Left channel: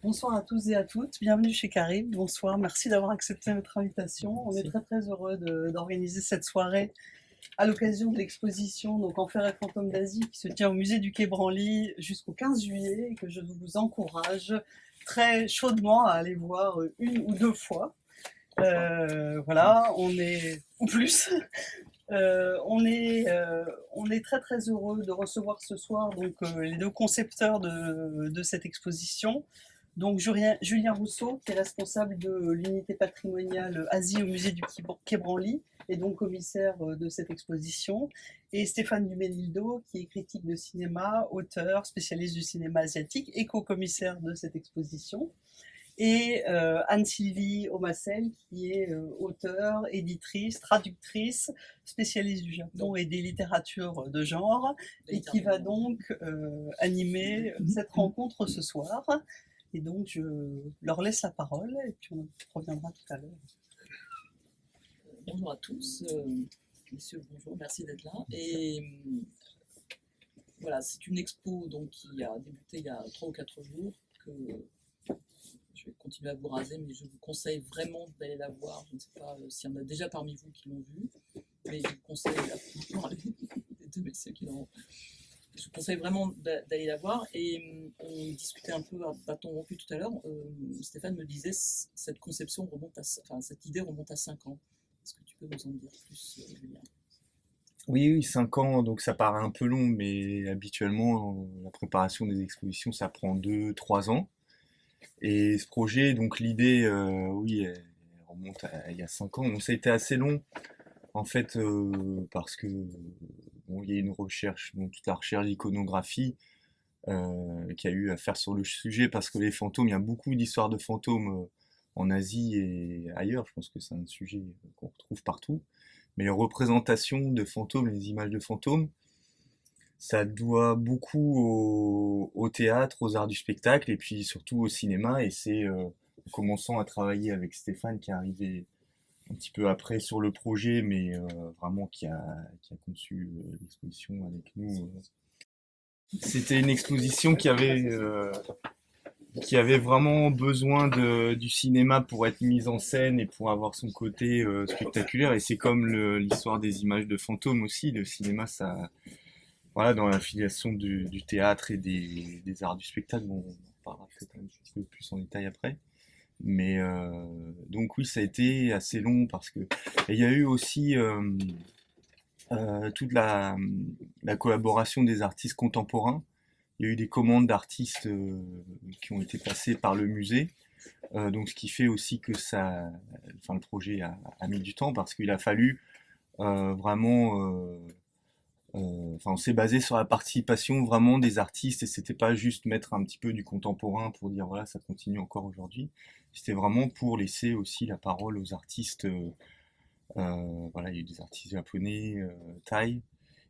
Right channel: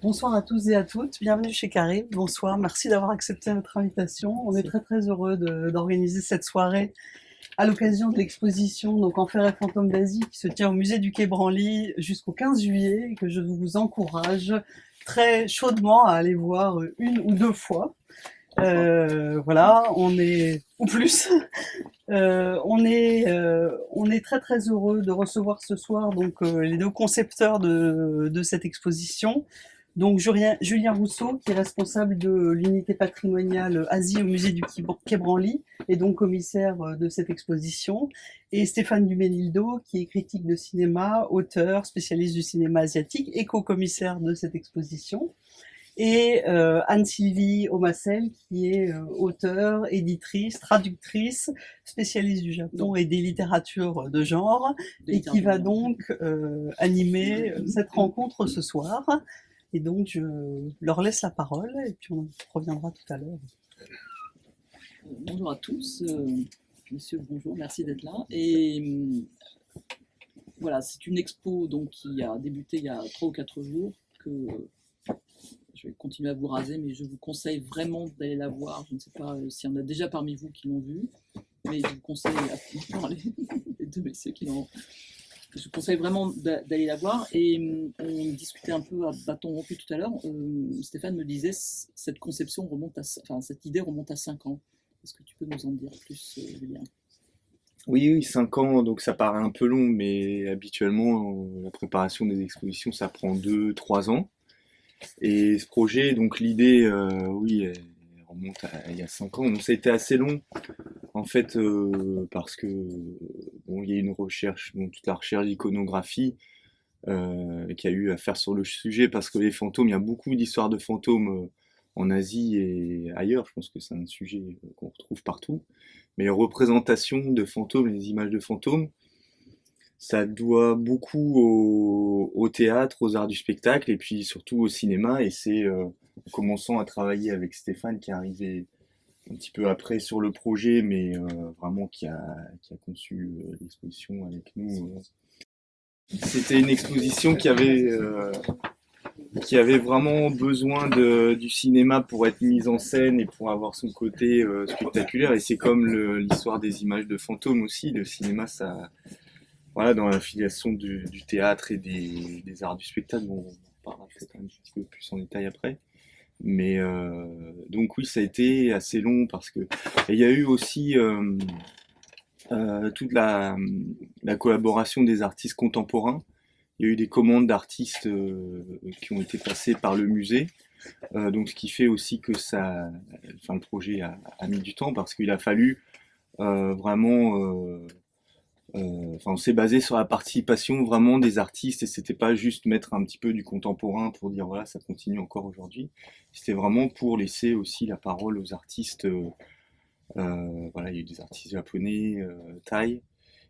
Bonsoir à tous et à toutes, bienvenue chez Carib. Bonsoir, merci d'avoir accepté notre invitation. On est Merci. très très heureux d'organiser cette soirée à l'occasion de l'exposition donc Enfer et fantômes d'Asie qui se tient au musée du Quai Branly jusqu'au 15 juillet et que je vous encourage très chaudement à aller voir une ou deux fois. Voilà, on est ou plus. On est très très heureux de recevoir ce soir donc les deux concepteurs de cette exposition. Donc Julien Rousseau, qui est responsable de l'unité patrimoniale Asie au musée du Quai Branly, et donc commissaire de cette exposition, et Stéphane Duménildo, qui est critique de cinéma, auteur, spécialiste du cinéma asiatique et co-commissaire de cette exposition, et Anne-Sylvie Omassel, qui est auteure, éditrice, traductrice, spécialiste du Japon et des littératures de genre, et qui va donc animer cette rencontre ce soir. Et donc, je leur laisse la parole, et puis on reviendra tout à l'heure. Bonjour à tous, messieurs, bonjour, merci d'être là. Et voilà, c'est une expo donc, qui a débuté il y a 3 ou 4 jours, que je vais continuer à vous raser, mais je vous conseille vraiment d'aller la voir. Je ne sais pas s'il y en a déjà parmi vous qui l'ont vue, mais je vous conseille, à parler des deux messieurs qui l'ont. Je vous conseille vraiment d'aller la voir. Et on discutait un peu à bâton rompu tout à l'heure. Stéphane me disait cette conception remonte enfin, cette idée remonte à 5 ans. Est-ce que tu peux nous en dire plus, Julien? Oui, oui, 5 ans, donc ça paraît un peu long, mais habituellement, la préparation des expositions, ça prend 2, 3 ans. Et ce projet, donc l'idée, oui, elle remonte à il y a 5 ans. Donc ça a été assez long, en fait, parce que bon, il y a une recherche, bon, toute la recherche d'iconographie qu'il y a eu à faire sur le sujet, parce que les fantômes, il y a beaucoup d'histoires de fantômes en Asie et ailleurs. Je pense que c'est un sujet qu'on retrouve partout. Mais les représentations de fantômes, les images de fantômes, ça doit beaucoup au théâtre, aux arts du spectacle et puis surtout au cinéma. Et c'est en commençant à travailler avec Stéphane qui est arrivé un petit peu après sur le projet, mais vraiment qui a conçu l'exposition avec nous. C'était une exposition qui avait vraiment besoin du cinéma pour être mise en scène et pour avoir son côté spectaculaire. Et c'est comme l'histoire des images de fantômes aussi. Le cinéma, ça, voilà, dans la filiation du théâtre et des arts du spectacle, bon, on en parlera peut-être un petit peu plus en détail après. Mais donc oui, ça a été assez long parce que et il y a eu aussi toute la collaboration des artistes contemporains. Il y a eu des commandes d'artistes qui ont été passées par le musée. Donc ce qui fait aussi que ça, enfin le projet a mis du temps parce qu'il a fallu vraiment enfin, on s'est basé sur la participation vraiment des artistes et c'était pas juste mettre un petit peu du contemporain pour dire voilà ça continue encore aujourd'hui. C'était vraiment pour laisser aussi la parole aux artistes. Voilà, il y a eu des artistes japonais, thaï,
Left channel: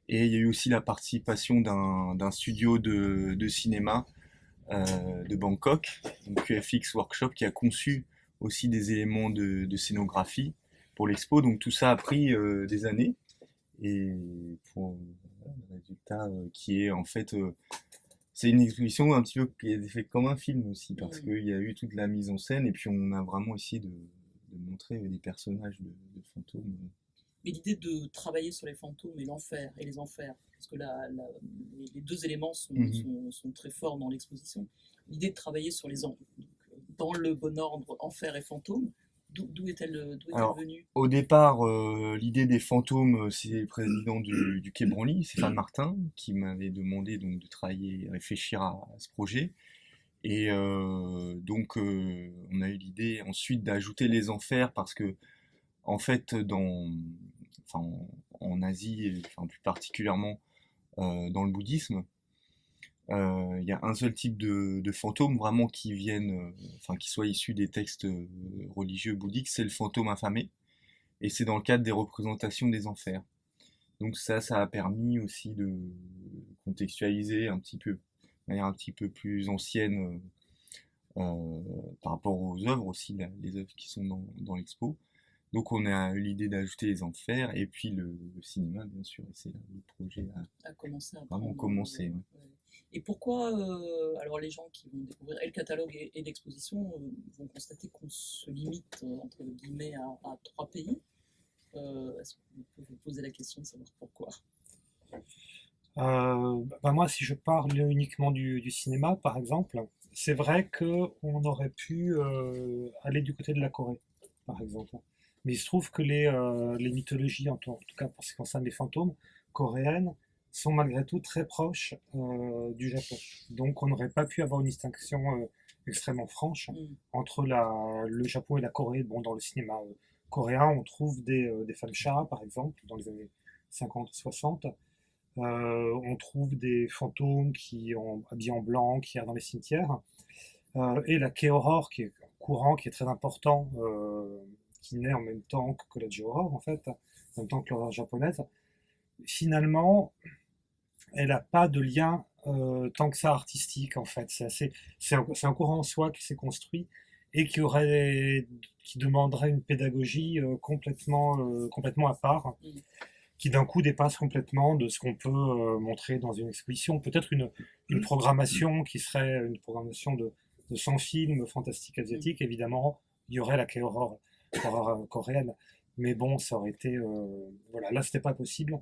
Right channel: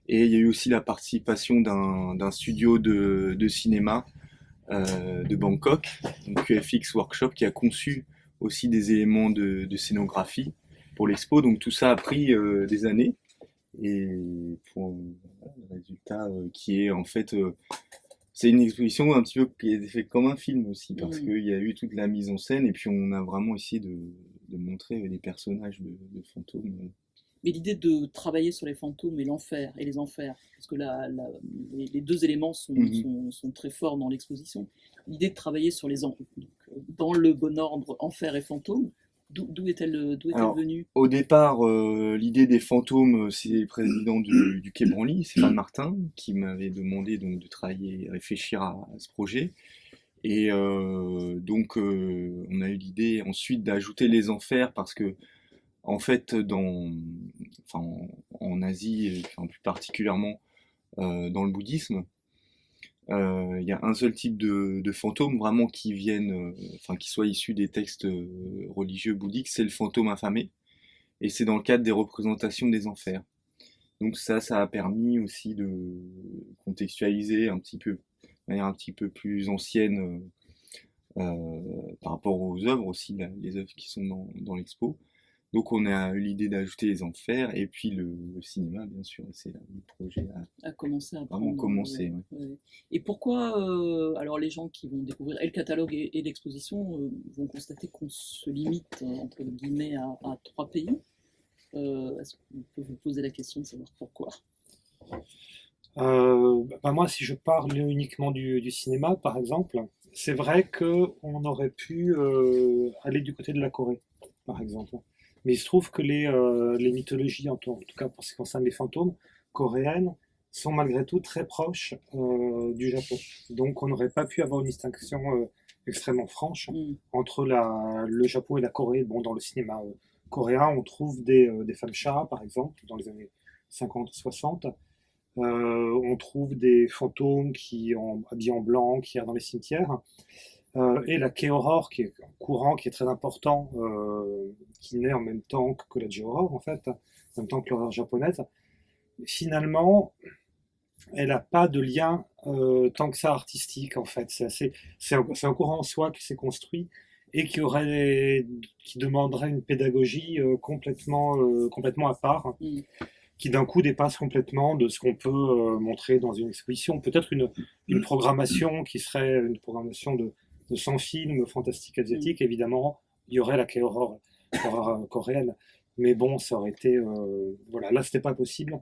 et il y a eu aussi la participation d'un studio de cinéma de Bangkok, donc QFX Workshop, qui a conçu aussi des éléments de scénographie pour l'expo. Donc tout ça a pris des années et pour le résultat qui est en fait c'est une exposition un petit peu qui est faite comme un film aussi parce qu'il y a eu toute la mise en scène et puis on a vraiment essayé de montrer des personnages de fantômes. Mais l'idée de travailler sur les fantômes et l'enfer et les enfers, parce que les deux éléments Mhm. sont très forts dans l'exposition. L'idée de travailler sur les enfers, dans le bon ordre, enfer et fantômes, d'où est-elle Alors, venue? au départ, l'idée des fantômes, c'est le président du Quai Branly, Stéphane Martin, qui m'avait demandé donc de travailler, réfléchir à ce projet. Et donc, on a eu l'idée ensuite d'ajouter les enfers parce que, en fait, enfin, en Asie, et enfin, plus particulièrement dans le bouddhisme, il y a un seul type de fantôme vraiment qui viennent, enfin, qui soit issu des textes religieux bouddhiques, c'est le fantôme affamé. Et c'est dans le cadre des représentations des enfers. Donc ça a permis aussi de contextualiser un petit peu, de manière un petit peu plus ancienne par rapport aux œuvres aussi, les œuvres qui sont dans l'expo. Donc on a eu l'idée d'ajouter les enfers et puis le cinéma, bien sûr, et c'est là où le projet a À commencer à vraiment prendre. commencé. Ouais. Ouais. Et pourquoi, alors les gens qui vont découvrir et le catalogue et l'exposition vont constater qu'on se limite, entre guillemets, à 3 pays. Est-ce qu'on peut vous poser la question de savoir pourquoi? Moi, si je parle uniquement du cinéma, par exemple, c'est vrai qu'on aurait pu aller du côté de la Corée, par exemple. Mais il se trouve que les mythologies, en tout cas pour ce qui concerne les fantômes, coréennes, sont malgré tout très proches du Japon. Donc on n'aurait pas pu avoir une distinction extrêmement franche Hmm. entre le Japon et la Corée. Bon, dans le cinéma coréen, on trouve des femmes chats, par exemple, dans les années 50-60. On trouve des fantômes qui ont habillés en blanc, qui errent dans les cimetières. Et la K-horror, qui est un courant qui est très important, qui naît en même temps que la J-horror, en fait, en même temps que l'horreur japonaise. Finalement, elle n'a pas de lien tant que ça artistique, en fait. C'est un courant en soi qui s'est construit et qui demanderait une pédagogie complètement à part, Hmm. qui d'un coup dépasse complètement de ce qu'on peut montrer dans une exposition. Peut-être une programmation qui serait une programmation de 100 films fantastiques Hmm. asiatiques. Évidemment, il y aurait la K-horror coréenne. Mais bon, ça aurait été. Voilà, là, c'était pas possible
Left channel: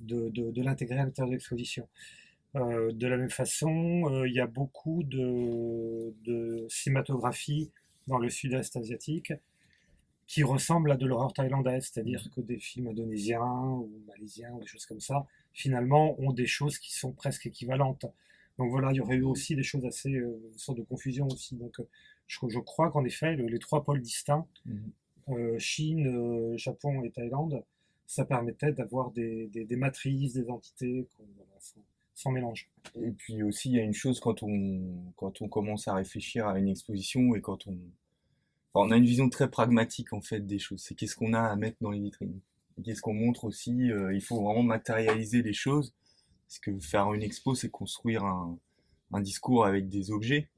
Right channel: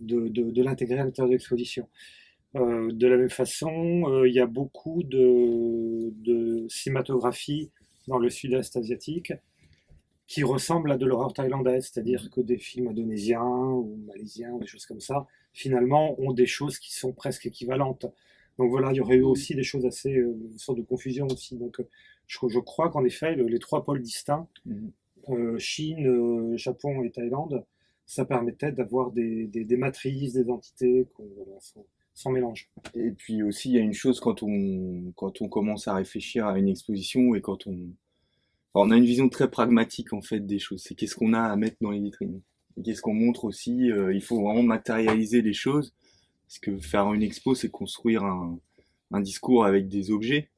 de l'intégrer à l'intérieur de l'exposition. De la même façon, il y a beaucoup de cinématographie dans le sud-est asiatique qui ressemble à de l'horreur thaïlandaise, c'est-à-dire que des films indonésiens ou malaisiens ou des choses comme ça, finalement, ont des choses qui sont presque équivalentes. Donc voilà, il y aurait eu Hmm. aussi des choses assez, une sorte de confusion aussi. Donc je crois qu'en effet, les trois pôles distincts, Mhm. Chine, Japon et Thaïlande, ça permettait d'avoir des matrices, des entités voilà, sans mélange. Et puis aussi, il y a une chose quand on commence à réfléchir à une exposition et enfin, on a une vision très pragmatique en fait des choses. C'est qu'est-ce qu'on a à mettre dans les vitrines. Et qu'est-ce qu'on montre aussi. Il faut vraiment matérialiser les choses. Parce que faire une expo, c'est construire un discours avec des objets.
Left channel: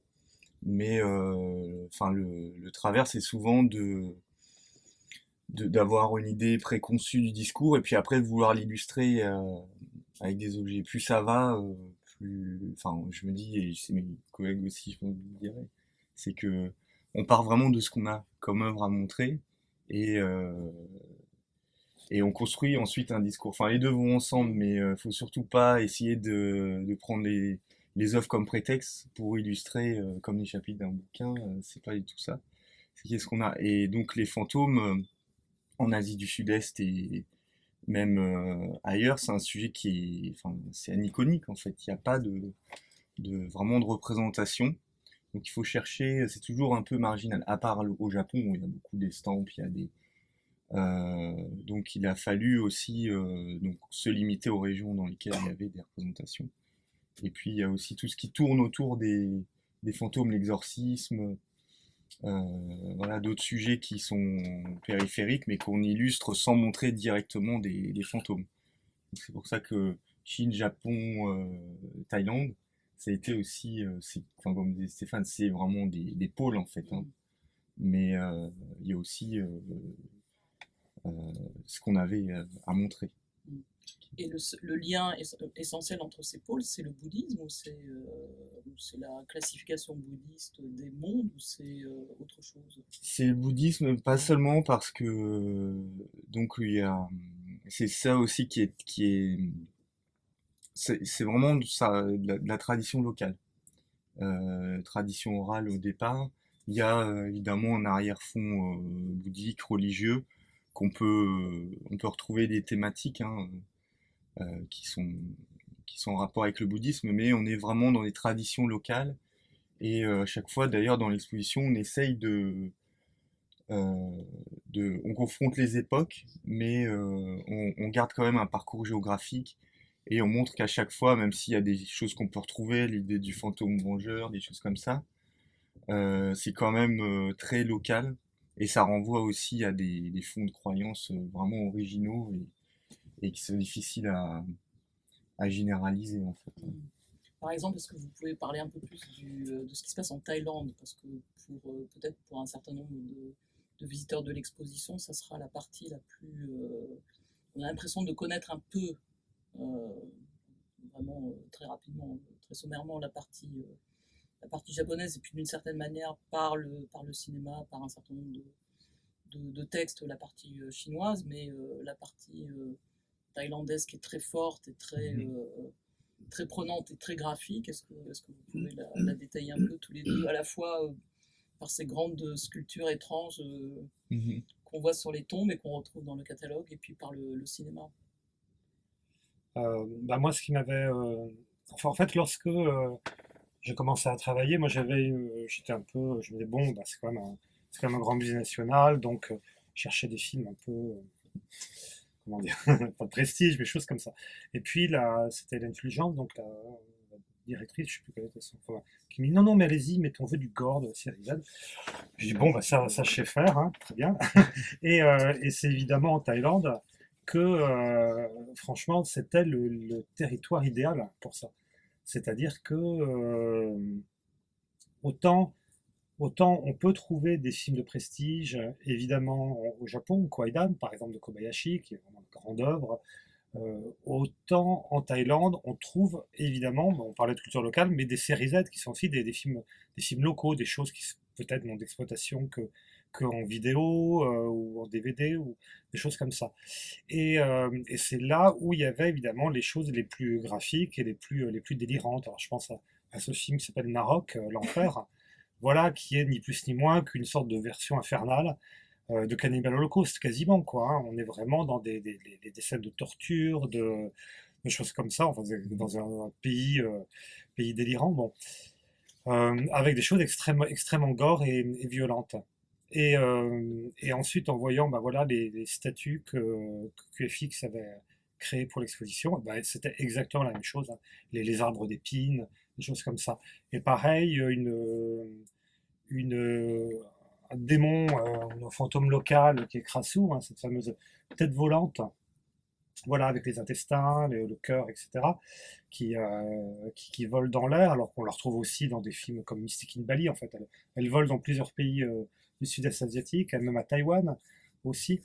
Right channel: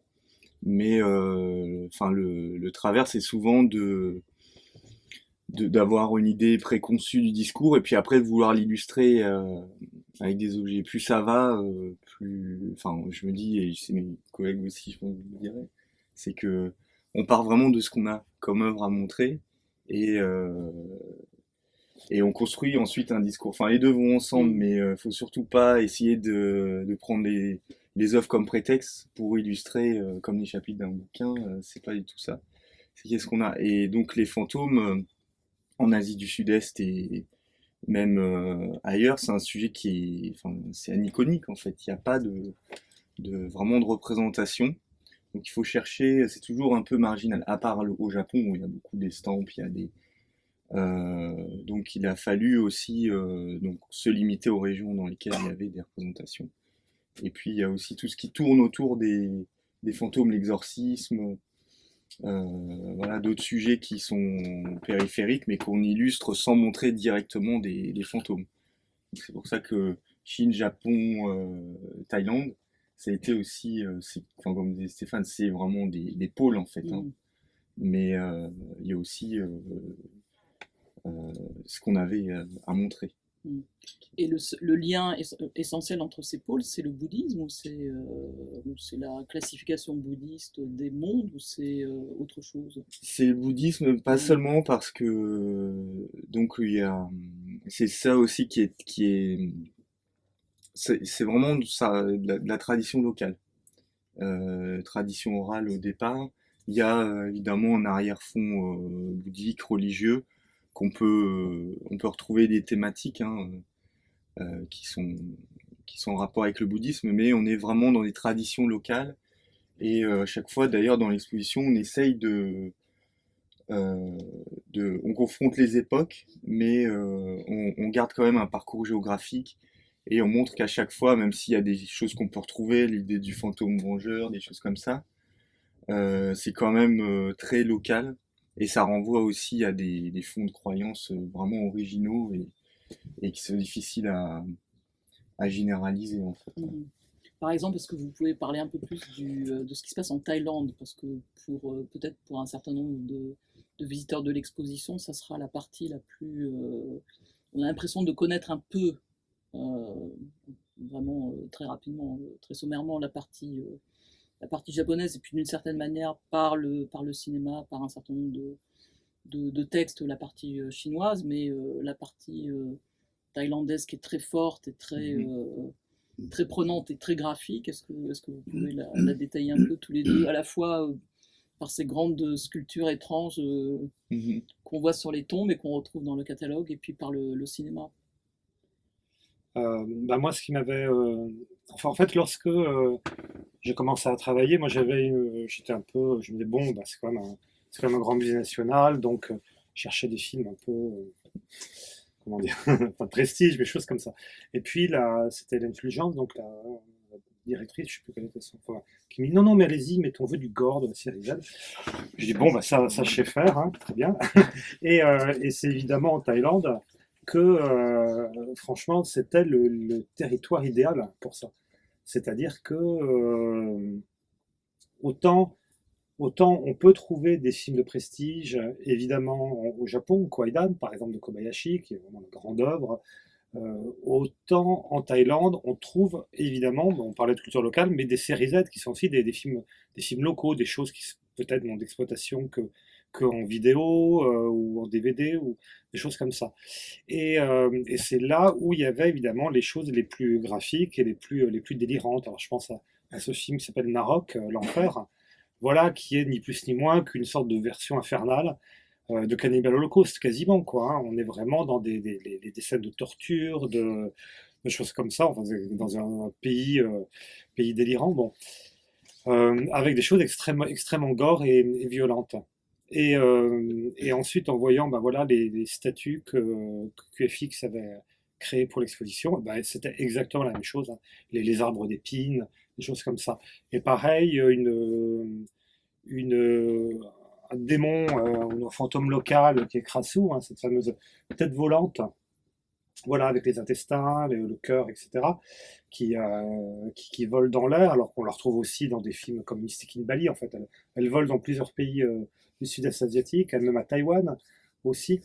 Mais enfin, le travers, c'est souvent d'avoir une idée préconçue du discours et puis après de vouloir l'illustrer avec des objets. Plus ça va, plus. Enfin, je me dis, et c'est mes collègues aussi, je pense que vous le direz, c'est que on part vraiment de ce qu'on a comme œuvre à montrer et, euh, et on construit ensuite un discours. Enfin, les deux vont ensemble, Hmm. mais faut surtout pas essayer de prendre les œuvres comme prétexte pour illustrer comme les chapitres d'un bouquin. C'est pas du tout ça. C'est qu'est-ce qu'on a. Et donc les fantômes en Asie du Sud-Est et même ailleurs, c'est un sujet qui est, enfin, c'est aniconique en fait. Il n'y a pas vraiment de représentation. Donc il faut chercher, c'est toujours un peu marginal, à part au Japon où il y a beaucoup d'estampes, il y a donc il a fallu aussi donc, se limiter aux régions dans lesquelles il y avait des représentations. Et puis il y a aussi tout ce qui tourne autour des fantômes, l'exorcisme, voilà, d'autres sujets qui sont périphériques mais qu'on illustre sans montrer directement des fantômes. C'est pour ça que Chine, Japon, Thaïlande, ça a été aussi, enfin, comme disait Stéphane, c'est vraiment des pôles en fait. Hein. Hmm. Mais il y a aussi ce qu'on avait à montrer. Hmm. Et le lien essentiel entre ces pôles, c'est le bouddhisme ou c'est la classification bouddhiste des mondes ou c'est autre chose? C'est le bouddhisme, pas Hmm. seulement parce que donc il y a, c'est ça aussi c'est vraiment ça, de la tradition locale. Tradition orale au départ. Il y a évidemment un arrière-fond bouddhique, religieux, on peut retrouver des thématiques hein, qui sont en rapport avec le bouddhisme, mais on est vraiment dans des traditions locales. Et à chaque fois, d'ailleurs, dans l'exposition, on essaye euh, on confronte les époques, mais on garde quand même un parcours géographique et on montre qu'à chaque fois, même s'il y a des choses qu'on peut retrouver, l'idée du fantôme vengeur, des choses comme ça, c'est quand même très local et ça renvoie aussi à des fonds de croyances vraiment originaux et qui sont difficiles à généraliser en fait. Mhm. Par exemple, est-ce que vous pouvez parler un peu plus de ce qui se passe en Thaïlande? Parce que peut-être pour un certain nombre de visiteurs de l'exposition, ça sera la partie la plus... on a l'impression de connaître un peu, vraiment très rapidement, très sommairement, la partie japonaise, et puis d'une certaine manière par le cinéma, par un certain nombre de textes, la partie chinoise, mais la partie thaïlandaise qui est très forte et très prenante et très graphique. Est-ce que vous pouvez la détailler un peu tous les deux, à la fois par ces grandes sculptures étranges qu'on voit sur les tombes et qu'on retrouve dans le catalogue, et puis par le cinéma? Bah moi, ce qui m'avait... Enfin, en fait, lorsque j'ai commencé à travailler, moi, j'étais un peu... Je me disais, bon, bah, c'est quand même un grand musée national, donc je cherchais des films un peu... comment dire? Pas de prestige, mais choses comme ça. Et puis, là, c'était Hélène Fulgence, donc la directrice, je sais plus quelle était son... Enfin, qui me dit, non, non, mais allez-y, mettons, on veut du gore de la série Z. Je dis, bon, bah, ça je sais faire, hein, très bien. Et c'est évidemment en Thaïlande que, franchement, c'était le territoire idéal pour ça. C'est-à-dire que autant, autant on peut trouver des films de prestige, évidemment au Japon, Kwaidan, par exemple, de Kobayashi, qui est vraiment une grande œuvre. Autant en Thaïlande, on trouve évidemment, bon, on parlait de culture locale, mais des séries Z qui sont aussi des films locaux, des choses qui peut-être n'ont d'exploitation que en vidéo ou en DVD ou des choses comme ça. Et c'est là où il y avait évidemment les choses les plus graphiques et les plus délirantes. Alors je pense à ce film qui s'appelle Narok, l'enfer, voilà, qui est ni plus ni moins qu'une sorte de version infernale de Cannibal Holocaust, quasiment, quoi, hein. On est vraiment dans des scènes de torture, de choses comme ça, enfin, dans un pays délirant, bon, avec des choses extrêmement gore et violentes. Et ensuite, en voyant bah, voilà, les statues que QFX avait créées pour l'exposition, bah, c'était exactement la même chose, hein. Les arbres d'épines, des choses comme ça. Et pareil, un démon, un fantôme local qui est Krasu, hein, cette fameuse tête volante, voilà, avec les intestins, le cœur, etc., qui vole dans l'air, alors qu'on la retrouve aussi dans des films comme Mystique in Bali. En fait, elle vole dans plusieurs pays du sud-est asiatique, elle même à Taïwan aussi.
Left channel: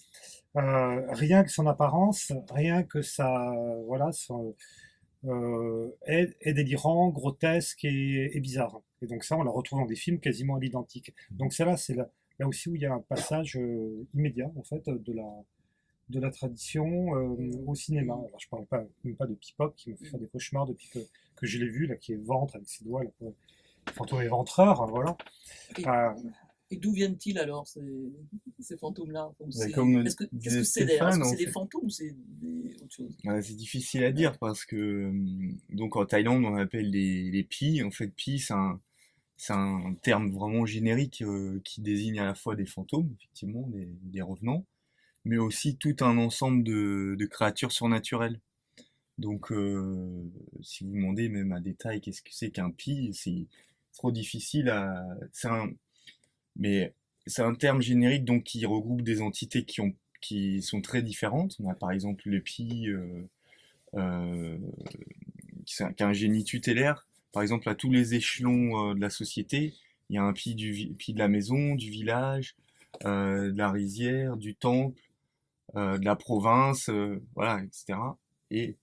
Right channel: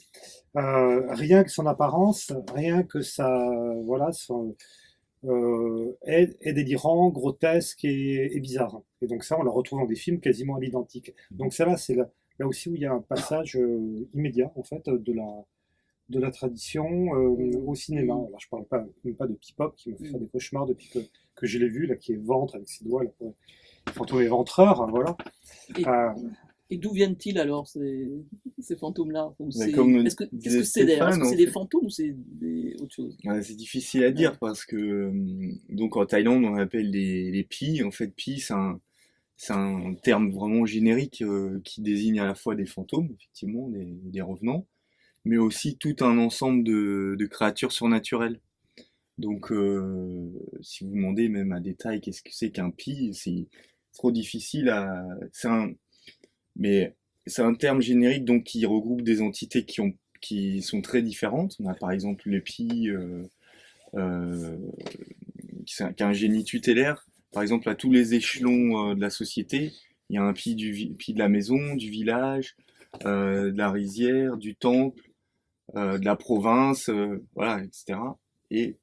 Rien que son apparence, rien que voilà, est délirant, grotesque et bizarre. Et donc ça, on le retrouve dans des films quasiment à l'identique. Donc ça, là, c'est là aussi où il y a un passage immédiat, en fait, de la tradition au cinéma. Alors, je parle même pas de Pipop, qui me fait faire des cauchemars depuis que je l'ai vu, là, qui est ventre avec ses doigts, là, fantôme éventreur, voilà. Et, et d'où viennent-ils alors, ces fantômes-là? Comme Est-ce que disait c'est Stéphane, des fantômes ou c'est autre chose? c'est difficile à dire parce que donc en Thaïlande on appelle les pi. En fait, pi c'est un terme vraiment générique qui désigne à la fois des fantômes, effectivement, des revenants, mais aussi tout un ensemble de créatures surnaturelles. Donc si vous demandez même à détail qu'est-ce que c'est qu'un pi, c'est trop difficile à... Mais c'est un terme générique donc qui regroupe des entités qui sont très différentes. On a par exemple le pi qui a un génie tutélaire. Par exemple, à tous les échelons de la société, il y a un pi pi de la maison, du village, de la rizière, du temple, de la province, voilà, etc. Et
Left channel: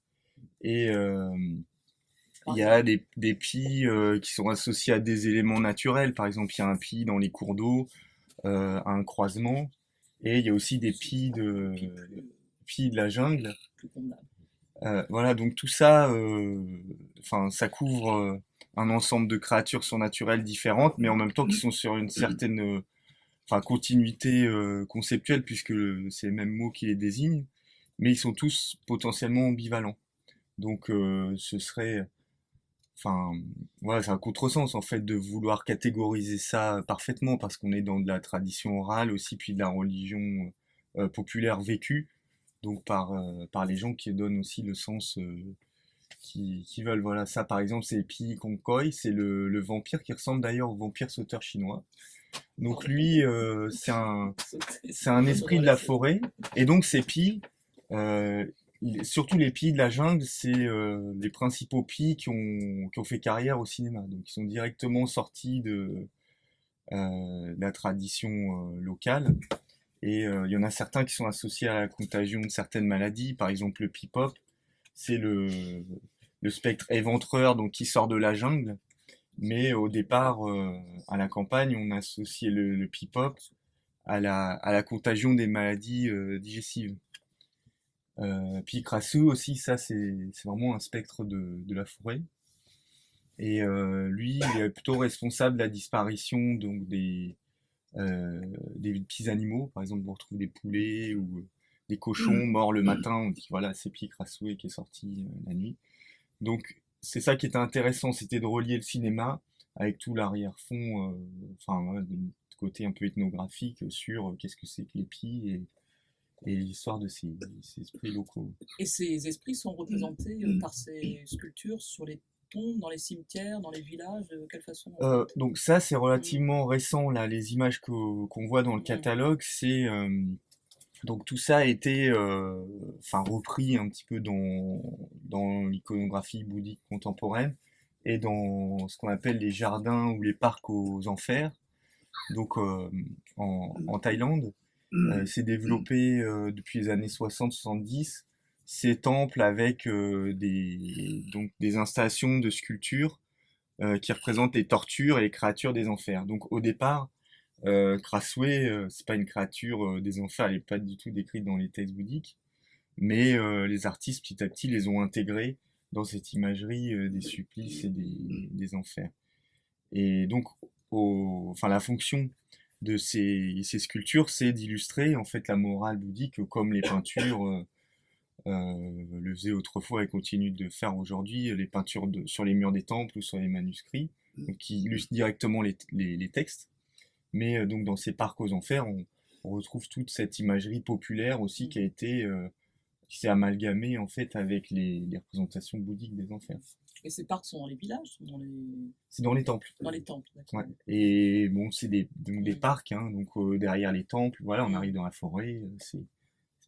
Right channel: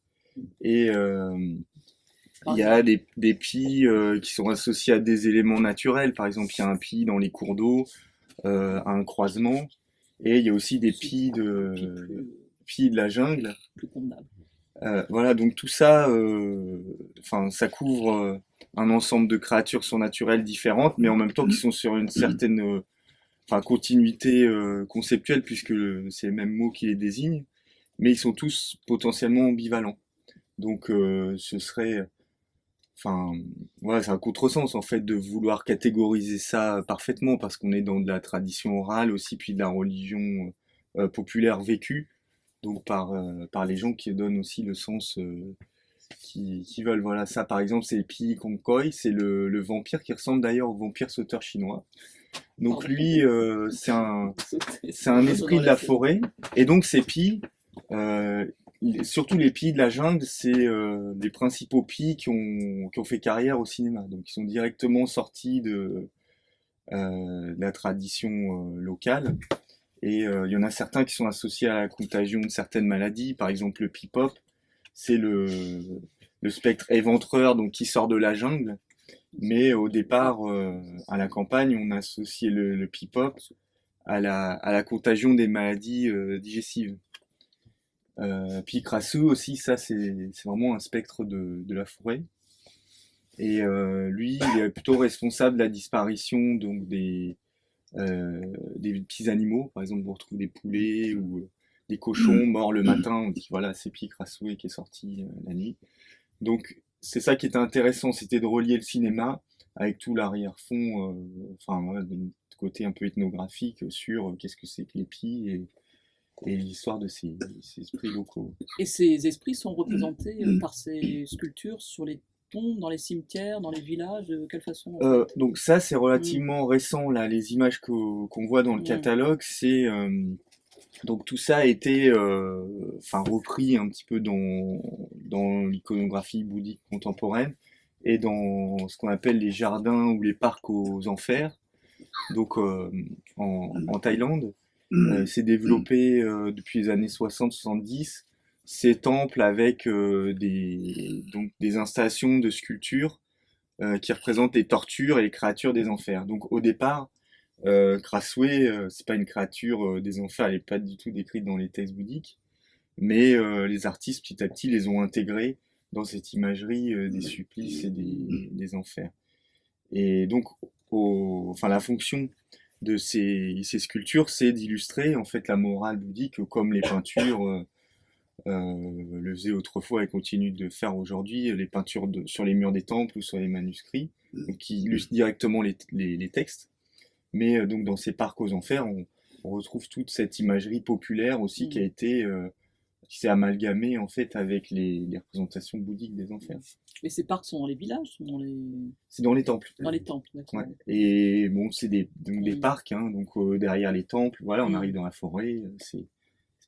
il y a des pis qui sont associés à des éléments naturels. Par exemple, il y a un pi dans les cours d'eau, à un croisement. Et il y a aussi des pis de la jungle. Plus convenable. Voilà, donc tout ça, ça couvre un ensemble de créatures surnaturelles différentes, mais en même temps qui sont sur une certaine continuité conceptuelle, puisque c'est le même mot qui les désigne, mais ils sont tous potentiellement ambivalents. Donc ce serait... voilà, c'est un contresens en fait de vouloir catégoriser ça parfaitement, parce qu'on est dans de la tradition orale aussi, puis de la religion populaire vécue, donc par les gens qui donnent aussi le sens qui veulent. Voilà, ça par exemple, c'est Pi Kong Koi, c'est le vampire qui ressemble d'ailleurs au vampire sauteur chinois. Donc lui, c'est un esprit de la forêt, et donc ces Pi, surtout les Pi de la jungle, c'est les principaux Pi qui ont fait carrière au cinéma, donc ils sont directement sortis de la tradition locale. Et il y en a certains qui sont associés à la contagion de certaines maladies, par exemple le pip-hop, c'est le spectre éventreur donc, qui sort de la jungle. Mais au départ, à la campagne, on associait le pip-hop à la contagion des maladies digestives. Puis Crasseux aussi, ça c'est vraiment un spectre de la forêt. Et lui, il est plutôt responsable de la disparition donc des petits animaux. Par exemple, on retrouve des poulets ou des cochons morts le matin. On dit voilà, c'est Pied Crassoué qui est sorti la nuit. Donc c'est ça qui était intéressant, c'était de relier le cinéma avec tout l'arrière-fond, enfin voilà, de côté un peu ethnographique sur qu'est-ce que c'est que l'épi et l'histoire de ces esprits locaux. Et ces esprits sont représentés par ces sculptures sur les tombes, dans les cimetières, dans les villages, de quelle façon Donc ça c'est relativement récent là, les images qu'on voit dans le catalogue, c'est donc tout ça a été repris un petit peu dans l'iconographie bouddhique contemporaine et dans ce qu'on appelle les jardins ou les parcs aux enfers, donc en Thaïlande. C'est développé depuis les années 60-70, ces temples avec des installations de sculptures qui représentent les tortures et les créatures des enfers. Donc au départ, Crassoué, c'est pas une créature des enfers, elle n'est pas du tout décrite dans les textes bouddhiques, mais les artistes petit à petit les ont intégrés dans cette imagerie des supplices et des enfers. Et donc, la fonction de ces sculptures, c'est d'illustrer en fait la morale bouddhique comme les peintures le faisaient autrefois et continuent de faire aujourd'hui, les peintures sur les murs des temples ou sur les manuscrits, donc qui illustrent directement les textes. Mais donc dans ces parcs aux enfers, on retrouve toute cette imagerie populaire aussi qui s'est amalgamée en fait avec les représentations bouddhiques des enfers. Mais ces parcs sont dans les villages, sont dans les... C'est dans les temples. Dans les temples, d'accord. Ouais. Et bon, c'est des parcs, hein, donc derrière les temples, voilà, on arrive dans la forêt, c'est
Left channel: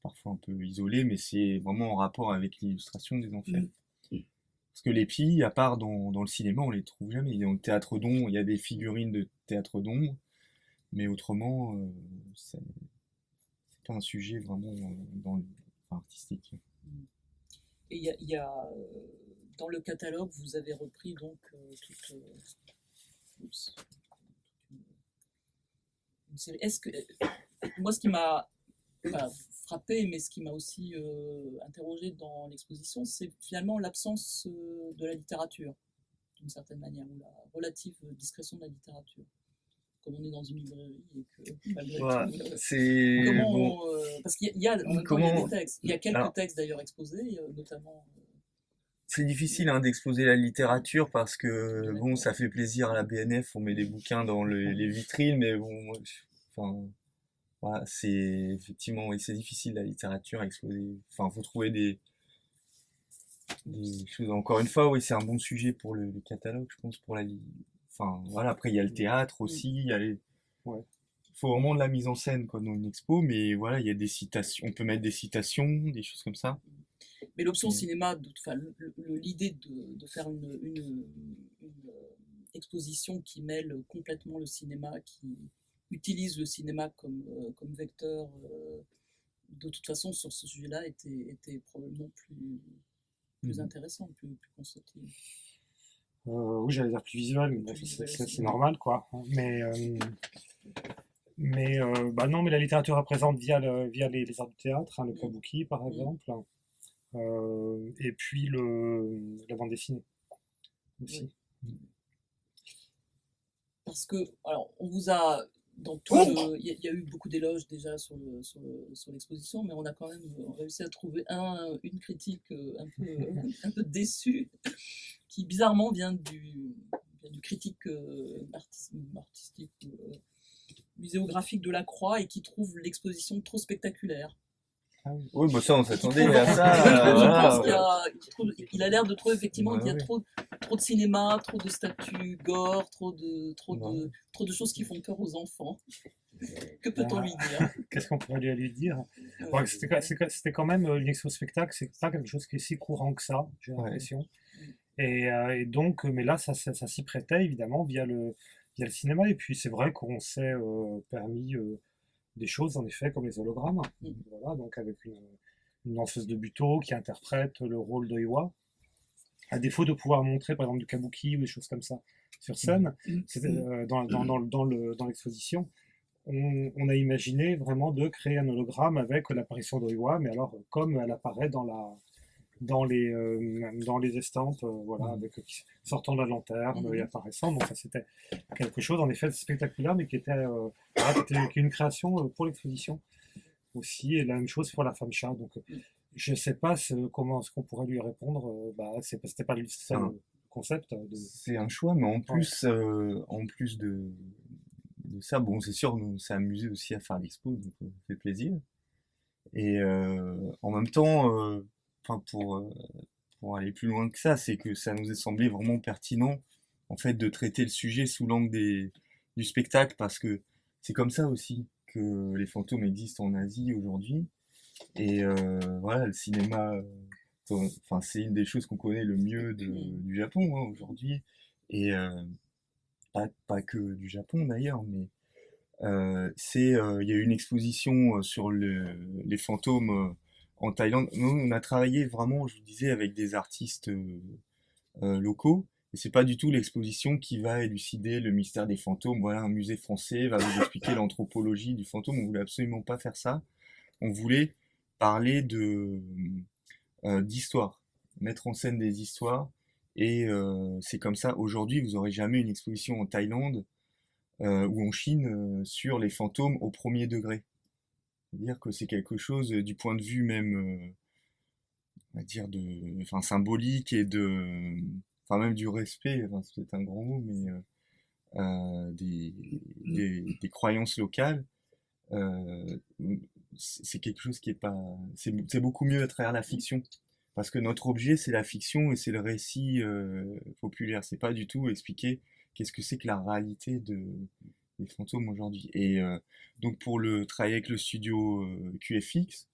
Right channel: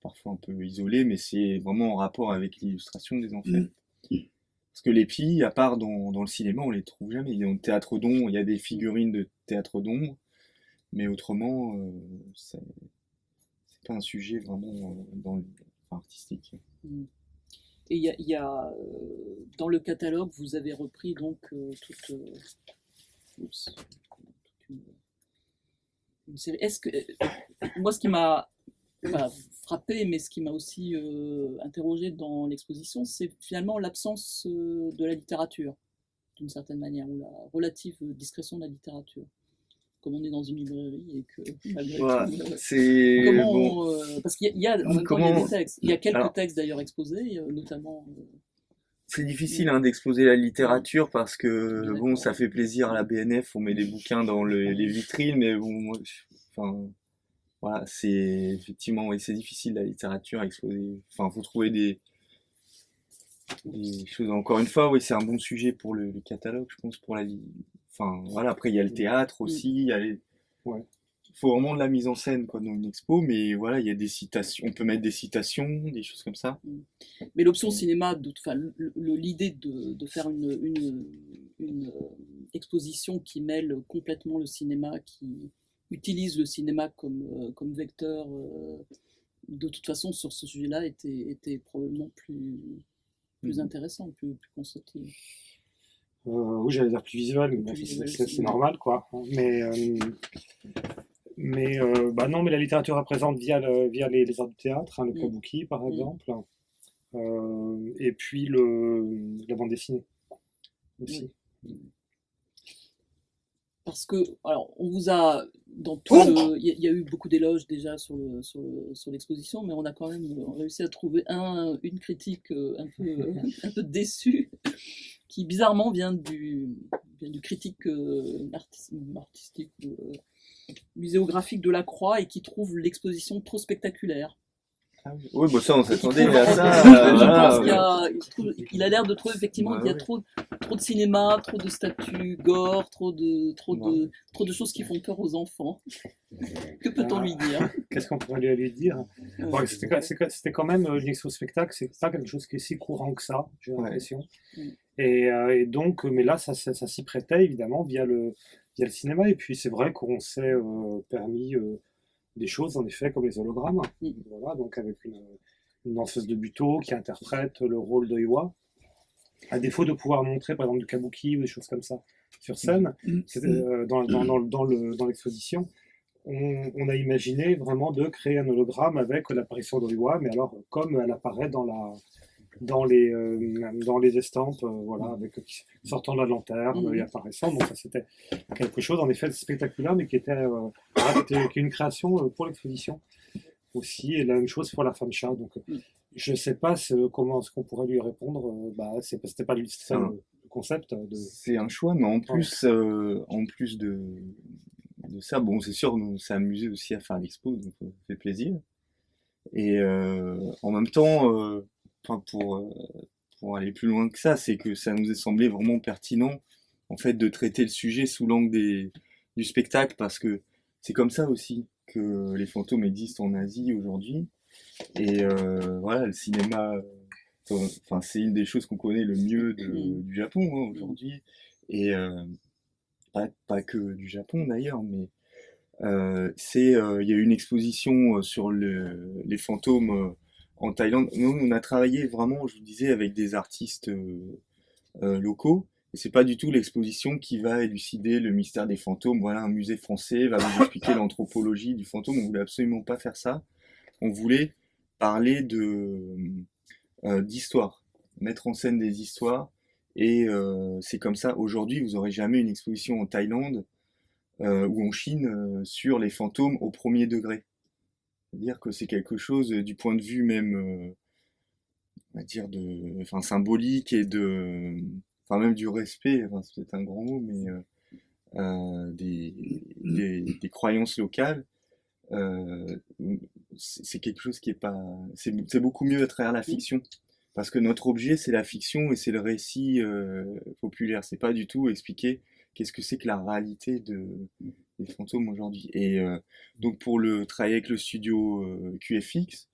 parfois un peu isolé, mais c'est vraiment en rapport avec l'illustration des enfers. Parce que les pies, à part dans le cinéma, on les trouve jamais. Dans le théâtre d'ombre, il y a des figurines de théâtre d'ombre, mais autrement, c'est pas un sujet vraiment artistique. Et il y a dans le catalogue, vous avez repris donc toute une série. Est-ce que moi, ce qui m'a frappé, mais ce qui m'a aussi interrogé dans l'exposition, c'est finalement l'absence de la littérature, d'une certaine manière, ou la relative discrétion de la littérature. Comme on est dans une librairie et que malgré tout, c'est comment bon. Parce qu'il y a en même temps, il y a des textes, il y a quelques textes d'ailleurs exposés, notamment. C'est difficile d'exposer la littérature parce que bon, ça fait plaisir à la BNF, on met des bouquins dans les vitrines, mais bon, voilà, c'est effectivement, oui, c'est difficile la littérature à exposer. Enfin, faut trouver des choses. Encore une fois, oui, c'est un bon sujet pour le catalogue, je pense, pour voilà, après il y a le théâtre aussi, il y a faut vraiment de la mise en scène quoi, dans une expo, mais voilà, il y a des citations, on peut mettre des citations, des choses comme ça. Mais l'option cinéma, l'idée de faire une exposition qui mêle complètement le cinéma, qui utilise le cinéma comme vecteur, de toute façon, sur ce sujet-là, était probablement plus intéressant, plus constructif. Oui, j'allais dire plus visuel, mais c'est normal, quoi. Mais non, mais la littérature est présente via les arts du théâtre, le kabuki par exemple, et puis la bande dessinée aussi. Parce que, alors, on vous a, il y a eu beaucoup d'éloges déjà sur l'exposition, mais on a quand même réussi à trouver une critique un peu déçue, qui bizarrement vient du critique artistique, muséographique de la Croix, et qui trouve l'exposition trop spectaculaire. Oui, bah ça, on s'attendait à ça. Je pense qu'il a l'air de trouver effectivement qu'il y a trop de cinéma, trop de statues gore, trop de choses qui font peur aux enfants. Que peut-on lui dire? Qu'est-ce qu'on pourrait lui dire? C'était quand même une expo-spectacle, c'est pas quelque chose qui est si courant que ça, j'ai l'impression. Et donc, mais là, ça s'y prêtait évidemment via via le cinéma. Et puis c'est vrai qu'on s'est permis des choses, en effet, comme les hologrammes. Mm. Voilà, donc avec une danseuse de Butoh qui interprète le rôle de Iwa. À défaut de pouvoir montrer, par exemple, du kabuki ou des choses comme ça sur scène, dans l'exposition, on a imaginé vraiment de créer un hologramme avec l'apparition d'Oiwa, mais alors comme elle apparaît dans les estampes, voilà, avec, sortant de la lanterne et apparaissant. Donc ça c'était quelque chose en effet spectaculaire, mais qui était, voilà, qui est une création pour l'exposition aussi, et la même chose pour la femme chat. Donc je sais pas comment est-ce qu'on pourrait lui répondre. C'était pas ça le concept de. C'est un choix, mais en plus, de ça, bon, c'est sûr, on s'est amusé aussi à faire l'expo, donc ça fait plaisir. Et en même temps, enfin, pour aller plus loin que ça, c'est que ça nous est semblé vraiment pertinent, en fait, de traiter le sujet sous l'angle du spectacle, parce que c'est comme ça aussi que les fantômes existent en Asie aujourd'hui. Et voilà, le cinéma, enfin, c'est une des choses qu'on connaît le mieux du Japon hein, aujourd'hui. Et pas que du Japon d'ailleurs, mais il y a eu une exposition sur les fantômes en Thaïlande. Nous, on a travaillé vraiment, je vous disais, avec des artistes locaux. Et c'est pas du tout l'exposition qui va élucider le mystère des fantômes. Voilà, un musée français va vous expliquer l'anthropologie du fantôme. On voulait absolument pas faire ça. On voulait parler d'histoire, mettre en scène des histoires. Et c'est comme ça. Aujourd'hui, vous aurez jamais une exposition en Thaïlande ou en Chine sur les fantômes au premier degré. C'est-à-dire que c'est quelque chose du point de vue même, on va dire enfin symbolique et enfin même du respect. Enfin, c'est peut-être un grand mot, mais des croyances locales. C'est quelque chose qui est pas. C'est beaucoup mieux à travers la fiction. Parce que notre objet, c'est la fiction et c'est le récit populaire. C'est pas du tout expliquer qu'est-ce que c'est que la réalité des fantômes aujourd'hui. Et donc pour le travail avec le studio QFX,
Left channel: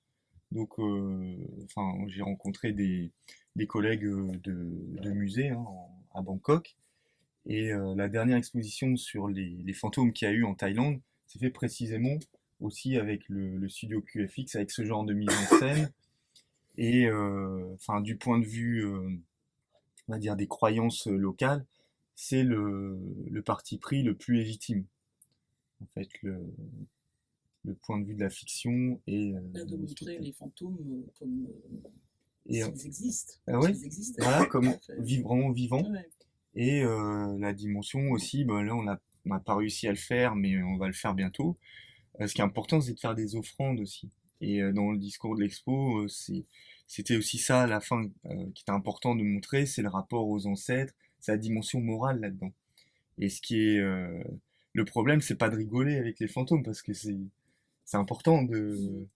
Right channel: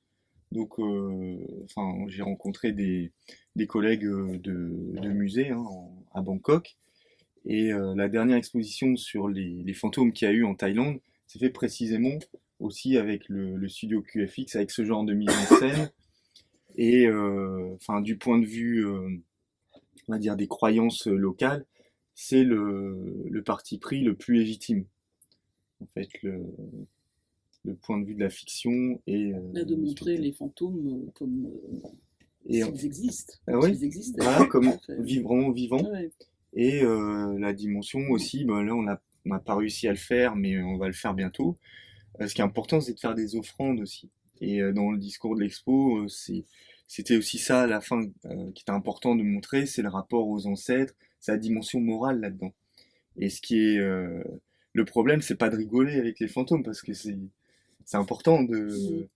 donc enfin j'ai rencontré des collègues de musée hein, à Bangkok. Et la dernière exposition sur les fantômes qu'il y a eu en Thaïlande, c'est fait précisément aussi avec le studio QFX, avec ce genre de mise en scène. Et enfin, du point de vue, on va dire, des croyances locales, c'est le parti pris le plus légitime. En fait, le point de vue de la fiction et Là, de montrer les fantômes comme et, s'ils existent. ouais, S'ils existaient. voilà, comme Fait. vraiment vivants. Ouais. Et la dimension aussi, ben là, on n'a pas réussi à le faire, mais on va le faire bientôt. Ce qui est important, c'est de faire des offrandes aussi. Et dans le discours de l'expo, c'était aussi ça à la fin qui était important de montrer, c'est le rapport aux ancêtres, c'est la dimension morale là-dedans. Et ce qui est le problème, c'est pas de rigoler avec les fantômes parce que c'est important de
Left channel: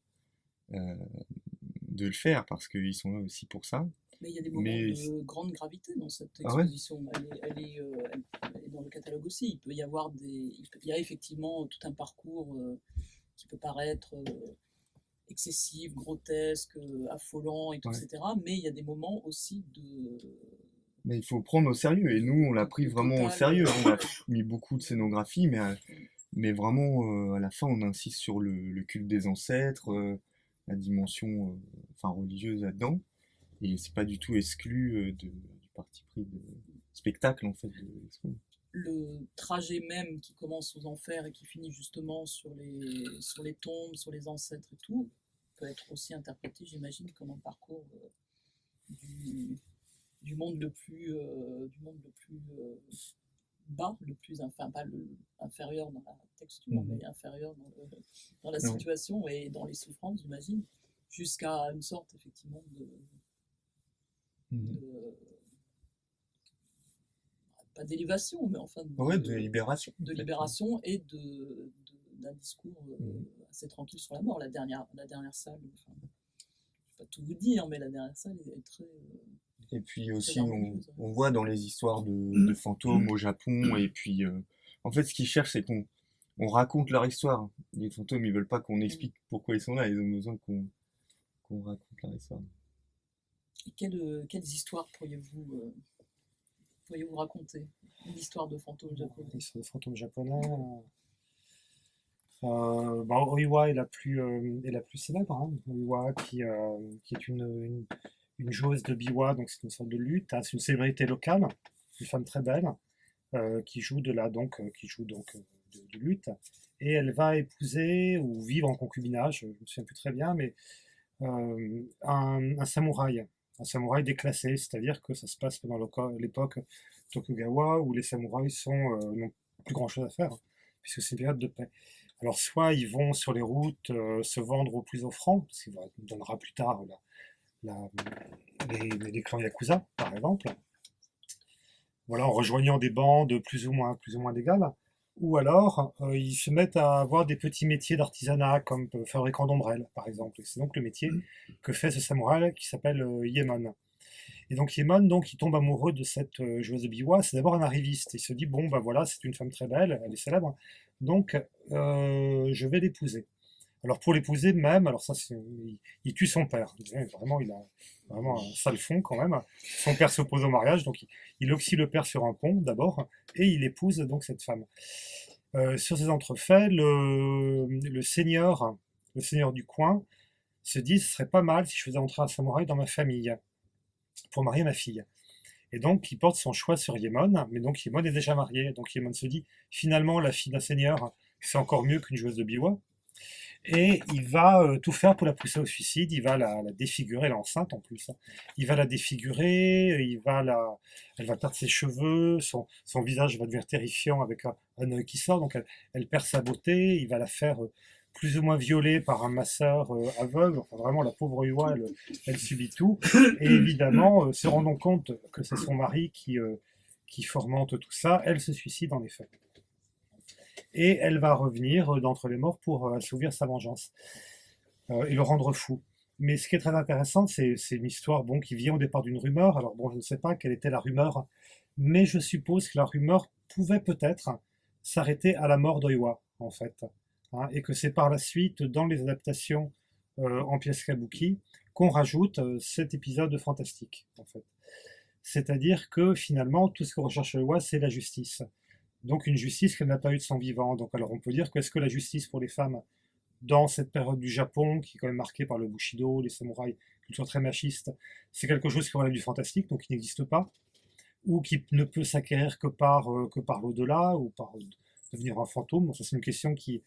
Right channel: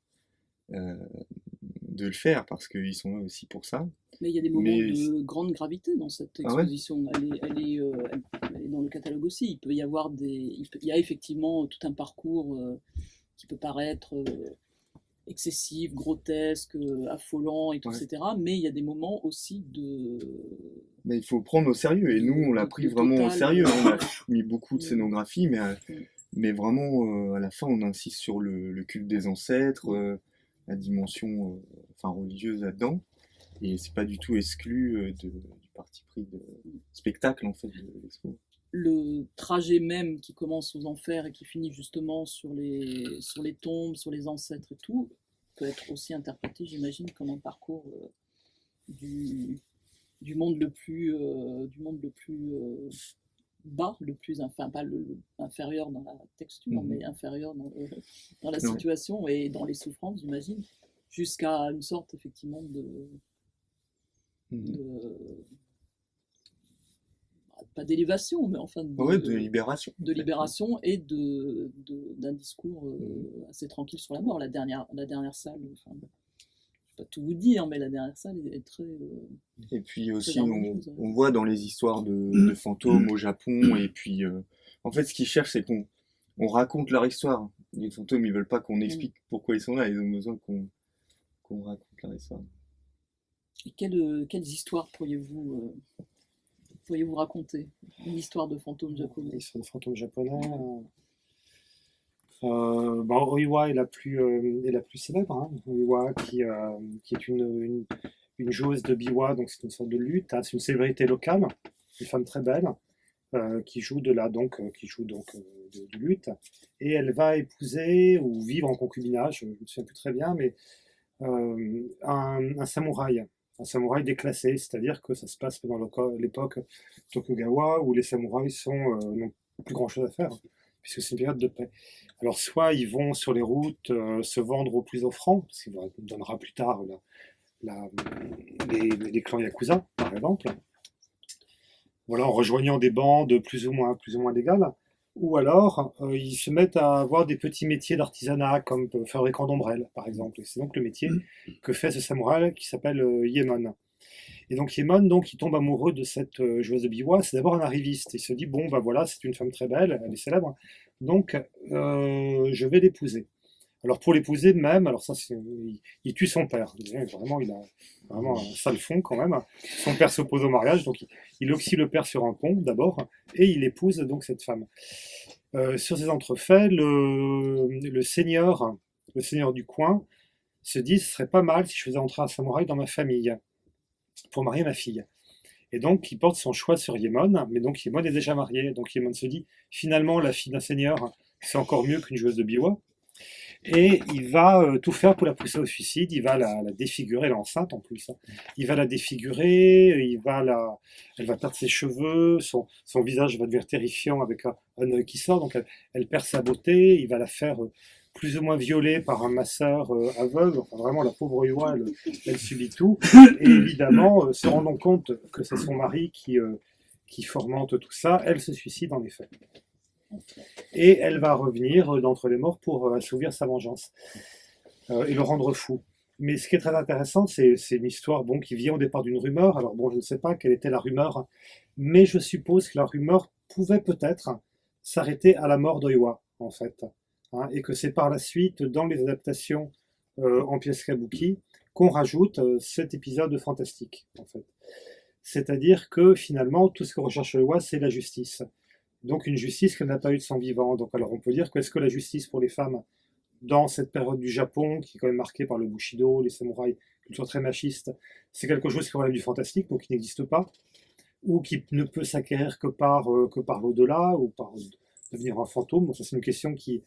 le faire parce qu'ils sont là aussi pour ça. Mais il y a des moments de grande gravité dans cette exposition. Ah ouais, elle est dans le catalogue aussi. Il peut y avoir il y a effectivement tout un parcours qui peut paraître excessif, grotesque, affolant, et tout, ouais. etc. Mais il y a des moments aussi Mais il faut prendre au sérieux. Et nous, on l'a pris vraiment au sérieux. On a mis beaucoup de scénographie, mais vraiment, à la fin, on insiste sur le culte des ancêtres, la dimension enfin, religieuse là-dedans. Et c'est pas du tout exclu du parti pris de spectacle, en fait, de l'expo. Le trajet même qui commence aux enfers et qui finit justement sur les tombes, sur les ancêtres et tout, peut être aussi interprété, j'imagine, comme un parcours du monde le plus bas, enfin pas inférieur dans la texture, mais inférieur dans la situation et dans les souffrances, j'imagine, jusqu'à une sorte effectivement pas d'élévation, mais enfin de libération. De libération et d'un discours assez tranquille sur la mort. La dernière salle, enfin, je ne vais pas tout vous dire, mais la dernière salle est très. Et puis aussi, on voit dans les histoires de fantômes au Japon, et puis en fait, ce qu'ils cherchent, c'est qu'on raconte leur histoire. Les fantômes, ils veulent pas qu'on explique pourquoi ils sont là, ils ont besoin qu'on raconte leur histoire. Et quelles histoires pourriez-vous pourriez-vous raconter une histoire de fantôme japonais? L'histoire des fantômes japonais. Oiwa est est la plus célèbre. Hein. Oiwa qui est une joueuse de biwa, donc c'est une sorte de lutte. Hein. C'est une célébrité locale, une femme très belle qui joue de lutte. Et elle va épouser ou vivre en concubinage, je ne me souviens plus très bien, mais un samouraï. Un samouraï déclassé, c'est-à-dire que ça se passe pendant l'époque Tokugawa où les samouraïs n'ont plus grand-chose à faire, hein, puisque c'est une période de paix. Alors soit ils vont sur les routes se vendre au plus offrant, ce qui donnera plus tard les clans Yakuza, par exemple, voilà, en rejoignant des bandes plus ou moins légales, ou alors ils se mettent à avoir des petits métiers d'artisanat, comme fabricant d'ombrelles, par exemple. Et c'est donc le métier que fait ce samouraï qui s'appelle Yemon. Et donc Yemon, donc, il tombe amoureux de cette joueuse de biwa. C'est d'abord un arriviste. Il se dit, bon, bah voilà, c'est une femme très belle, elle est célèbre, donc je vais l'épouser. Alors pour l'épouser même, alors ça, il tue son père. Vraiment, il a vraiment un sale fond quand même. Son père s'oppose au mariage, donc il oxy le père sur un pont d'abord, et il épouse donc cette femme. Sur ces entrefaits, le seigneur du coin se dit, ce serait pas mal si je faisais entrer un samouraï dans ma famille pour marier ma fille. Et donc, il porte son choix sur Yemon, mais donc Yemon est déjà marié. Donc Yemon se dit, finalement, la fille d'un seigneur, c'est encore mieux qu'une joueuse de biwa. Et il va tout faire pour la pousser au suicide. Il va la défigurer, elle est enceinte en plus. Hein. Il va la défigurer, elle va perdre ses cheveux, son visage va devenir terrifiant avec un œil qui sort, donc elle perd sa beauté. Il va la faire plus ou moins violer par un masseur aveugle. Enfin, vraiment, la pauvre Oiwa, elle subit tout. Et évidemment, se rendant compte que c'est son mari qui fomente tout ça, elle se suicide en effet. Et elle va revenir d'entre les morts pour assouvir sa vengeance et le rendre fou. Mais ce qui est très intéressant, c'est une histoire qui vient au départ d'une rumeur. Alors bon, je ne sais pas quelle était la rumeur, mais je suppose que la rumeur pouvait peut-être s'arrêter à la mort d'Oiwa, en fait. Hein, et que c'est par la suite, dans les adaptations en pièces kabuki, qu'on rajoute cet épisode fantastique, en fait. C'est-à-dire que finalement, tout ce que recherche Oiwa, c'est la justice. Donc une justice qu'elle n'a pas eue de son vivant. Donc alors on peut dire que est-ce que la justice pour les femmes dans cette période du Japon, qui est quand même marquée par le Bushido, les samouraïs, culture très machiste, c'est quelque chose qui relève du fantastique, donc qui n'existe pas, ou qui ne peut s'acquérir que par l'au-delà, ou par devenir un fantôme. Donc ça c'est une question qui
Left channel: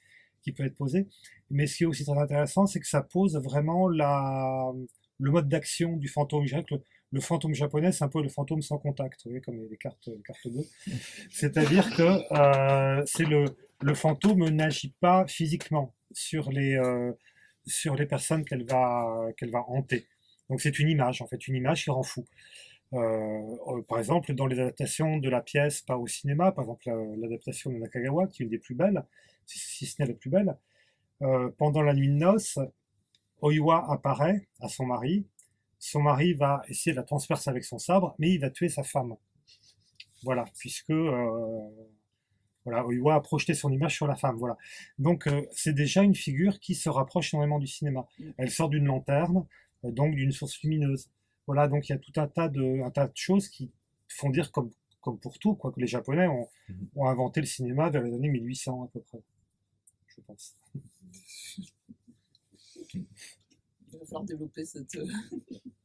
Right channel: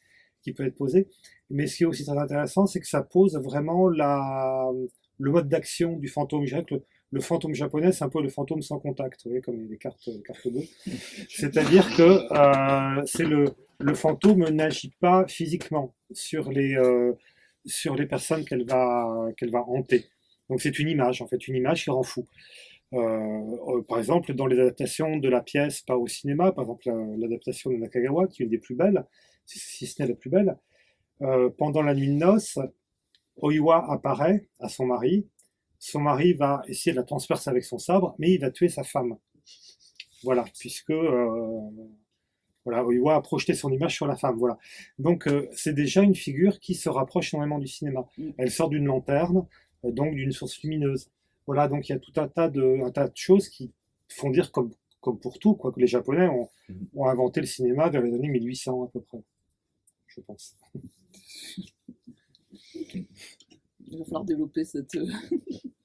peut être posée. Mais ce qui est aussi très intéressant, c'est que ça pose vraiment le mode d'action du fantôme. Je dirais que le fantôme japonais, c'est un peu le fantôme sans contact, vous voyez, comme les cartes bleues. C'est-à-dire que le fantôme n'agit pas physiquement sur les personnes qu'elle va hanter. Donc c'est une image, en fait, une image qui rend fou. Par exemple, dans les adaptations de la pièce, pas au cinéma, par exemple l'adaptation de Nakagawa, qui est une des plus belles, si ce n'est la plus belle, pendant la nuit de noces, Oiwa apparaît à son mari va essayer de la transpercer avec son sabre, mais il va tuer sa femme. Voilà, puisque Oiwa a projeté son image sur la femme. Voilà. Donc c'est déjà une figure qui se rapproche énormément du cinéma. Elle sort d'une lanterne, donc d'une source lumineuse. Voilà, donc il y a tout un tas de choses qui font dire, comme pour tout, quoi, que les Japonais ont inventé le cinéma vers les années 1800 à peu près, je pense. Il va falloir développer cette...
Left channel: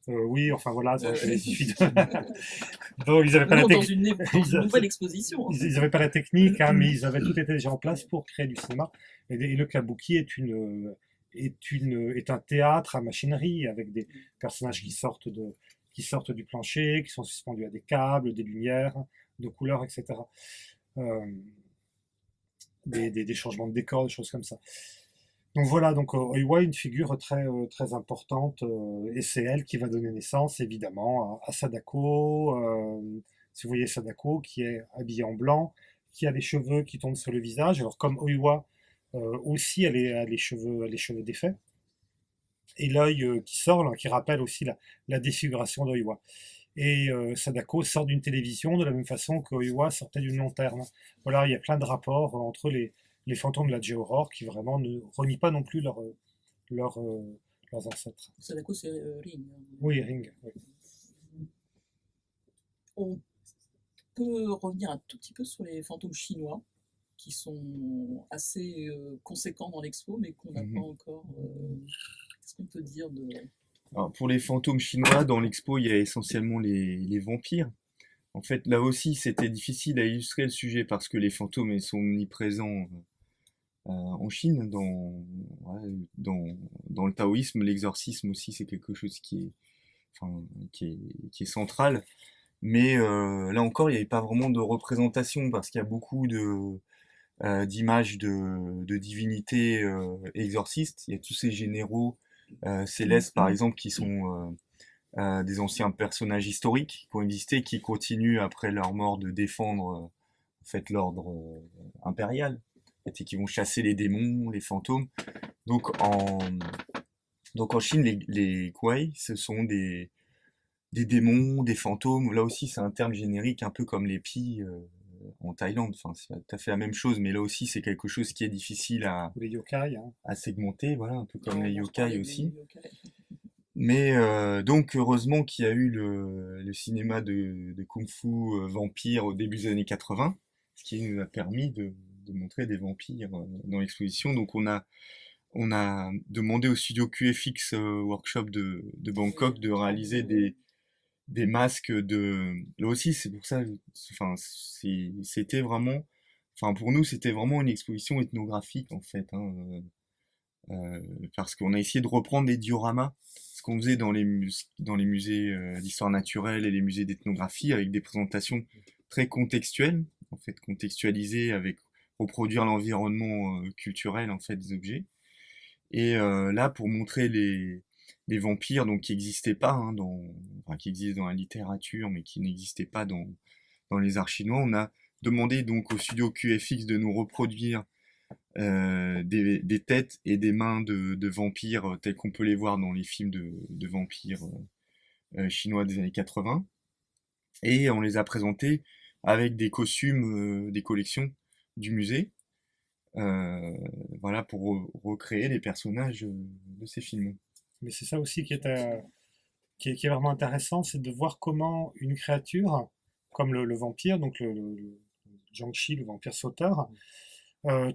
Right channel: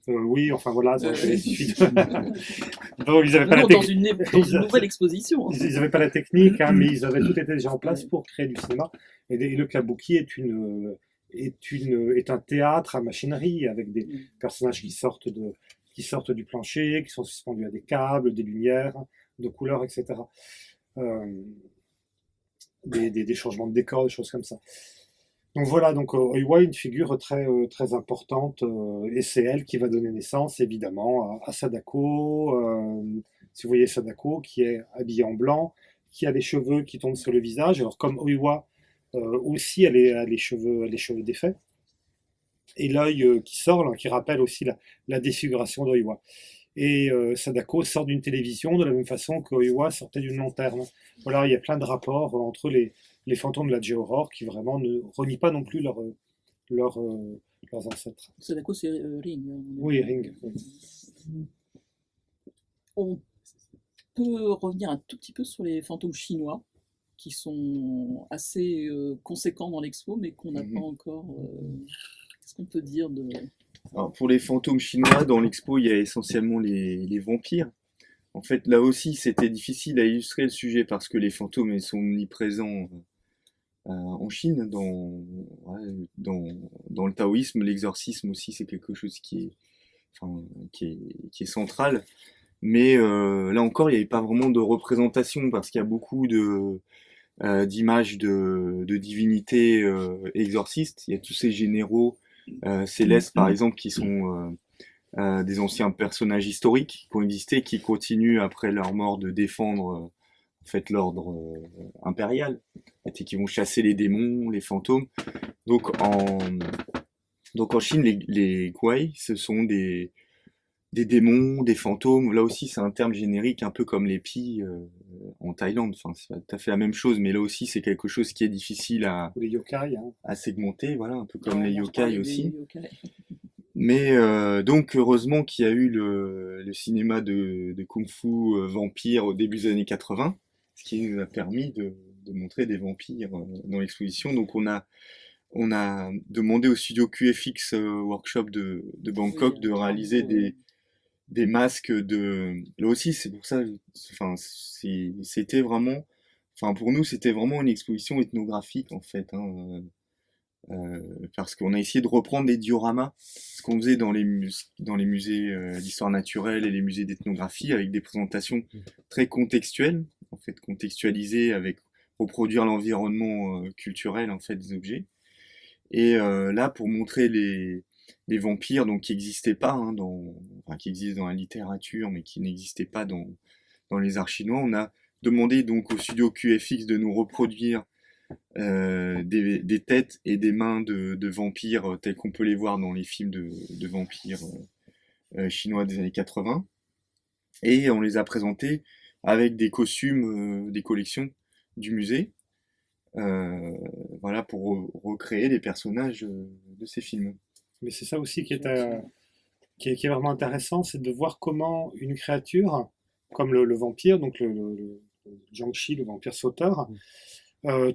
oui, enfin voilà, ça il suffit de... Bon, ils n'avaient pas dans une nouvelle exposition. Ils n'avaient pas la technique, hein, mais ils avaient tout été déjà en place pour créer du cinéma. Et le kabuki est un théâtre à machinerie, avec des personnages qui sortent du plancher, qui sont suspendus à des câbles, des lumières, de couleurs, etc. Des changements de décor, des choses comme ça. Donc voilà, donc Oiwa est une figure très, très importante, et c'est elle qui va donner naissance évidemment à Sadako. Si vous voyez Sadako, qui est habillée en blanc, qui a les cheveux qui tombent sur le visage. Alors comme Oiwa, aussi elle a les cheveux défaits, et l'œil qui sort, là, qui rappelle aussi la défiguration d'Oiwa. Et Sadako sort d'une télévision de la même façon que Oiwa sortait d'une lanterne. Voilà, il y a plein de rapports entre les fantômes de la J-Horror qui vraiment ne renient pas non plus leurs ancêtres. Sadako, c'est Ring. Oui, Ring. Oui. On peut revenir un tout petit peu sur les fantômes chinois, qui sont assez conséquents dans l'expo, mais qu'on n'a pas encore. Qu'est-ce qu'on peut dire de. Alors, pour les fantômes chinois, dans l'expo, il y a essentiellement les vampires. En fait, là aussi, c'était difficile à illustrer le sujet parce que les fantômes ils sont omniprésents en Chine. Dans le taoïsme, l'exorcisme aussi, c'est quelque chose enfin, qui est central. Mais là encore, il n'y avait pas vraiment de représentation parce qu'il y a beaucoup d'images de divinités exorcistes. Il y a tous ces généraux célestes, par exemple, qui sont des anciens personnages historiques qui ont existé, qui continuent après leur mort de défendre en fait l'ordre impérial, et qui vont chasser les démons, les fantômes. Donc en Chine, les Guai, ce sont des démons, des fantômes. Là aussi, c'est un terme générique, un peu comme les Pi en Thaïlande. Enfin, c'est pas tout à fait la même chose, mais là aussi, c'est quelque chose qui est difficile Ou les yokai, hein. à segmenter, voilà, un peu comme Ouais, les on parlait yokai des aussi. yokai. Mais donc heureusement qu'il y a eu le cinéma de kung-fu vampire au début des années 80, ce qui nous a permis de montrer des vampires dans l'exposition. Donc on a demandé au studio QFX Workshop de Bangkok de réaliser des masques de... Là aussi, c'est pour ça, enfin, c'était vraiment... Enfin, pour nous, c'était vraiment une exposition ethnographique, en fait, hein, parce qu'on a essayé de reprendre des dioramas, ce qu'on faisait dans les musées d'histoire naturelle et les musées d'ethnographie, avec des présentations très contextuelles, en fait, contextualisées, avec reproduire l'environnement culturel, en fait, des objets. Et là, pour montrer les vampires, donc qui n'existaient pas, hein, enfin, qui existent dans la littérature, mais qui n'existaient pas dans les arts chinois, on a demandé donc au studio QFX de nous reproduire des têtes et des mains de vampires tels qu'on peut les voir dans les films de vampires chinois des années 80. Et on les a présentés avec des costumes des collections du musée, voilà, pour recréer les personnages de ces films. Mais c'est ça aussi qui est vraiment intéressant, c'est de voir comment une créature, comme le vampire, donc le Jiangxi, le vampire sauteur,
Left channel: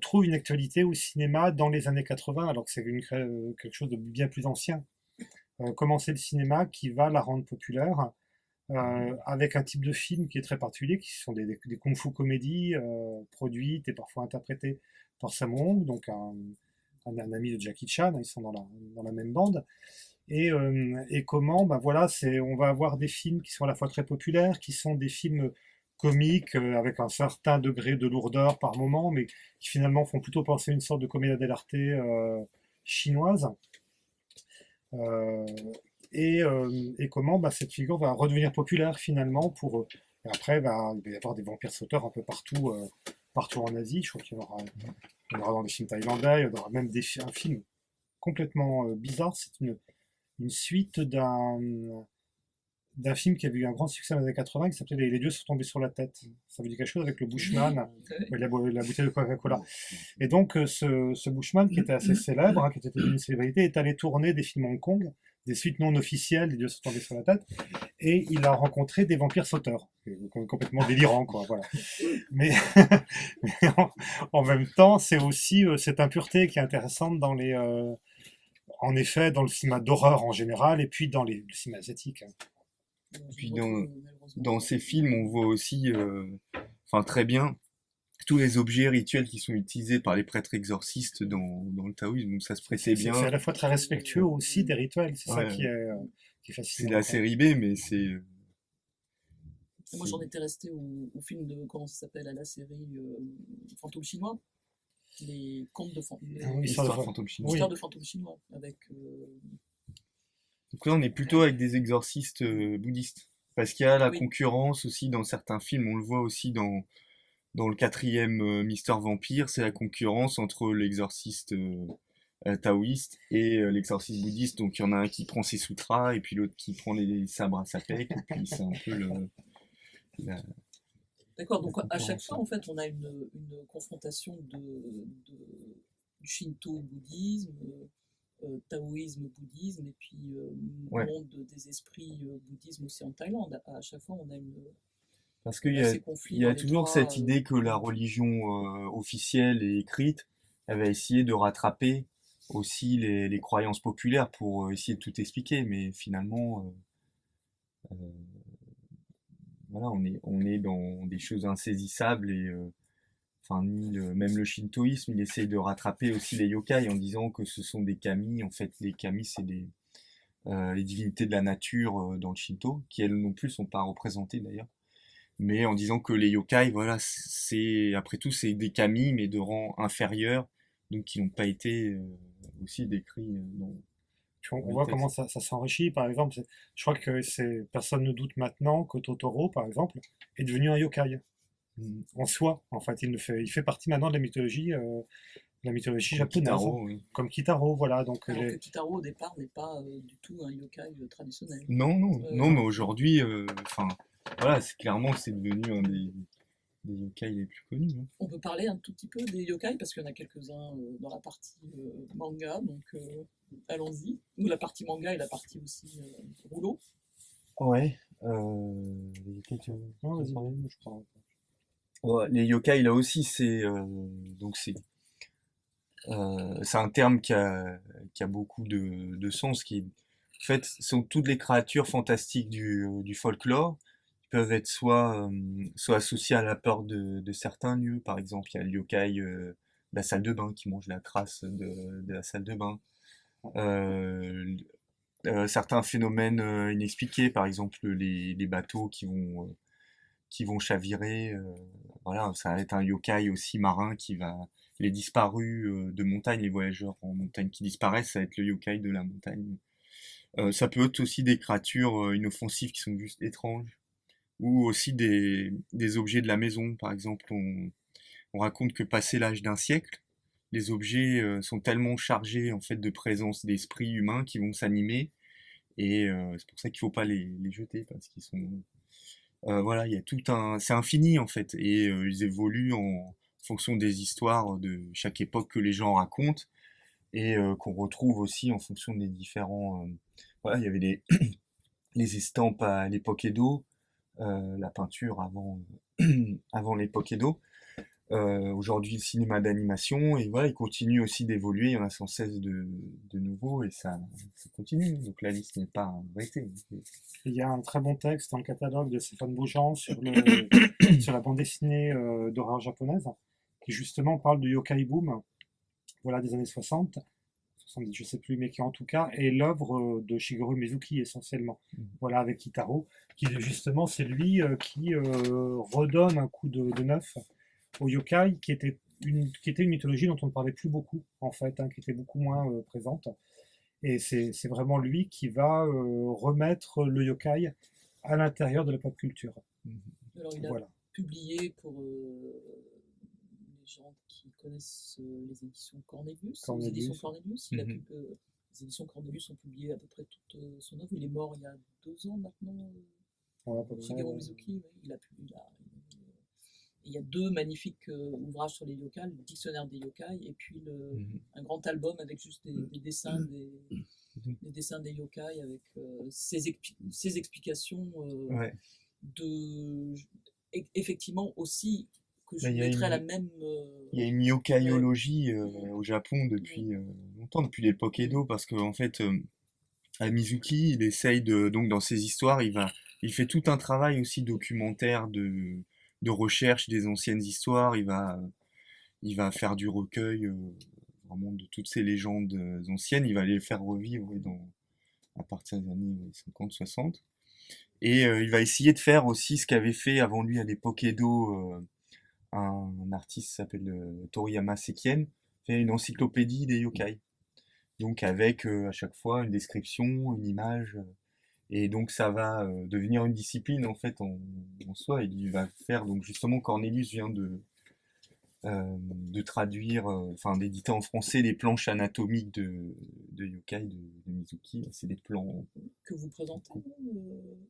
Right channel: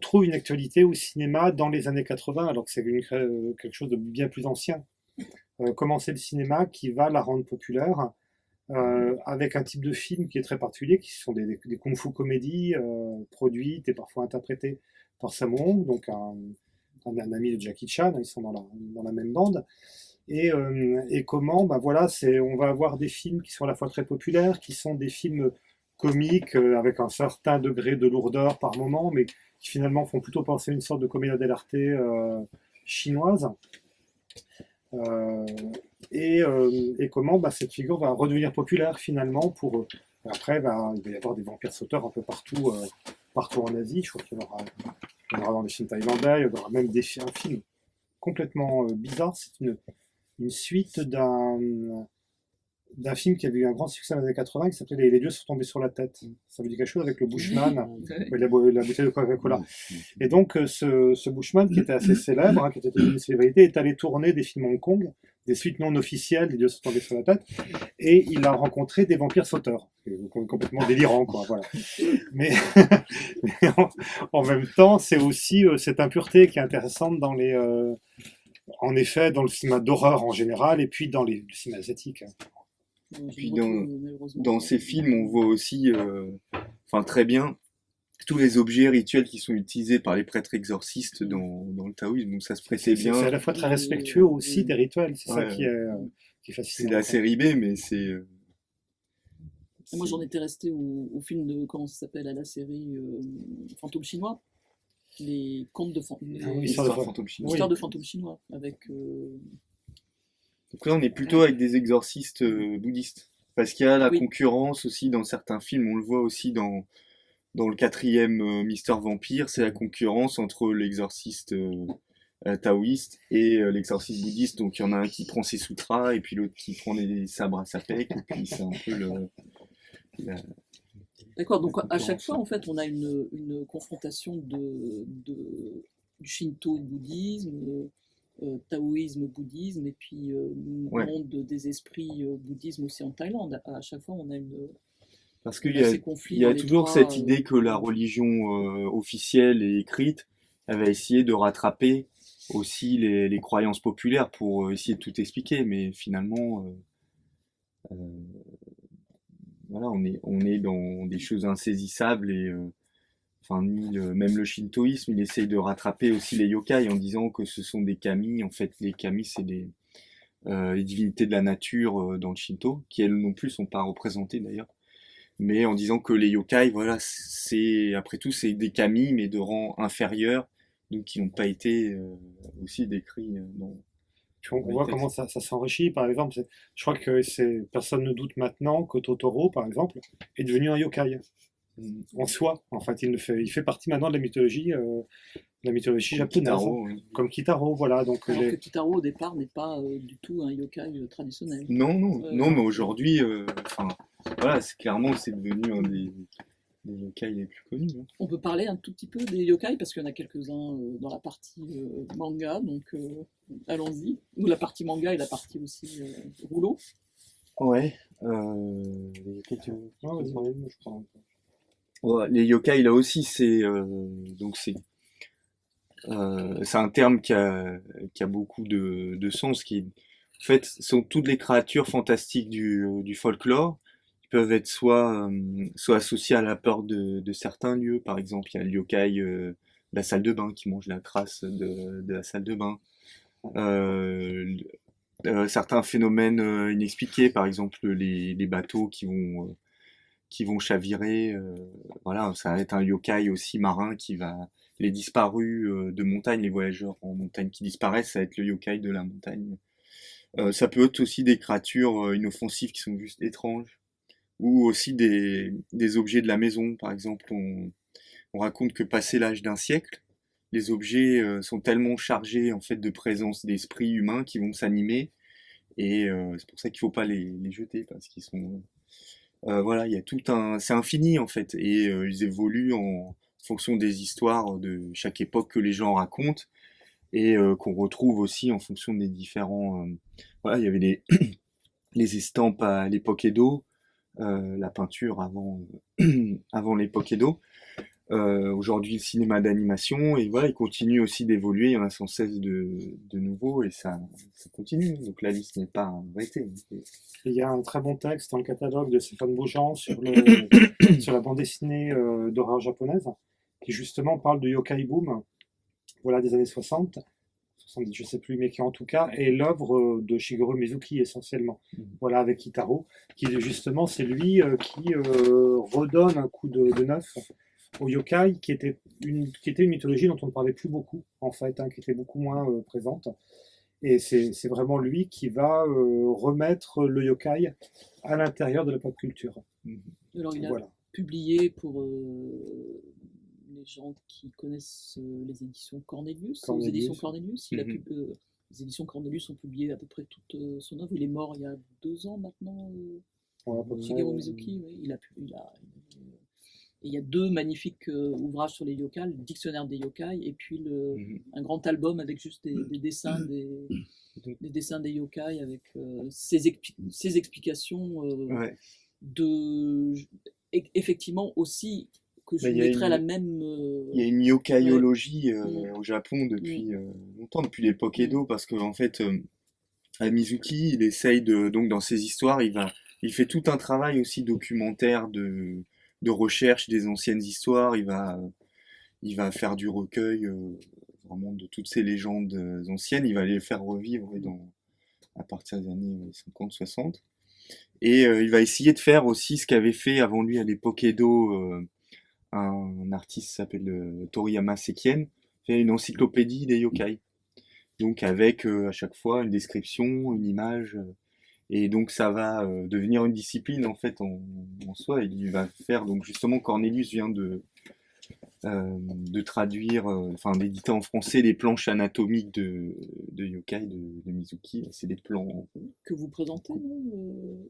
trouve une actualité au cinéma dans les années 80, alors que c'est quelque chose de bien plus ancien. Comment c'est le cinéma qui va la rendre populaire, avec un type de film qui est très particulier, qui sont des kung-fu comédies produites et parfois interprétées par Sammo Hung, donc un ami de Jackie Chan, ils sont dans la même bande. Et comment, ben voilà, on va avoir des films qui sont à la fois très populaires, qui sont des films comiques avec un certain degré de lourdeur par moment, mais qui finalement font plutto penser à une sorte de commedia dell'arte chinoise. Euh, et comment cette figure va redevenir populaire finalement et après, il va y avoir des vampires sauteurs un peu partout, partout en Asie. Je crois qu'il y en aura dans des films thaïlandais, il y aura même un film complètement bizarre. C'est une suite d'un film qui avait eu un grand succès dans les années 80 qui s'appelait Les dieux sont tombés sur la tête. Ça vous dit quelque chose avec le Bushman, la bouteille de Coca-Cola. Et donc ce Bushman qui était assez célèbre, qui était une célébrité, est allé tourner des films à Hong Kong, des suites non officielles, Les dieux sont tombés sur la tête, et il a rencontré des vampires sauteurs. Complètement délirant, quoi, voilà. Mais, mais en même temps, c'est aussi cette impureté qui est intéressante en effet, dans le cinéma d'horreur en général, et puis dans le cinéma asiatique. Puis dans ces films, on voit aussi, enfin très bien, tous les objets rituels qui sont utilisés par les prêtres exorcistes dans le taoïsme. Donc ça se prêtait bien. C'est à la fois très respectueux aussi des rituels, c'est ça qui est fascinant. C'est la série B, mais c'est... Moi j'en étais resté au film de, comment ça s'appelle, à la série Fantôme chinois. Les contes de Histoire de fantômes chinois. Histoire de fantômes chinois, avec... Donc là, on est plutôt avec des exorcistes bouddhistes. Parce qu'il y a la concurrence aussi dans certains films. On le voit aussi dans le quatrième Mister Vampire. C'est la concurrence entre l'exorciste taoïste et l'exorciste bouddhiste. Donc il y en a un qui prend ses sutras et puis l'autre qui prend les sabres à sapèque. Et puis c'est un peu D'accord, donc à chaque fois, en fait, on a une confrontation du shinto-bouddhisme, taoïsme-bouddhisme, et puis monde des esprits bouddhisme aussi en Thaïlande. À chaque fois, on a Parce qu'il Il y a ces conflits il y dans a les toujours trois. cette idée que la religion officielle et écrite, elle va essayer de rattraper aussi les croyances populaires pour essayer de tout expliquer, mais finalement, euh, voilà, on est dans des choses insaisissables et enfin, même le shintoïsme, il essaye de rattraper aussi les yokai en disant que ce sont des kami. En fait, les kami, c'est les divinités de la nature dans le Shinto, qui elles non plus sont pas représentées d'ailleurs. Mais en disant que les yokai, voilà, c'est après tout c'est des kami, mais de rang inférieur, donc qui n'ont pas été aussi décrits Puis on dans les voit comment textes. ça s'enrichit. Par exemple, je crois que personne ne doute maintenant que Totoro, par exemple, est devenu un yokai Mm. en soi. En fait, il fait partie maintenant de la mythologie Comme japonaise, Kitaro, oui. comme Kitaro. Voilà, donc Alors que Kitaro au départ n'est pas du tout un yokai traditionnel. Non, non, Euh, non, mais aujourd'hui, enfin, voilà, c'est clairement c'est devenu un des yokai les plus connus, hein. On peut parler un tout petit peu des yokai parce qu'il y en a quelques-uns dans la partie manga, donc allons-y. Ou la partie manga et la partie aussi rouleau. Ouais. Les yokai, Ah, vas-y, vas-y, je prends. Ouais, les yokai là aussi, donc c'est un terme qui a beaucoup de sens. En fait, sont toutes les créatures fantastiques du folklore. Qui peuvent être soit associées à la peur de certains lieux. Par exemple, il y a le yokai de la salle de bain qui mange la crasse de la salle de bain. Euh, Certains phénomènes inexpliqués, par exemple les bateaux qui vont chavirer. Voilà, ça va être un yokai aussi marin qui va. Les disparus de montagne, les voyageurs en montagne qui disparaissent, ça va être le yokai de la montagne. Ça peut être aussi des créatures inoffensives qui sont juste étranges, ou aussi des objets de la maison. Par exemple, on raconte que passé l'âge d'un siècle, les objets sont tellement chargés en fait de présence d'esprits humains qui vont s'animer, et c'est pour ça qu'il faut pas les jeter parce qu'ils sont voilà, il y a c'est infini en fait, et ils évoluent en fonction des histoires de chaque époque que les gens racontent et qu'on retrouve aussi en fonction des différents. Voilà, il y avait les estampes à l'époque Edo, la peinture avant l'époque Edo. Aujourd'hui, le cinéma d'animation, et voilà, il continue aussi d'évoluer, il y en a sans cesse de nouveaux, et ça continue. Donc la liste n'est pas arrêtée. Il y a un très bon texte dans le catalogue de Stéphane Beaujean sur la bande dessinée d'horreur japonaise, qui justement parle de Yokai Boom, voilà, des années 60, 70, je sais plus, mais qui en tout cas est l'œuvre de Shigeru Mizuki essentiellement. Voilà, avec Kitaro, qui justement c'est lui qui redonne un coup de neuf au yokai, qui était une mythologie dont on ne parlait plus beaucoup, en fait, hein, qui était beaucoup moins présente. Et c'est vraiment lui qui va remettre le yokai à l'intérieur de la pop culture. Alors il a Voilà. publié pour les gens qui connaissent les éditions Cornelius. Aux éditions Cornelius, les éditions Cornelius ont publié à peu près toute son œuvre. Il est mort il y a 2 ans maintenant. Ouais, à peu près, Shigeru Mizuki, oui, et il y a 2 magnifiques ouvrages sur les yokai, le dictionnaire des yokai et puis un grand album avec juste des dessins des dessins des yokai avec ses explications Ouais. effectivement aussi que je Bah, mettrais à la même il y a une yokaiologie au Japon depuis longtemps, depuis l'époque Mm. Edo, parce qu'en fait, Mizuki, il essaye donc dans ses histoires, il fait tout un travail aussi documentaire de recherche des anciennes histoires. Il va faire du recueil vraiment de toutes ces légendes anciennes. Il va les faire revivre à partir des années 50-60. Et il va essayer de faire aussi ce qu'avait fait avant lui à l'époque Edo un artiste qui s'appelle Toriyama Sekien, fait une encyclopédie des yokai. Donc avec à chaque fois une description, une image. Et donc ça va devenir une discipline en fait en soi. Il va faire, donc justement Cornelius vient de traduire, enfin d'éditer en français les planches anatomiques de yokai de Mizuki. C'est des plans que vous présentez, non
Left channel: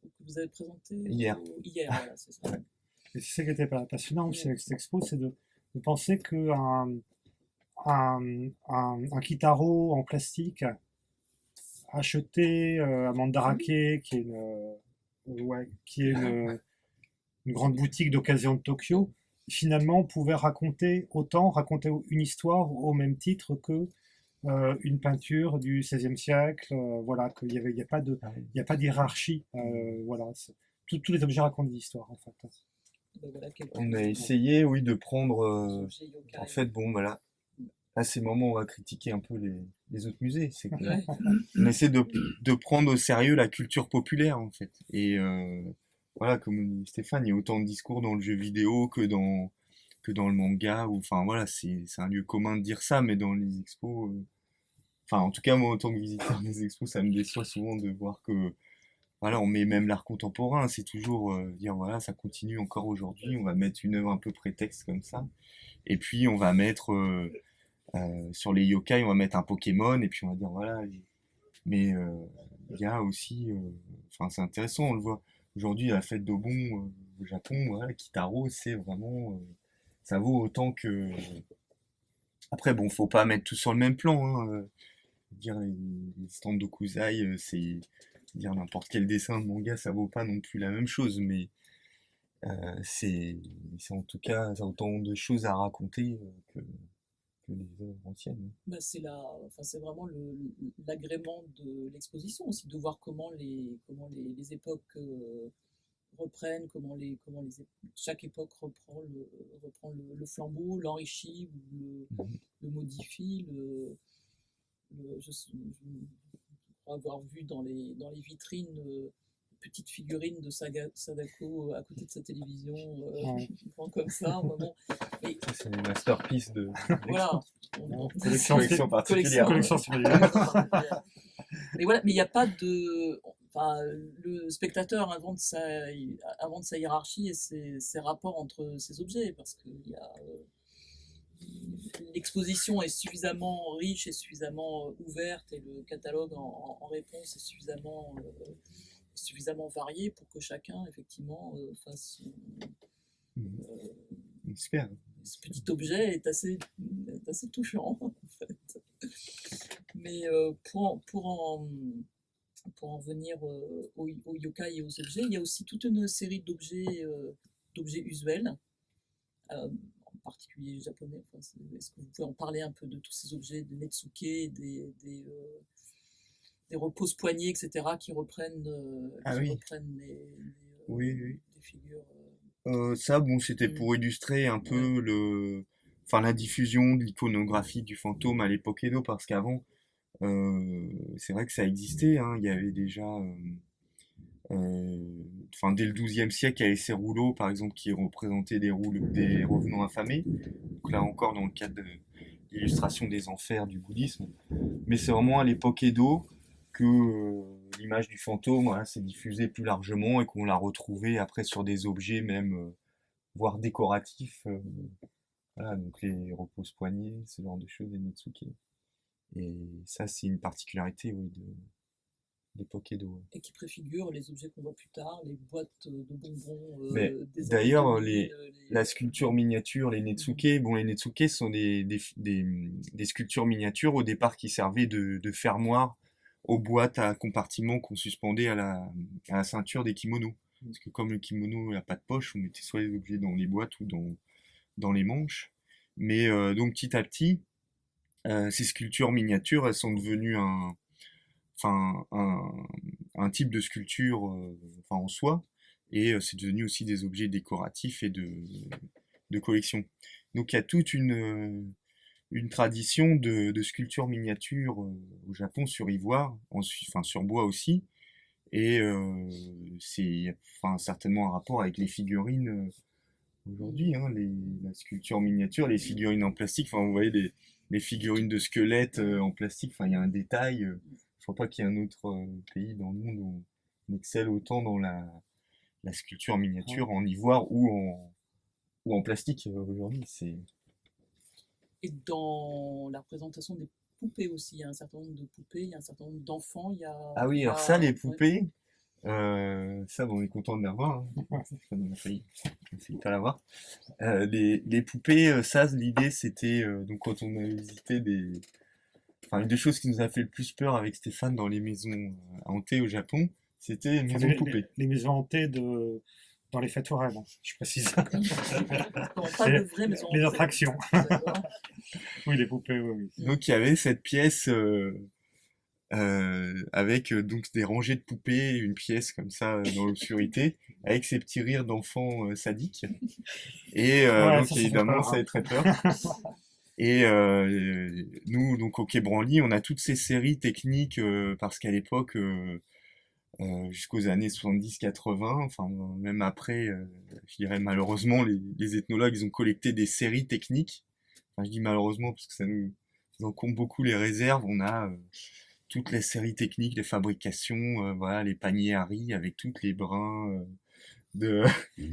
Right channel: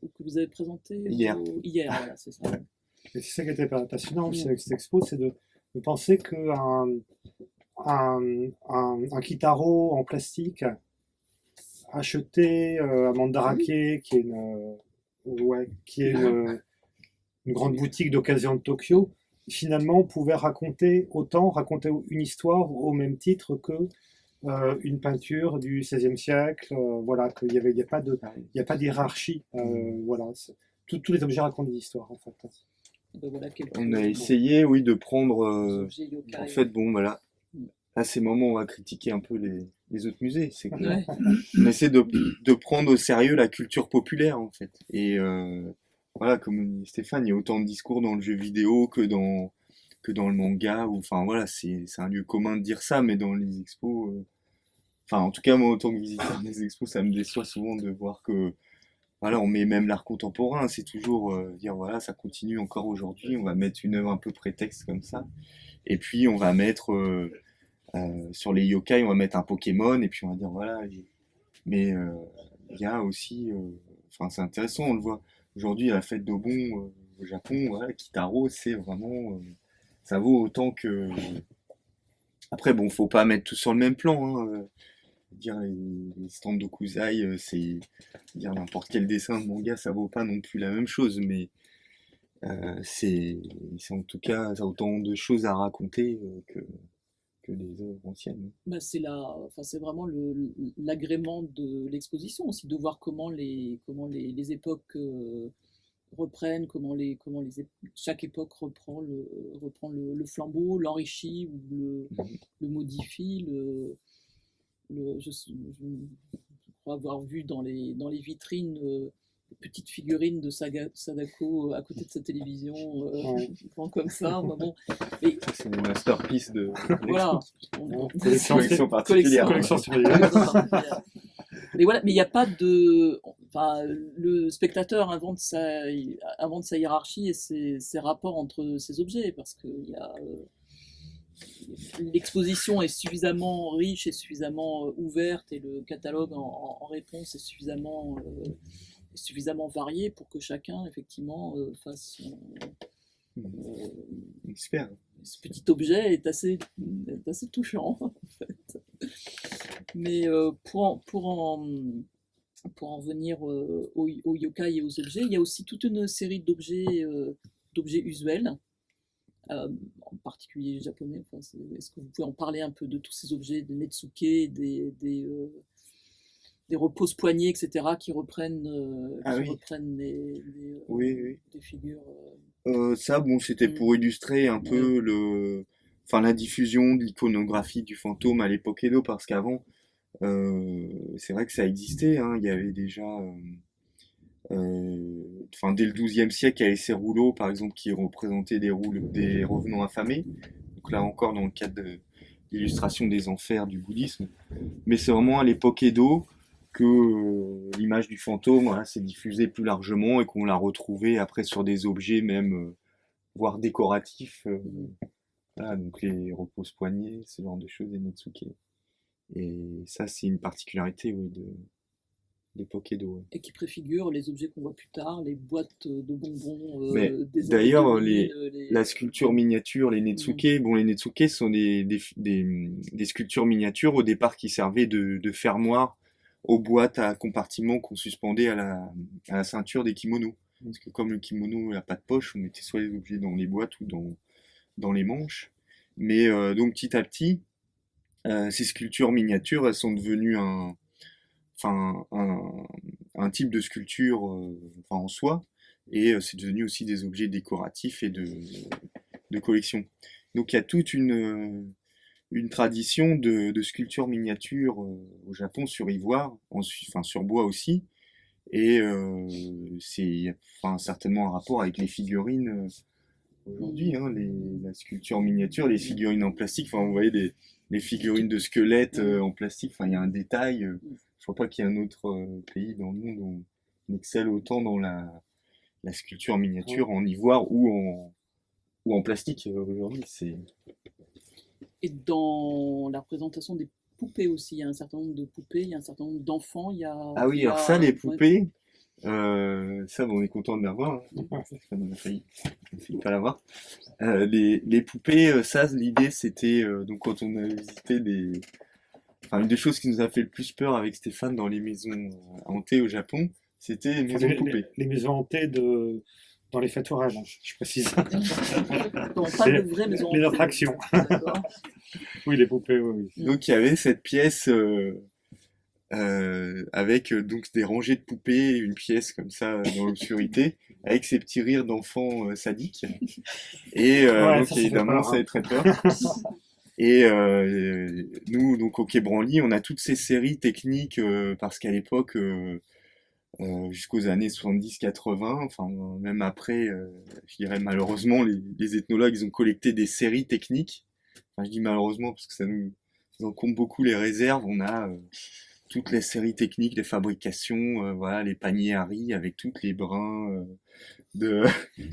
ou que vous avez présenté hier. Hier, voilà, c'est ça. Et c'est ça qui était passionnant aussi avec cette expo, c'est de penser qu'un un Kitaro en plastique acheté à Mandarake, qui est une, ouais, qui est une grande boutique d'occasion de Tokyo, finalement, on pouvait raconter une histoire au même titre que une peinture du XVIe siècle. Voilà, qu'il y avait, il y a pas d'hiérarchie. Voilà, tous les objets racontent des histoires, en fait. Ben voilà quelques On a essayé, oui, de prendre. objets yokai. En fait, bon, voilà. À ces moments, on va critiquer un peu les autres musées. C'est que Ouais. on essaie de prendre au sérieux la culture populaire, en fait. Et voilà, comme dit Stéphane, il y a autant de discours dans le jeu vidéo que dans le manga. Ou, enfin, voilà, c'est un lieu commun de dire ça, mais dans les expos. Enfin, en tout cas, moi, en tant que visiteur des expos, ça me déçoit souvent de voir que. Voilà, on met même l'art contemporain, c'est toujours dire voilà, ça continue encore aujourd'hui, on va mettre une œuvre un peu prétexte comme ça. Et puis on va mettre sur les yokai, on va mettre un Pokémon, et puis on va dire voilà. Mais il y a aussi, enfin c'est intéressant, on le voit aujourd'hui à la fête d'Obon au Japon, voilà, Kitaro, c'est vraiment, ça vaut autant que. Après bon, faut pas mettre tout sur le même plan, hein, dire les stands d'Okuzai, c'est dire n'importe quel dessin de manga, ça vaut pas non plus la même chose, mais c'est en tout cas, ça a autant de choses à raconter que des œuvres anciennes. Bah, enfin, c'est vraiment l'agrément de l'exposition aussi, de voir comment les époques reprennent, chaque époque reprend le flambeau, l'enrichit ou Mhm. le modifie. Je crois avoir vu dans les vitrines des petites figurines de Sadako à côté de sa télévision, Ouais. comme ça. Bon. Et Ça, c'est une masterpiece de voilà, collection particulière. Collection Mais voilà, mais il n'y a pas de. Enfin, le spectateur invente sa hiérarchie et ses rapports entre ces objets, parce que l'exposition est suffisamment riche et suffisamment ouverte, et le catalogue en réponse est suffisamment varié pour que chacun, effectivement, fasse Super. ce petit objet est assez touchant, en fait. Mais pour en venir aux yokai et aux objets, il y a aussi toute une série d'objets usuels, en particulier japonais. Enfin, est-ce que vous pouvez en parler un peu de tous ces objets, des netsuke, des repose-poignets, etc., qui reprennent, Oui. reprennent Oui. des figures. Ça, bon, c'était pour illustrer un peu enfin, la diffusion de l'iconographie du fantôme à l'époque Edo, parce qu'avant, c'est vrai que ça existait, hein, il y avait déjà, enfin, dès le XIIe siècle, il y avait ces rouleaux, par exemple, qui représentaient des revenants affamés. Donc là encore, dans le cadre de l'illustration des enfers du bouddhisme. Mais c'est vraiment à l'époque Edo que l'image du fantôme, voilà, s'est diffusée plus largement et qu'on l'a retrouvée après sur des objets même, voire décoratifs. Voilà, donc les repose-poignets, ce genre de choses, les netsuke. Et ça, c'est une particularité, oui, de l'époque Edo. Ouais. Et qui préfigurent les objets qu'on voit plus tard, les boîtes de bonbons Mais des d'ailleurs, années 2000, la sculpture miniature, les netsuke, bon, les netsuke sont des sculptures miniatures au départ qui servaient de fermoir aux boîtes à compartiments qu'on suspendait à la ceinture des kimonos. Parce que comme le kimono n'a pas de poche, on mettait soit les objets dans les boîtes ou dans les manches. Mais donc petit à petit, ces sculptures miniatures, elles sont devenues enfin, un type de sculpture enfin, en soi, et c'est devenu aussi des objets décoratifs et de collection. Donc il y a toute une tradition de sculpture miniature au Japon sur ivoire, enfin sur bois aussi, et c'est enfin, certainement un rapport avec les figurines aujourd'hui, hein, la sculpture miniature, les figurines en plastique, enfin vous voyez les figurines de squelettes en plastique, enfin il y a un détail, je crois pas qu'il y ait un autre pays dans le monde où on excelle autant dans la sculpture miniature en ivoire ou en plastique aujourd'hui. Et dans la représentation des poupées aussi, il y a un certain nombre de poupées, il y a un certain nombre d'enfants. Ah oui, alors ça, les poupées, ça, bon, on est content de l'avoir. Hein. On a failli pas l'avoir. Les poupées, ça, l'idée, c'était, donc quand on a visité enfin, une des choses qui nous a fait le plus peur avec Stéphane dans les maisons hantées au Japon, c'était les maisons poupées. Les maisons hantées dans les fêtes foraines, hein, je précise. Non, pas de vraies maisons Les hantées. attractions. D'accord. Oui, les poupées, oui, oui. Donc il y avait cette pièce avec donc des rangées de poupées, une pièce comme ça dans l'obscurité, avec ces petits rires d'enfants sadiques. Et Ouais, donc ça fait évidemment, peur, ça hein. fait très peur. Et nous, donc au Quai Branly, on a toutes ces séries techniques parce qu'à l'époque, jusqu'aux années 70-80, enfin même après, je dirais malheureusement, les ethnologues, ils ont collecté des séries techniques. Enfin, je dis malheureusement parce que ça encombre beaucoup les réserves. On a toutes les séries techniques, les fabrications, voilà, les paniers à riz avec toutes les brins de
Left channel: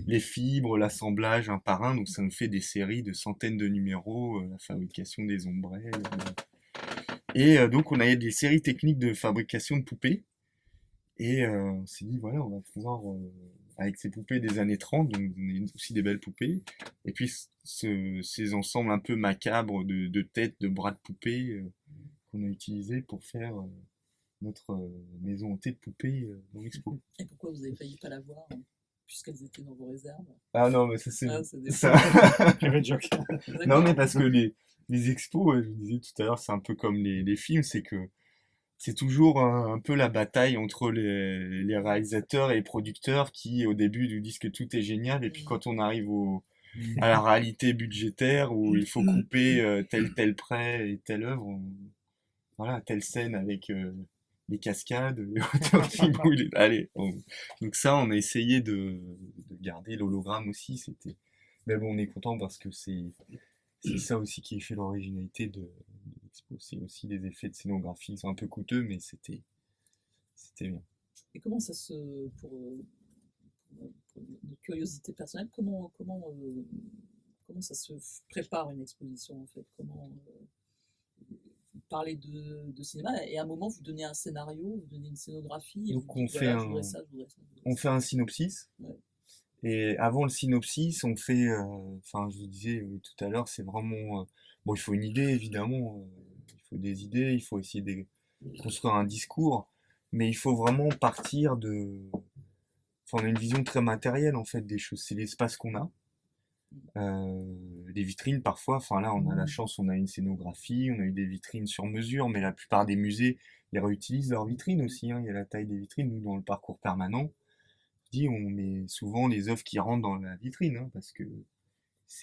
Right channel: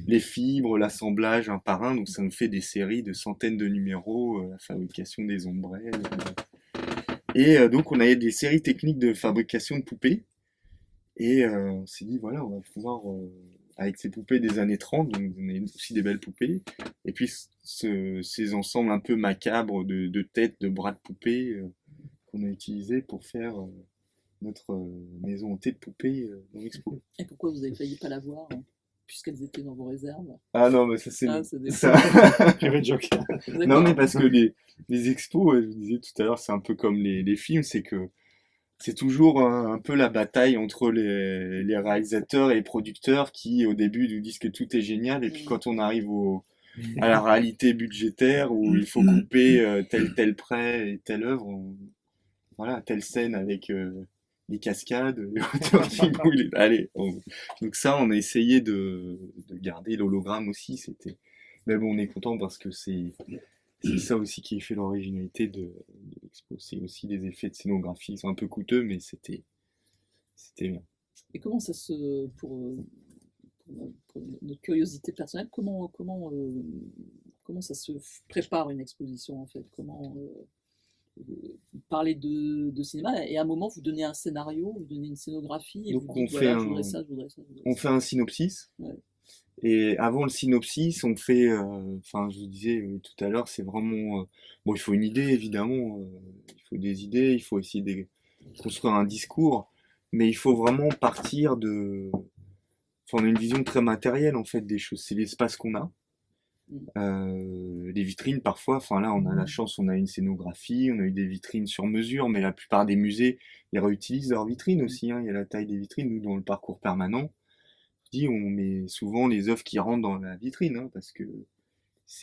les fibres, l'assemblage un par un. Donc ça nous fait des séries de centaines de numéros, la fabrication des ombrelles. Et donc on avait des séries techniques de fabrication de poupées. Et on s'est dit, voilà, on va pouvoir, avec ces poupées des années 30, donc on a aussi des belles poupées, et puis ces ensembles un peu macabres de têtes, de bras de poupées qu'on a utilisés pour faire notre maison hantée de poupées dans l'expo. Et pourquoi vous avez failli pas la voir, hein, puisqu'elles étaient dans vos réserves? Ah non, mais ça c'est... Ah, c'est des... ça- Private joke. Non, D'accord. mais parce que les expos, je vous disais tout à l'heure, c'est un peu comme les films, c'est que c'est toujours un peu la bataille entre les réalisateurs et les producteurs qui, au début, nous disent que tout est génial, et puis quand on arrive à la réalité budgétaire où il faut couper tel prêt et telle œuvre, voilà, telle scène avec les cascades, les hauteurs qui bougent, allez. Donc ça, on a essayé de garder l'hologramme aussi, c'était... Mais bon, on est content parce que c'est ça aussi qui fait l'originalité de l'expo. C'est aussi des effets de scénographie. Ils sont un peu coûteux, mais c'était bien. Et comment ça se... pour notre curiosité personnelle, comment ça se prépare une exposition en fait? Comment vous parlez de cinéma et à un moment vous donnez un scénario, vous donnez une scénographie et Donc vous on dites fait voilà, un, je voudrais ça, je voudrais ça, je voudrais on ça. fait un synopsis. Ouais. Et avant le synopsis, on fait, enfin, je vous disais tout à l'heure, c'est vraiment, bon, il faut une idée évidemment, il faut des idées, il faut essayer de construire un discours, mais il faut vraiment partir enfin, on a une vision très matérielle en fait des choses. C'est l'espace qu'on a. Les vitrines parfois, enfin là on a la chance, on a une scénographie, on a eu des vitrines sur mesure, mais la plupart des musées, ils réutilisent leurs vitrines aussi, hein. Il y a la taille des vitrines. Nous, dans le parcours permanent, je dis, on met souvent les œuvres qui rentrent dans la vitrine, hein, parce que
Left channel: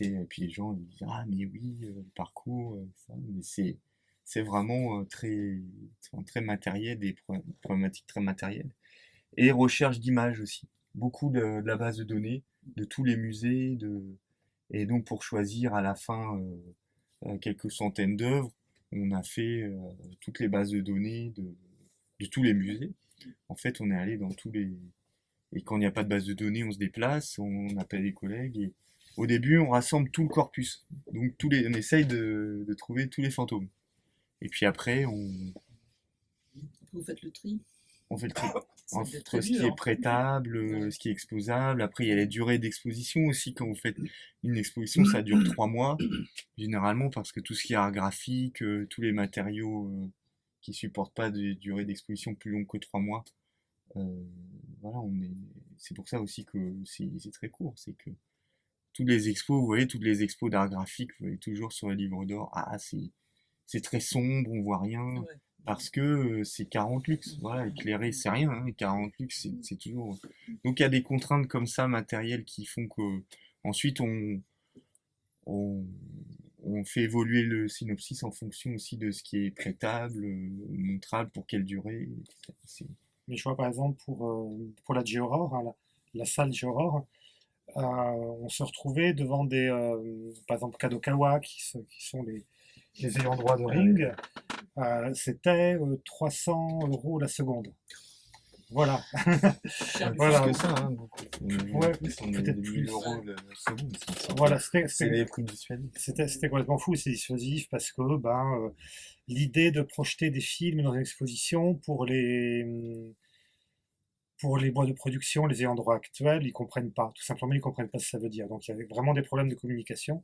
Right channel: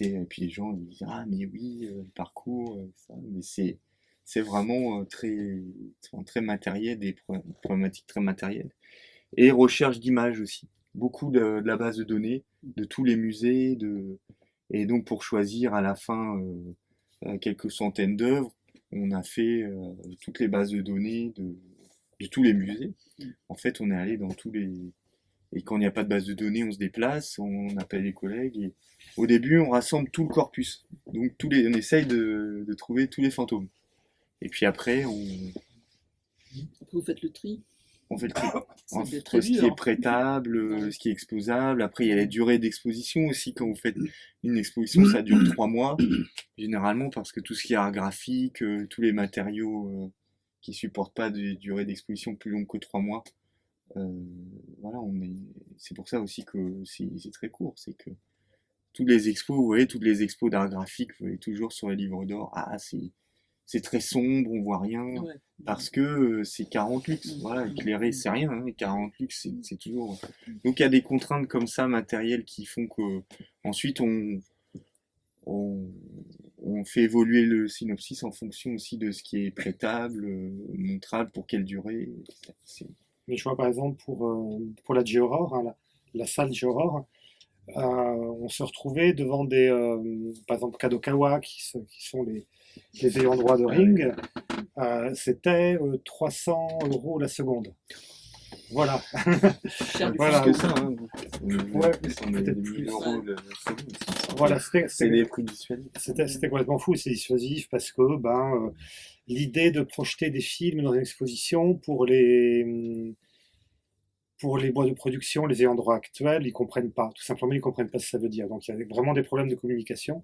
et puis les gens ils disent, ah mais oui, le parcours, ça, mais c'est vraiment très matériel, des problématiques très matérielles. Et recherche d'images aussi. Beaucoup de la base de données, de tous les musées, et donc pour choisir à la fin quelques centaines d'œuvres, on a fait toutes les bases de données de tous les musées. En fait, on est allé dans tous les... Et quand il n'y a pas de base de données, on se déplace, on appelle les collègues, et au début, on rassemble tout le corpus. Donc on essaye de trouver tous les fantômes. Et puis après, Après vous faites le tri, on fait le tri. ça doit être Entre très ce qui est dur. prêtable, Ouais. ce qui est exposable. Après, il y a la durée d'exposition aussi. Quand vous faites une exposition, ça dure 3 mois, généralement, parce que tout ce qui est art graphique, tous les matériaux qui supportent pas des durées d'exposition plus longues que 3 mois, voilà, c'est pour ça aussi que c'est très court. C'est que toutes les expos, vous voyez, toutes les expos d'art graphique, vous voyez toujours sur les livres d'or, ah, c'est très sombre, on voit rien. Ouais. Parce que c'est 40 lux, voilà, éclairé c'est rien, hein, 40 lux c'est toujours... Donc il y a des contraintes comme ça matérielles qui font que ensuite on, on fait évoluer le synopsis en fonction aussi de ce qui est prêtable, montrable, pour quelle durée, etc. Mais je vois par exemple pour la Géaurore, hein, la salle Géaurore, on se retrouvait devant par exemple Kadokawa, qui sont les ayants droit de Ah Ring. C'était 300 € la seconde. Voilà. Cher du Voilà. Plus que ça, hein. Ouais, On est peut-être des plus. 1000 euros le seconde, Voilà, c'est des prix dissuasifs. c'était complètement fou, c'est dissuasif parce que l'idée de projeter des films dans une exposition pour les boîtes de production, les ayants droit actuels, ils comprennent pas. Tout simplement, ils comprennent pas ce que ça veut dire. Donc il y avait vraiment des problèmes de communication.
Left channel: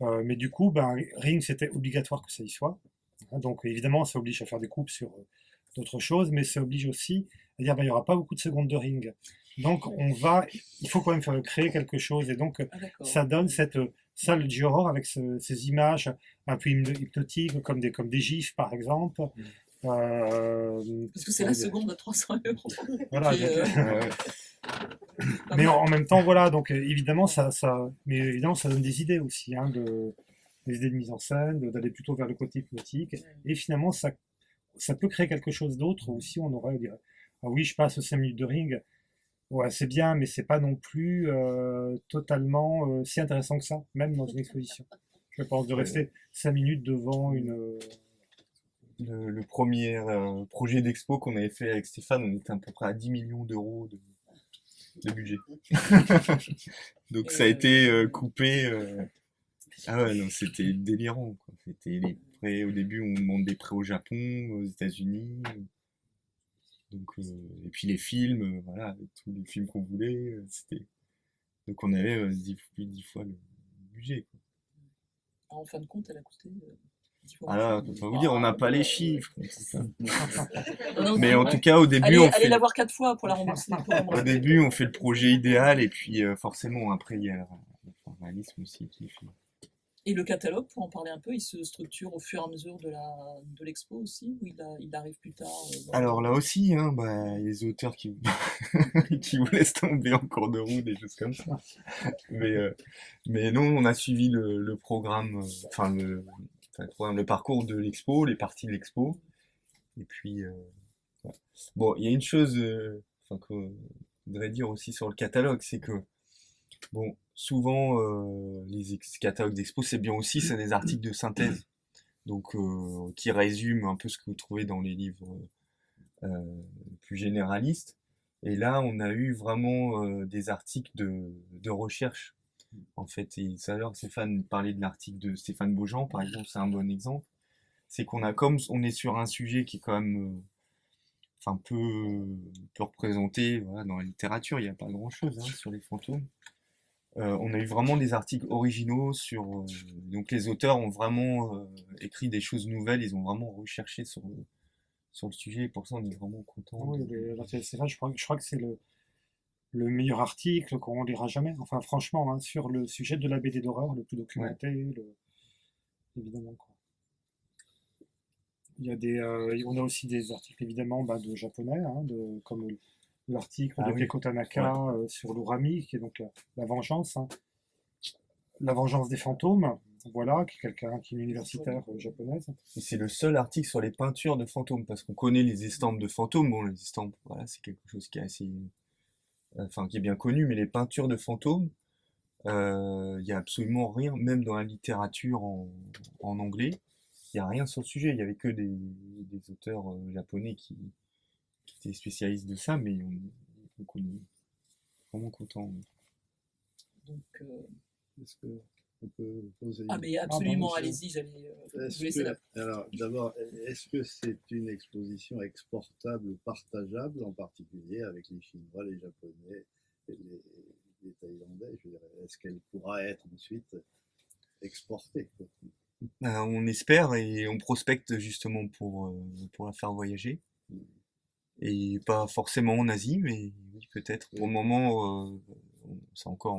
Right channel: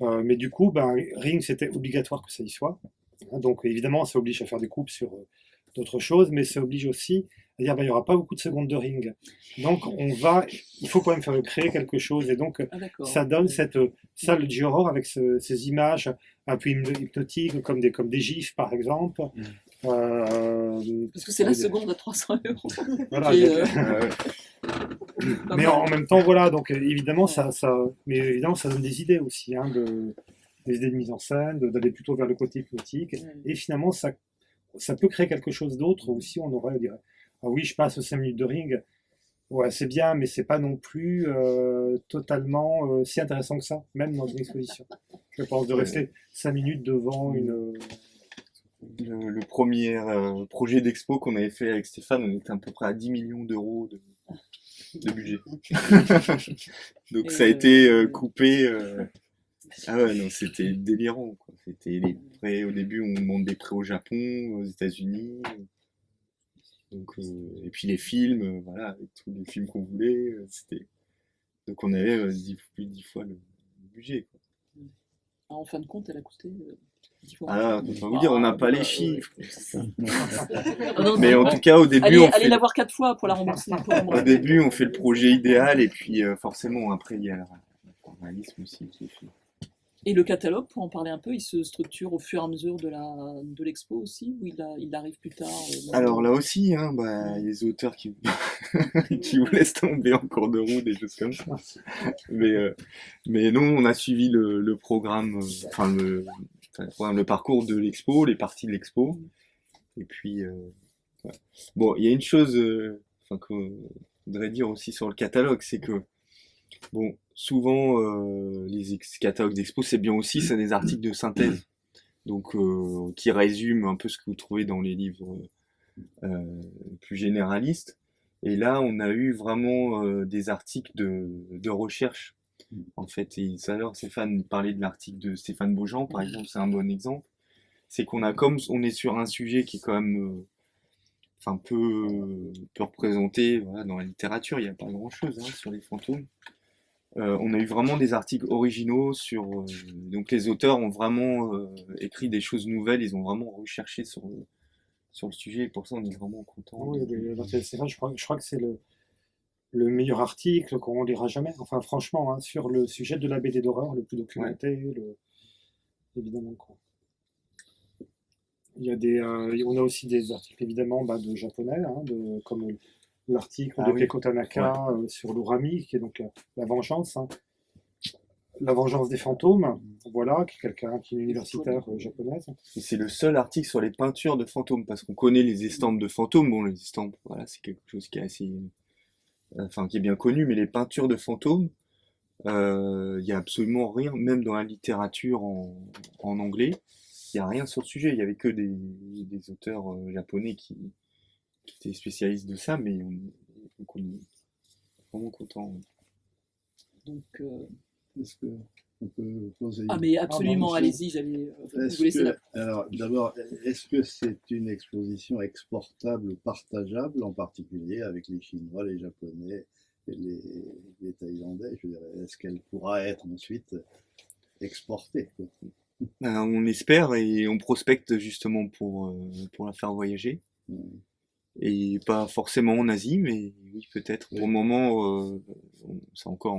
Mais du coup, Ring, c'était obligatoire que ça y soit. Hein, donc évidemment, ça oblige à faire des coupes sur d'autres choses, mais ça oblige aussi à dire, bah, il n'y aura pas beaucoup de secondes de ring. Donc, il faut quand même faire créer quelque chose. Et donc, Ah, d'accord. ça donne cette salle du horror avec ces images un peu hypnotiques, comme des gifs, par exemple. Parce que c'est la seconde à 300 euros. Voilà, Et, mais en même temps, voilà, donc évidemment, mais évidemment, ça donne des idées aussi, hein, des idées de mise en scène, d'aller plutôt vers le côté hypnotique. Et finalement, ça peut créer quelque chose d'autre aussi. On dirait, ah oui, je passe 5 minutes de ring. Ouais, c'est bien, mais c'est pas non plus totalement si intéressant que ça, même dans une exposition. Je pense de rester 5 minutes devant une. Le premier projet d'expo qu'on avait fait avec Stéphane, on était à peu près à 10 millions d'euros de budget. Donc ça a été coupé. Ah ouais, non, c'était délirant, quoi. C'était les prêts. Au début, on demande des prêts au Japon, aux États-Unis. Donc, et puis les films, voilà, avec tous les films qu'on voulait. Donc on avait plus de 10 fois le budget, quoi. En fin de compte, elle a coûté 10 fois. Ah là, on va vous dire, on n'a pas les chiffres. Non, Mais en ouais. tout cas, au début, Allez la voir 4 fois pour la rembourser. Au début, on fait le projet idéal et puis forcément, après, il y a le réalisme aussi qui est fait. Et le catalogue, pour en parler un peu, il se structure au fur et à mesure de l'expo aussi, ou il arrive plus tard Alors là aussi, hein, bah, les auteurs qui, qui vous laissent tomber en cours de route, des choses comme ça. Mais non, on a suivi le programme, le parcours de l'expo, les parties de l'expo. Et puis, ouais. Bon, il y a une chose qu'on voudrait dire aussi sur le catalogue, c'est que, bon, souvent, les catalogues d'expo, c'est bien aussi, c'est des articles de synthèse, donc qui résument un peu ce que vous trouvez dans les livres plus généralistes. Et là, on a eu vraiment des articles de recherche, en fait. Et tout à l'heure, Stéphane parlait de l'article de Stéphane Beaujean, par exemple, c'est un bon exemple. C'est qu'on a, comme on est sur un sujet qui est quand même peu représenté, voilà, dans la littérature, il n'y a pas grand-chose hein, sur les fantômes. On a eu vraiment des articles originaux sur. Donc les auteurs ont vraiment écrit des choses nouvelles, ils ont vraiment recherché sur le sujet, et pour ça on est vraiment content. Oui, Stéphane, je crois que c'est le meilleur article qu'on lira jamais. Enfin, franchement, hein, sur le sujet de la BD d'horreur, le plus documenté, évidemment. Quoi. On a aussi des articles évidemment de japonais, hein, comme l'article de Keiko Tanaka sur l'Urami, qui est donc la vengeance, hein. La vengeance des fantômes, voilà, qui est une universitaire japonaise. Et c'est le seul article sur les peintures de fantômes, parce qu'on connaît les estampes de fantômes. Bon, les estampes, voilà, c'est quelque chose qui est assez, qui est bien connu, mais les peintures de fantômes, il n'y a absolument rien, même dans la littérature en anglais, il n'y a rien sur le sujet. Il n'y avait que des auteurs japonais qui étaient spécialistes de ça, mais donc on est vraiment content. Donc, est-ce qu'on peut poser Ah mais absolument, allez-y, j'allais vous laisser la... Alors d'abord, est-ce que c'est une exposition exportable ou partageable, en particulier avec les Chinois, les Japonais et les Thaïlandais? Je dirais, est-ce qu'elle pourra être ensuite exportée, quoi? On espère et on prospecte justement pour la faire voyager. Et pas forcément en Asie, mais oui, peut-être. Oui. Pour le moment, c'est encore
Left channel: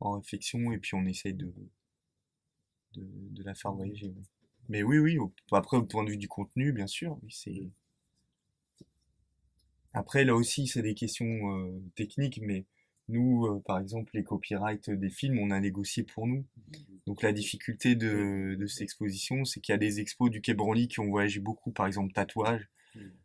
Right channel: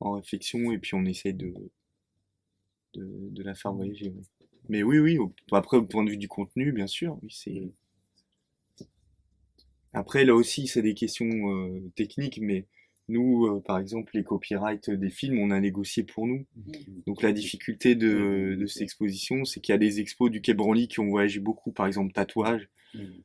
en réflexion et puis on essaye de la faire voyager. Oui. Mais oui, après, au point de vue du contenu, bien sûr, oui, c'est. Après, là aussi, c'est des questions techniques, mais nous, par exemple, les copyrights des films, on a négocié pour nous. Donc la difficulté de cette exposition, c'est qu'il y a des expos du Quai Branly qui ont voyagé beaucoup, par exemple tatouage,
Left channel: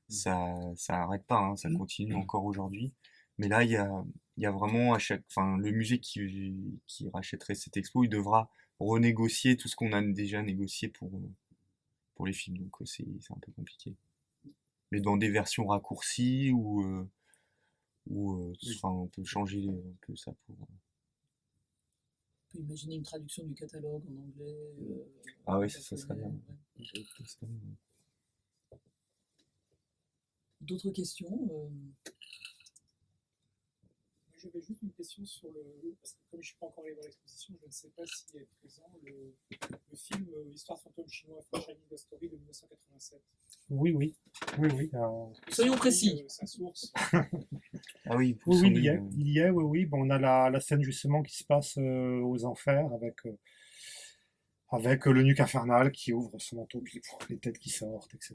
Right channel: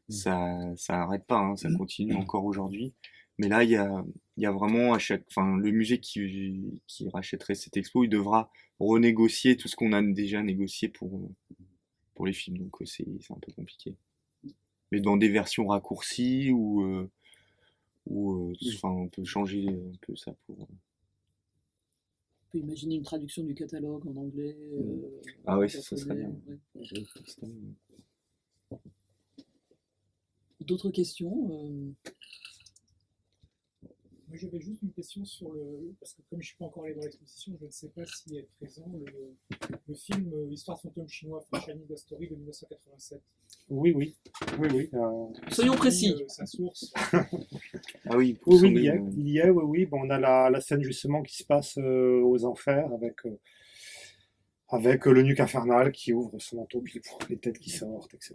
ça arrête pas, hein, ça continue encore aujourd'hui. Mais là, il y a vraiment le musée qui rachèterait cette expo, il devra renégocier tout ce qu'on a déjà négocié pour les films, donc c'est un peu compliqué. Mais dans des versions raccourcies ou on peut changer un peu ça pour. On peut imaginer une traduction du catalogue en anglais. Ah oui, ça serait bien. Ouais. D'autres questions? J'avais juste une question sur parce que comme je ne suis pas encore allé voir l'exposition, je ne sais pas s'il est présent le film Histoire fantôme chinois French Anime Story de 1987. Oui, oui, oui, oui. Soyons précis. Sa source. Ah oui, pour Oui, son oui, livre. il y est, oui, oui. Bon, on a la scène justement qui se passe aux enfers avec le nuque infernal qui ouvre son manteau, puis les têtes qui sortent, etc.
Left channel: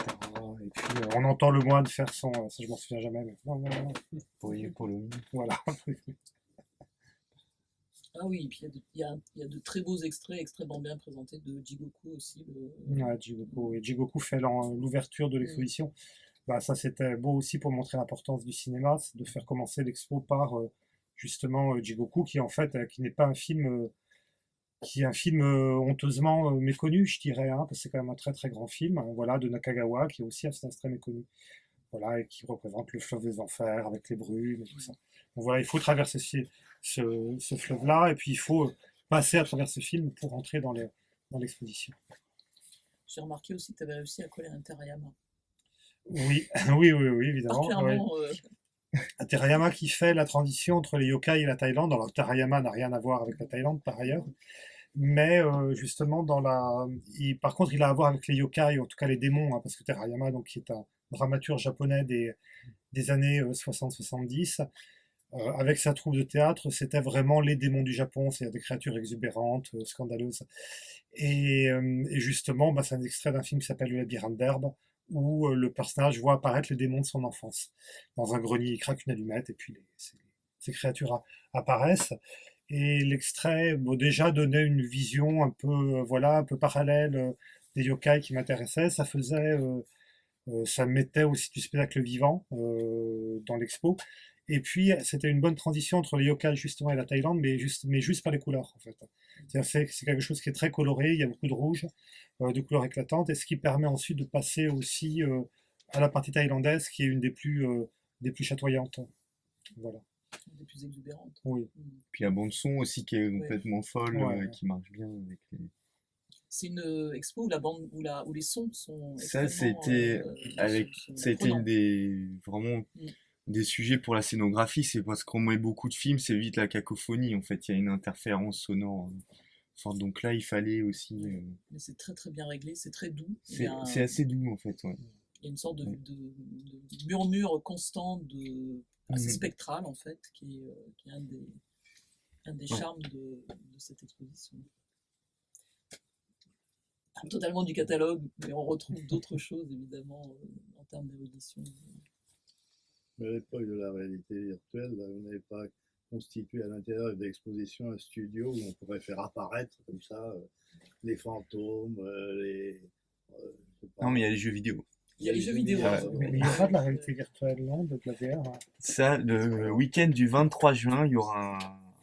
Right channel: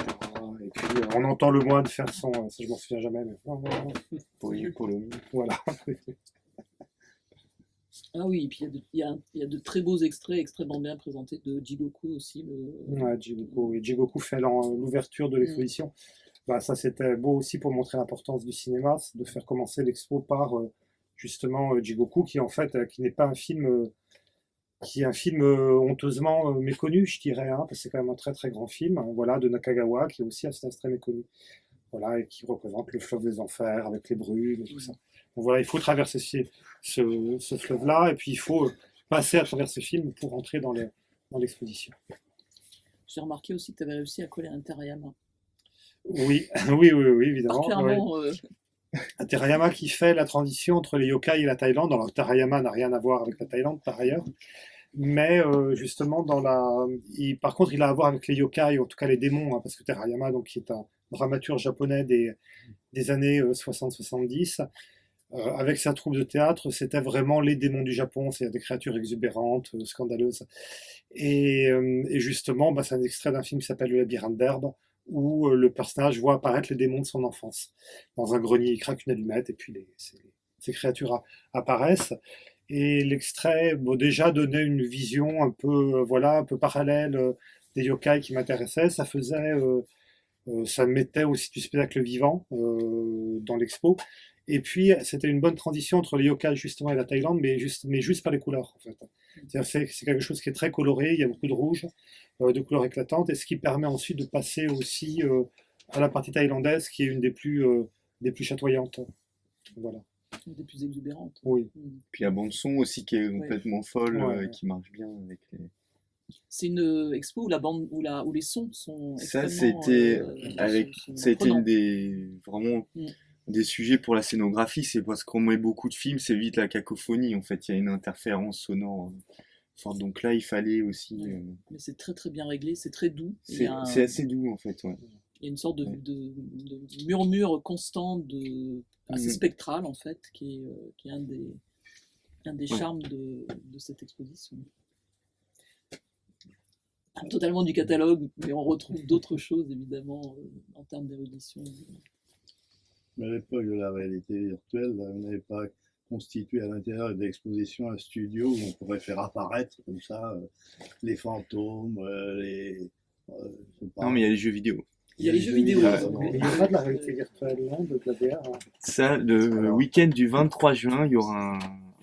Et puis on entend le moine faire son, ça je m'en souviens jamais, mais Oui, pour le voilà. Ah oui, et puis il y a de très beaux extraits extrêmement bien présentés de Jigoku aussi. Ouais, Jigoku. Et Jigoku fait l'ouverture de l'exposition. Bah, ça, c'était beau aussi pour montrer l'importance du cinéma, c'est de faire commencer l'expo par justement Jigoku, qui en fait, qui n'est pas un film, qui est un film honteusement méconnu, je dirais, hein, parce que c'est quand même un très très grand film, hein, voilà, de Nakagawa, qui est aussi assez très méconnu, voilà, et qui représente le fleuve des enfers avec les brumes et tout ça. Donc voilà, il faut traverser ce fleuve-là, et puis il faut passer à travers ce film pour entrer dans l'exposition. J'ai remarqué aussi que tu avais réussi à coller un Terayama. Oui, oui, oui, oui, évidemment. Particulièrement. Un Terayama qui fait la transition entre les yokai et la Thaïlande. Alors, Terayama n'a rien à voir avec la Thaïlande, par ailleurs. Mais justement, par contre, il a à voir avec les yokai, en tout cas les démons, hein, parce que Terayama, donc, qui est un dramaturge japonais des années 60-70, avec sa troupe de théâtre, c'était vraiment les démons du Japon, c'est des créatures exubérantes, scandaleuses. Et justement, c'est un extrait d'un film qui s'appelle Le labyrinthe d'herbe, où le personnage voit apparaître les démons de son enfance. Dans un grenier, il craque une allumette, et puis ces créatures apparaissent. Et l'extrait, déjà donnait une vision un peu, voilà, un peu parallèle des yokai qui m'intéressaient. Ça mettait aussi du spectacle vivant dans l'expo. Et puis, c'était une bonne transition entre les yokai justement et la Thaïlande, mais juste par les couleurs, en fait. C'est quelque chose qui est très coloré, il y a beaucoup de rouge, de couleurs éclatantes, et ce qui permet ensuite de passer aussi à la partie thaïlandaise, qui est une des plus chatoyantes. Voilà. Des plus exubérantes. Oui. Puis la bande son aussi qui est complètement folle, Ouais. qui marche bien avec les... C'est une expo où les sons sont Ça, extrêmement, ça a été prenants. vraiment Mm. des sujets pour la scénographie, c'est parce qu'on met beaucoup de films, c'est vite la cacophonie, en fait, il y a une interférence sonore forte, donc là, il fallait aussi... Mais c'est très très bien réglé, c'est très doux. c'est assez doux, en fait, ouais. Il y a une sorte de murmure constant, assez Mhm. spectral en fait, qui est un des Ouais. charmes de cette exposition. Totalement du catalogue, mais on retrouve d'autres choses évidemment en termes d'érudition. Mais à l'époque de la réalité virtuelle, là, on n'avait pas constitué à l'intérieur de l'exposition un studio où on pourrait faire apparaître comme ça les fantômes, je sais pas. Non, mais il y a les jeux vidéo. Il y a les jeux vidéo. Ah, Mais il n'y a pas de la réalité virtuelle, non, de la VR. Hein. Ça, le week-end du 23 juin, il y aura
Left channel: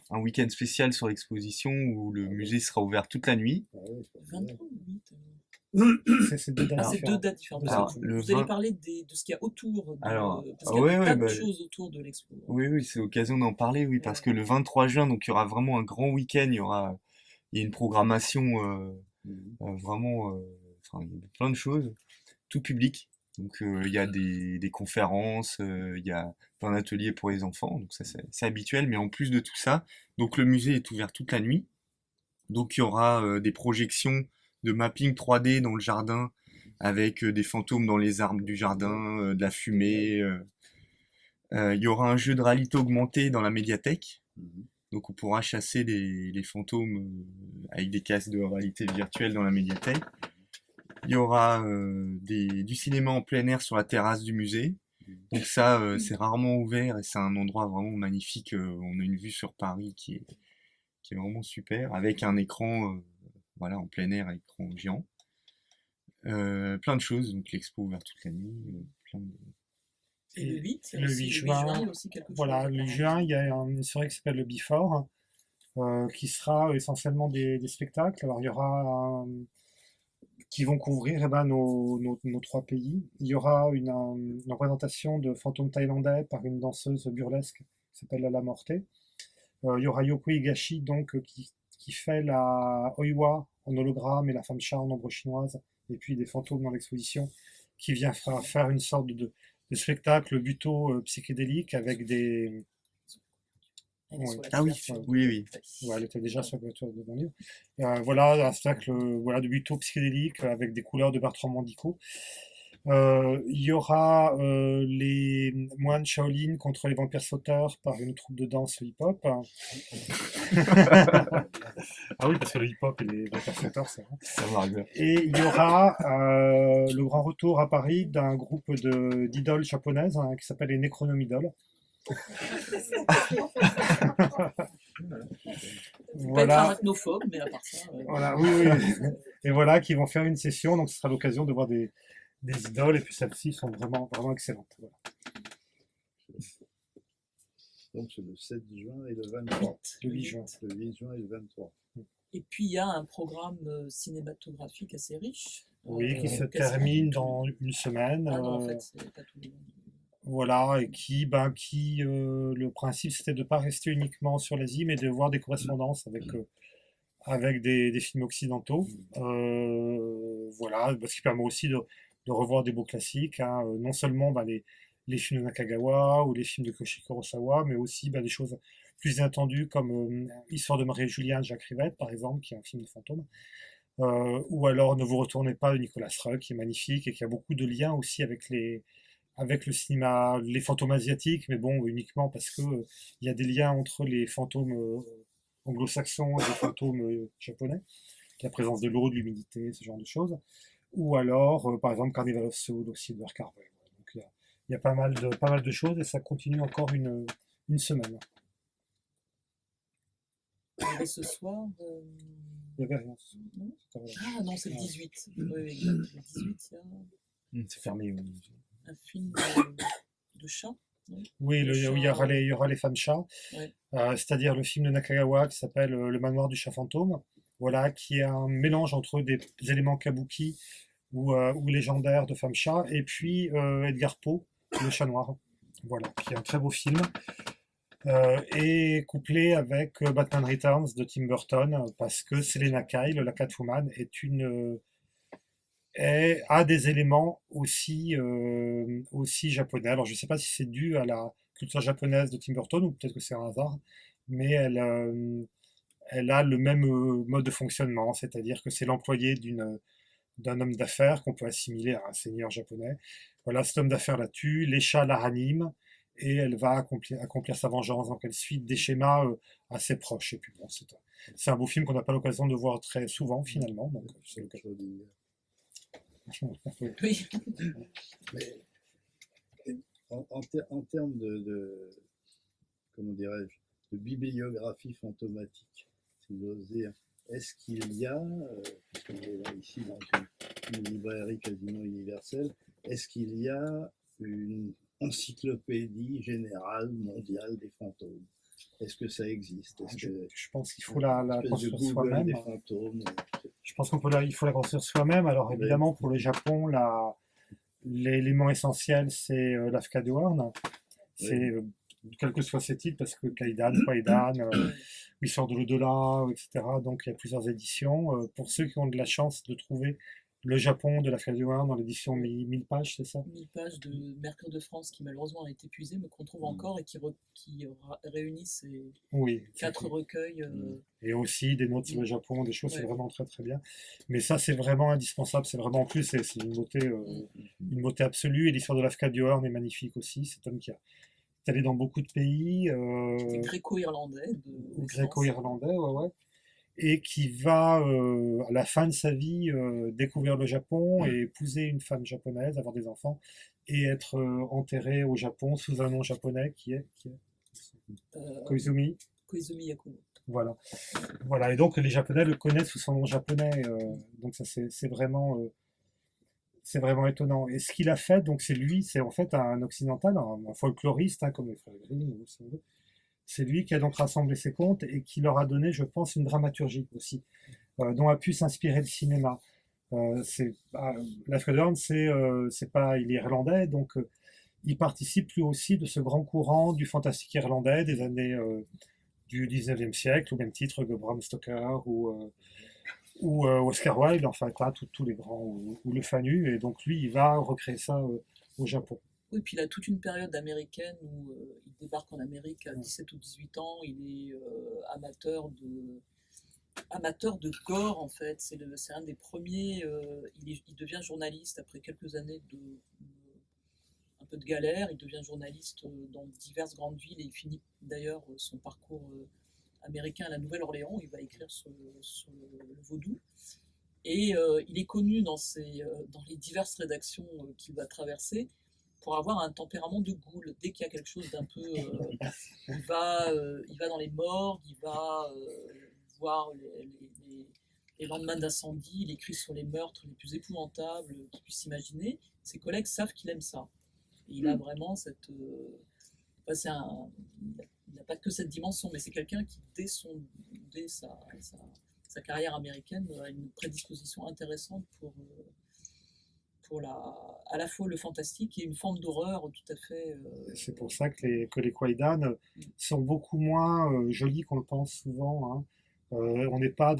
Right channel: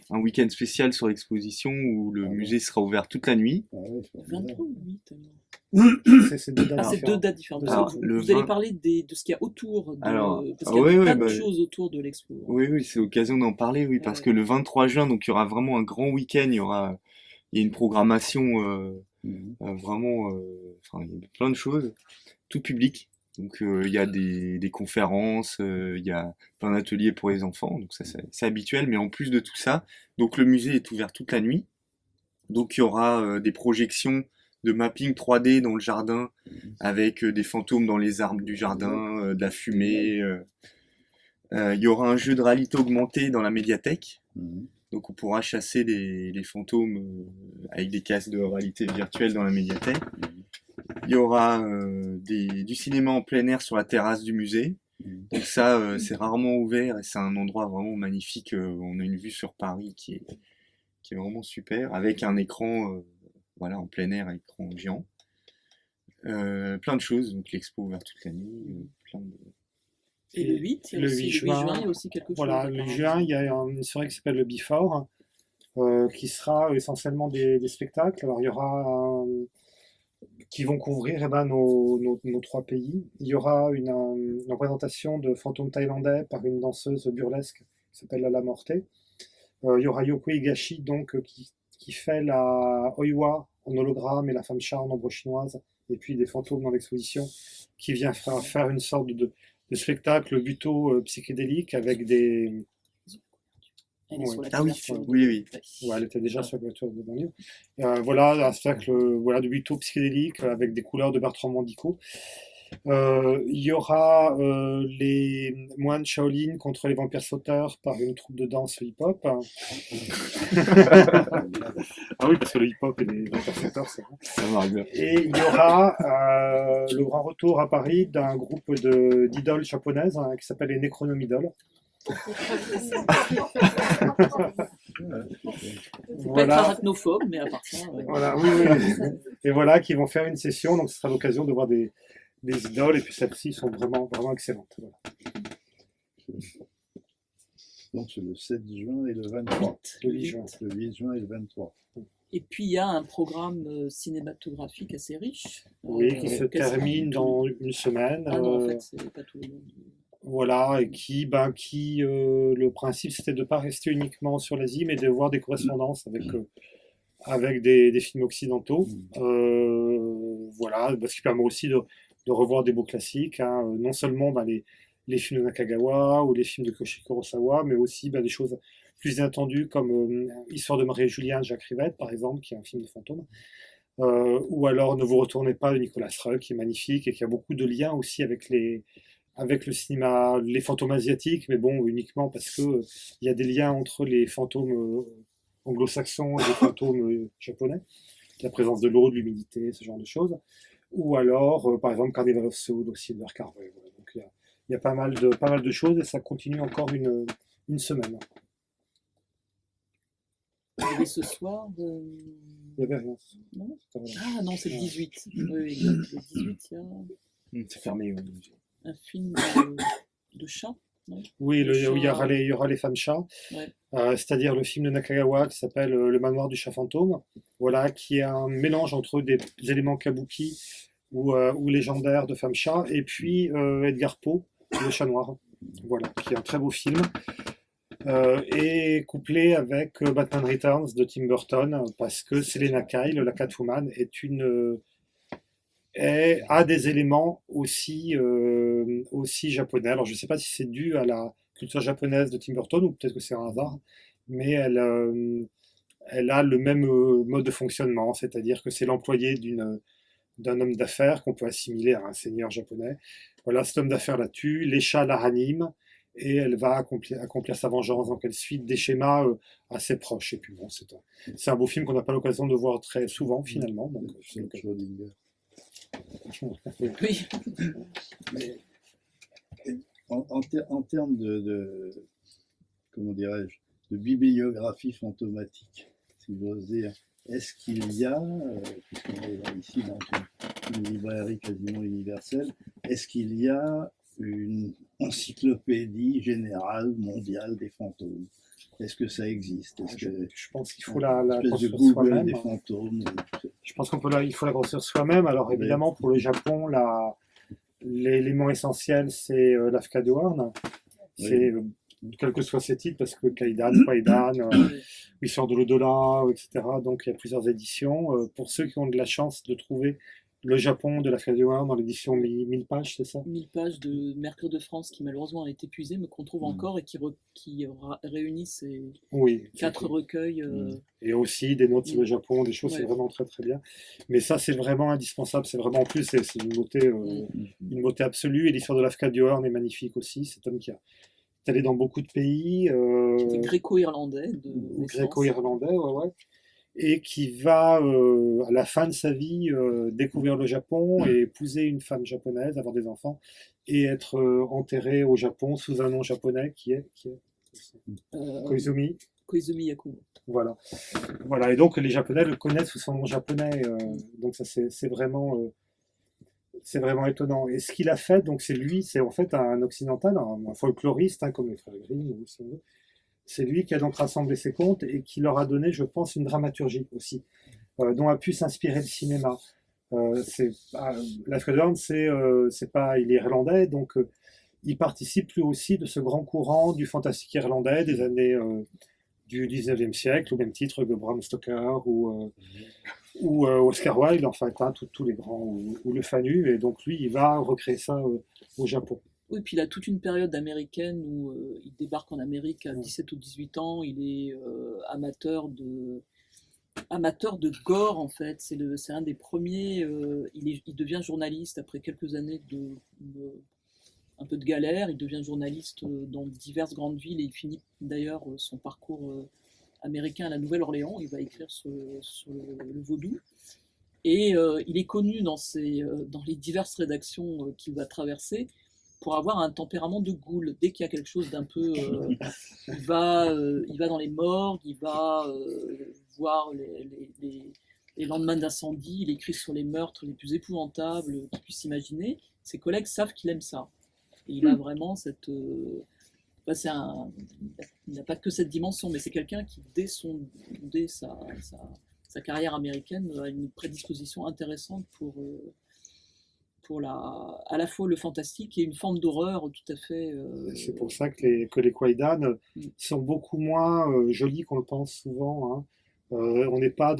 un week-end spécial sur l'exposition où le musée sera ouvert toute la nuit. Ah ouais, c'est pas 23 ou 8 alors C'est deux dates Ah, c'est deux différentes. dates différentes. Alors, vous le allez 20 parler de ce qu'il y a autour de. Alors, parce qu'il y a ouais, des tas bah, de choses autour de l'expo. oui, oui, c'est l'occasion d'en parler, oui, parce que le 23 juin, donc il y aura vraiment un grand week-end, il y a une programmation vraiment, enfin, il y a plein de choses, tout public. Donc il y a des conférences, il y a plein d'ateliers pour les enfants, donc ça c'est habituel, mais en plus de tout ça, donc le musée est ouvert toute la nuit, donc il y aura des projections de mapping 3D dans le jardin, avec des fantômes dans les arbres du jardin, de la fumée. Il y aura un jeu de réalité augmentée dans la médiathèque, donc on pourra chasser les fantômes avec des casques de réalité virtuelle dans la médiathèque. Il y aura du cinéma en plein air sur la terrasse du musée. Donc ça, c'est rarement ouvert et c'est un endroit vraiment magnifique. On a une vue sur Paris qui est vraiment super, avec un écran voilà, en plein air, écran géant. Plein de choses, donc l'expo ouverte toute la nuit. Et le 8, le 8 juin, il y a aussi quelque chose. voilà, le 8 juin, il y a une soirée qui s'appelle le Before, qui sera essentiellement des spectacles. Alors il y aura qui vont couvrir nos trois pays. Il y aura une représentation de fantômes thaïlandais par une danseuse burlesque qui s'appelle Lala Morte. Il y aura Yoko Higashi donc, qui fait la Oiwa en hologramme et la femme chat en ombre chinoise, et puis des fantômes dans l'exposition, qui vient faire une sorte de spectacle buto psychédélique avec des Elle est Oui. sur la Ah oui, couverture de- oui, oui. Ouais, elle était déjà Ah. sur la couverture de mon livre. Voilà, un spectacle voilà, de buto psychédélique avec des couleurs de Bertrand Mandico. Il y aura les moines Shaolin contre les vampires sauteurs par une troupe de danse hip-hop. Ah oui, parce que le hip-hop et les vampires sauteurs, c'est vrai. Ça marche bien. Et il y aura le grand retour à Paris d'un groupe d'idoles japonaises qui s'appelle les Necronomidoles. Faut pas être Voilà. arachnophobe, mais à part ça. Voilà, oui, oui. Et voilà, qui vont faire une session, donc ce sera l'occasion de voir des idoles, et puis celles-ci sont vraiment, vraiment excellentes. Voilà. Donc c'est le 7 juin et le 23. Le 8 juin. Le 8 juin et le 23. Et puis il y a un programme cinématographique assez riche. Oui, qui se quasiment termine tout. dans une semaine. Ah non, en fait, c'est pas tout le monde. Voilà, et qui le principe c'était de ne pas rester uniquement sur l'Asie, mais de voir des correspondances avec des films occidentaux. Voilà, ce qui permet aussi de revoir des beaux classiques, hein. Non seulement les films de Nakagawa ou les films de Koshi Kurosawa, mais aussi des choses plus inattendues comme Histoire de Marie et Julien de Jacques Rivette, par exemple, qui est un film de fantôme. Ou alors Ne vous retournez pas de Nicolas Roeg, qui est magnifique et qui a beaucoup de liens aussi avec le cinéma, les fantômes asiatiques, mais bon, uniquement parce que il y a des liens entre les fantômes anglo-saxons et les fantômes japonais, la présence de l'eau, de l'humidité, ce genre de choses. Ou alors, par exemple, Carnival of Soul aussi de Carvey. Voilà. Donc il y a pas mal de choses et ça continue encore une semaine. Et ce soir. Il n'y avait rien. Non. C'était rien. Ah non, c'est le 18. Oui, exact. Le 18, il y a C'est fermé. Oui. un film de chat. Non Oui, Le il y aura chat. il y aura les femmes chats, Ouais. c'est-à-dire le film de Nakagawa qui s'appelle Le manoir du chat fantôme, voilà, qui est un mélange entre des éléments kabuki ou légendaires de femmes chats, et puis Edgar Poe, Le chat noir, voilà, qui est un très beau film, et couplé avec Batman Returns de Tim Burton, parce que Selena Kyle, la Catwoman, a des éléments aussi japonais. Alors je ne sais pas si c'est dû à la culture japonaise de Tim Burton ou peut-être que c'est un hasard, mais elle a le même mode de fonctionnement, c'est-à-dire que c'est l'employé d'un homme d'affaires qu'on peut assimiler à un seigneur japonais. Voilà, cet homme d'affaires la tue, les chats la raniment, et elle va accomplir sa vengeance. Donc elle suit des schémas assez proches. Et puis bon, c'est un beau film qu'on n'a pas l'occasion de voir très souvent finalement. Donc c'est l'occasion. Schrödinger. Oui. Mais en termes comment dirais-je, de bibliographie fantomatique, si j'ose dire, est-ce qu'il y a, puisqu'on est ici dans une librairie quasiment universelle, est-ce qu'il y a une encyclopédie générale mondiale des fantômes? Est-ce que ça existe? Je pense qu'il faut la espèce de construire Google soi-même. des fantômes? Je pense il faut la construire soi-même. Alors évidemment, pour le Japon, l'élément essentiel, c'est l'Afka de Horn. C'est, quel que soit ses titres, parce que Kaidan, Kwaidan, Histoire de l'au-delà, etc. Donc il y a plusieurs éditions. Pour ceux qui ont de la chance de trouver le Japon de l'Afka de Horn dans l'édition 1000 pages, c'est ça? 1000 pages de Mercure de France qui malheureusement a été épuisée, mais qu'on trouve encore et qui réunit ces Oui. 4 recueils. Et aussi des notes sur le Japon, des choses, c'est vraiment très très bien. Mais ça, c'est vraiment indispensable. C'est vraiment, en plus, c'est une beauté absolue. Et l'histoire de l'Afka de Horn est magnifique aussi. Cet homme qui est allé dans beaucoup de pays. C'était gréco-irlandais. Gréco-irlandais, ouais. Et qui va, à la fin de sa vie, découvrir le Japon et épouser une femme japonaise, avoir des enfants, et être enterré au Japon sous un nom japonais qui est Koizumi. Koizumi Yakumo. Voilà. Et donc les Japonais le connaissent sous son nom japonais. Donc ça c'est vraiment étonnant. Et ce qu'il a fait, donc c'est en fait un occidental, un folkloriste, comme les frères Grimm, si on veut. C'est lui qui a donc rassemblé ses contes et qui leur a donné, je pense, une dramaturgie aussi, dont a pu s'inspirer le cinéma. L'Afka de Horn, il est irlandais, donc il participe lui aussi de ce grand courant du fantastique irlandais des années du 19e siècle, au même titre que Bram Stoker ou Oscar Wilde, en fait, tous les grands, ou Le Fanu, et donc lui, il va recréer ça au Japon. Oui, puis il a toute une période américaine où il débarque en Amérique à 17 ou 18 ans, il est amateur de gore en fait. C'est un des premiers. Il devient journaliste après quelques années un peu de galère. Il devient journaliste dans diverses grandes villes et il finit d'ailleurs son parcours américain à la Nouvelle-Orléans. Il va écrire sur le vaudou. Et il est connu dans les diverses rédactions qu'il va traverser pour avoir un tempérament de goule. Dès qu'il y a quelque chose d'un peu... il va dans les morgues, il va voir les lendemains d'incendie, il écrit sur les meurtres les plus épouvantables qu'il puisse imaginer. Ses collègues savent qu'il aime ça. Et il a vraiment cette... il n'a pas que cette dimension, mais c'est quelqu'un qui, dès sa carrière américaine, a une prédisposition intéressante pour à la fois le fantastique et une forme d'horreur tout à fait... C'est pour ça que les Kwaidan sont beaucoup moins jolis qu'on le pense souvent, hein. On n'est pas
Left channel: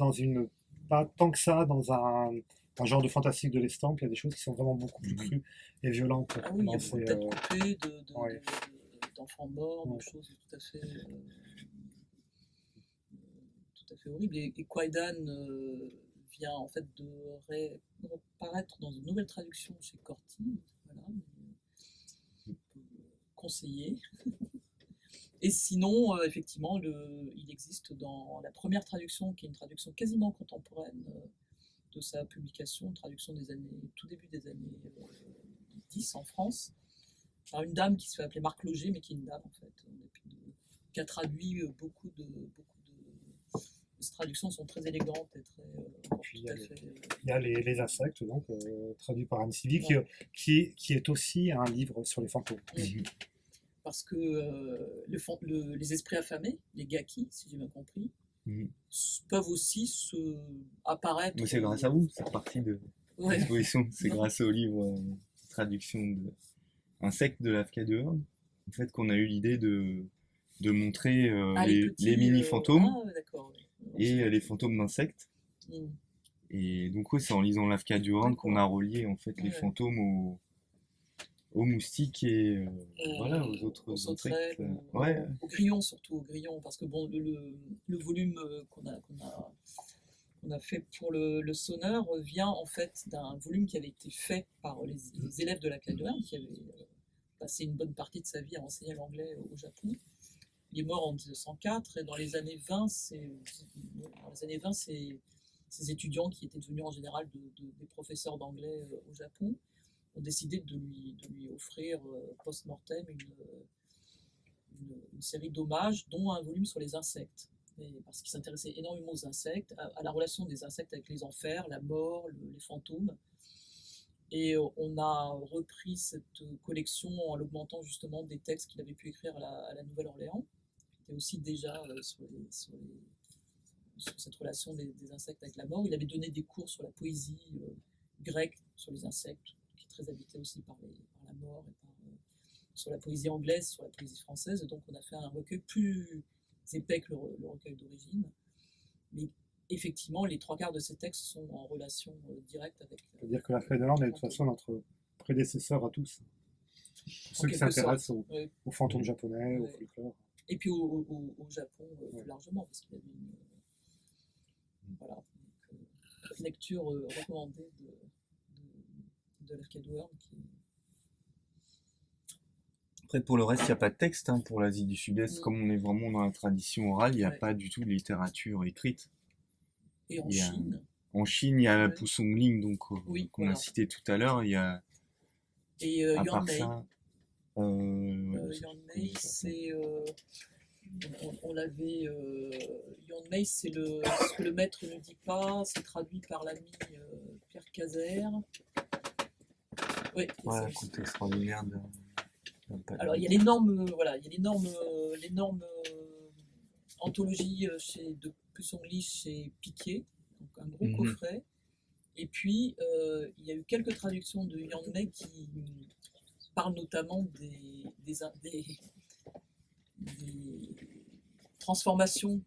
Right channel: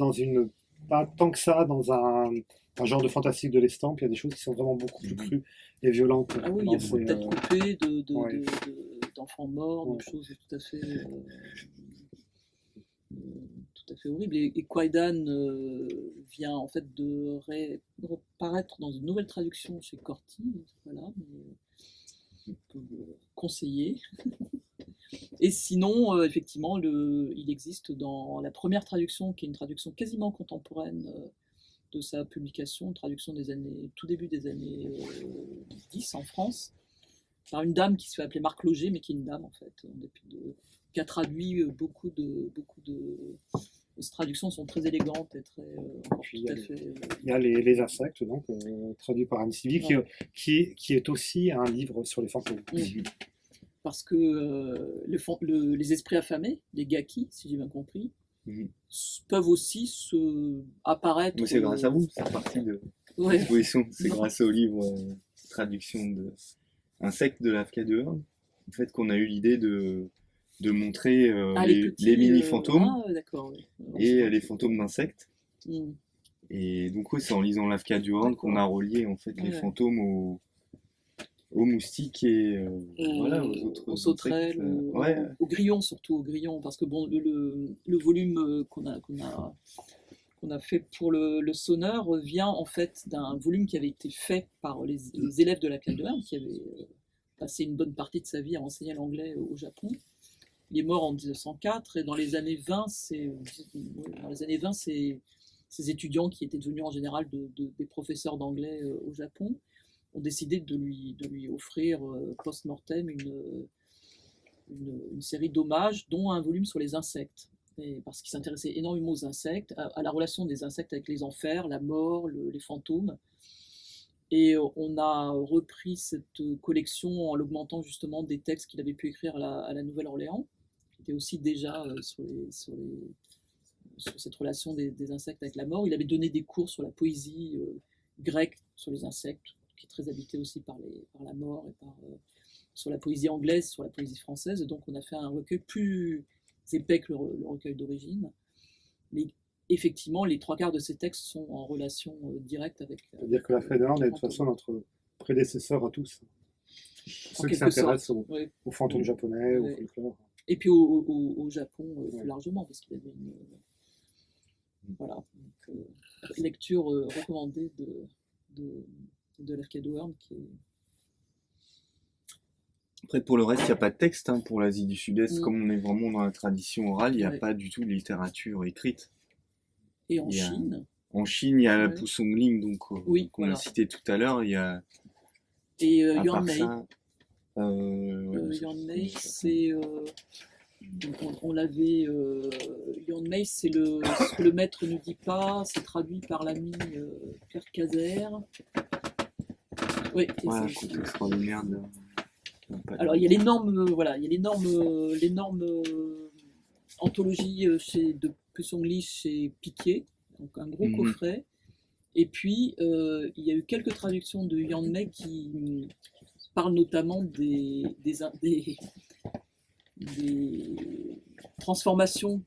pas tant que ça dans un genre de fantastique de l'estampe. Il y a des choses qui sont vraiment beaucoup plus crues et violentes. Ah oui, il y a beaucoup de têtes coupées, ouais. d'enfants morts, de choses tout à fait horribles. Et Kwaidan vient en fait de reparaître dans une nouvelle traduction chez Corti, voilà, mais on peut le conseiller. Et sinon, effectivement, il existe dans la première traduction, qui est une traduction quasiment contemporaine de sa publication, une traduction tout début des années 10 en France, par une dame qui se fait appeler Marc Loger, mais qui est une dame en fait, qui a traduit beaucoup de... Ces traductions sont très élégantes et très... Puis il y a les insectes, donc, traduit par Anne Sylvie, qui est aussi un livre sur les fantômes. Parce que les esprits affamés, les gaki, si j'ai bien compris, peuvent aussi apparaître... Mais c'est grâce à vous, c'est partie de l'exposition. C'est grâce au livre traduction de Insectes de Lafka de Hearn, en fait, qu'on a eu l'idée de montrer les mini-fantômes et les fantômes d'insectes. Et donc, c'est en lisant Lafka du Hearn qu'on a relié en fait, les fantômes aux moustiques et voilà, aux autres sauterelles, aux grillons, surtout aux grillons, parce que bon, le volume qu'on a fait pour le sonneur vient en fait d'un volume qui avait été fait par les élèves de la Lafka de Hearn, qui avaient passé une bonne partie de sa vie à enseigner l'anglais au Japon. Il est mort en 1904 et dans les années 20, ces étudiants qui étaient devenus en général des professeurs d'anglais au Japon ont décidé de lui offrir post-mortem une série d'hommages, dont un volume sur les insectes. Parce qu'il s'intéressait énormément aux insectes, à la relation des insectes avec les enfers, la mort, les fantômes. Et on a repris cette collection en l'augmentant justement des textes qu'il avait pu écrire à la Nouvelle-Orléans, qui était aussi déjà sur cette relation des insectes avec la mort. Il avait donné des cours sur la poésie grecque, sur les insectes, qui est très habité aussi par la mort, et sur la poésie anglaise, sur la poésie française. Et donc on a fait un recueil plus épais que le recueil d'origine. Mais effectivement, les 3/4 de ces textes sont en relation directe avec... C'est-à-dire que Lafka de Hearn est de toute façon notre prédécesseur à tous. Ceux qui s'intéressent aux fantômes japonais, au folklore. Et puis au Japon plus largement, parce qu'il y avait une lecture recommandée de Lafka de Hearn qui est... Après, pour le reste, il n'y a pas de texte pour l'Asie du Sud-Est. Comme on est vraiment dans la tradition orale, il n'y a pas du tout de littérature écrite. Et en Chine il y a la Pusongling, donc, qu'on a cité tout à l'heure. Il y a... Et Yuan Mei. Yuan Mei, c'est... on l'avait... Yuan Mei, c'est ce que le maître ne dit pas. C'est traduit par l'ami Pierre Cazer. Oui, un conte extraordinaire de... Alors il y a l'énorme anthologie de Pusongli chez Piquet, donc un gros coffret. Et puis il y a eu quelques traductions de Yuan Mei qui parlent notamment des transformations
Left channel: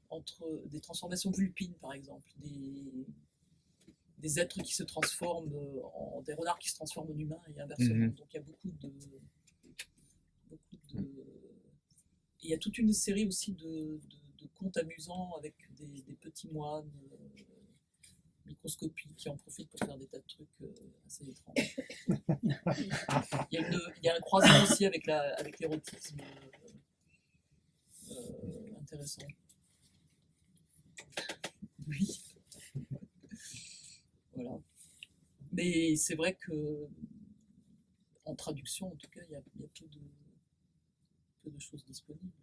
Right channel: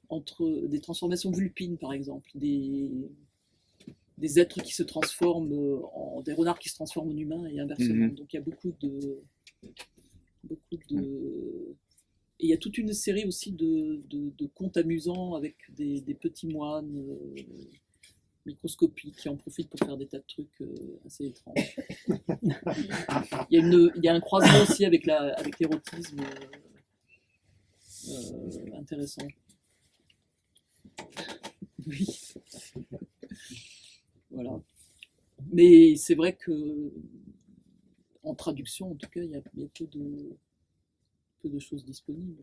vulpines par exemple, des des êtres qui se transforment des renards qui se transforment en humains et inversement. Mhm. Donc il y a beaucoup de et il y a toute une série aussi de contes amusants avec des petits moines microscopiques qui en profitent pour faire des tas de trucs assez étranges. Il y a un croisement aussi avec l'érotisme intéressant. Oui. Voilà. Mais c'est vrai que en traduction, en tout cas, il y a peu de choses disponibles.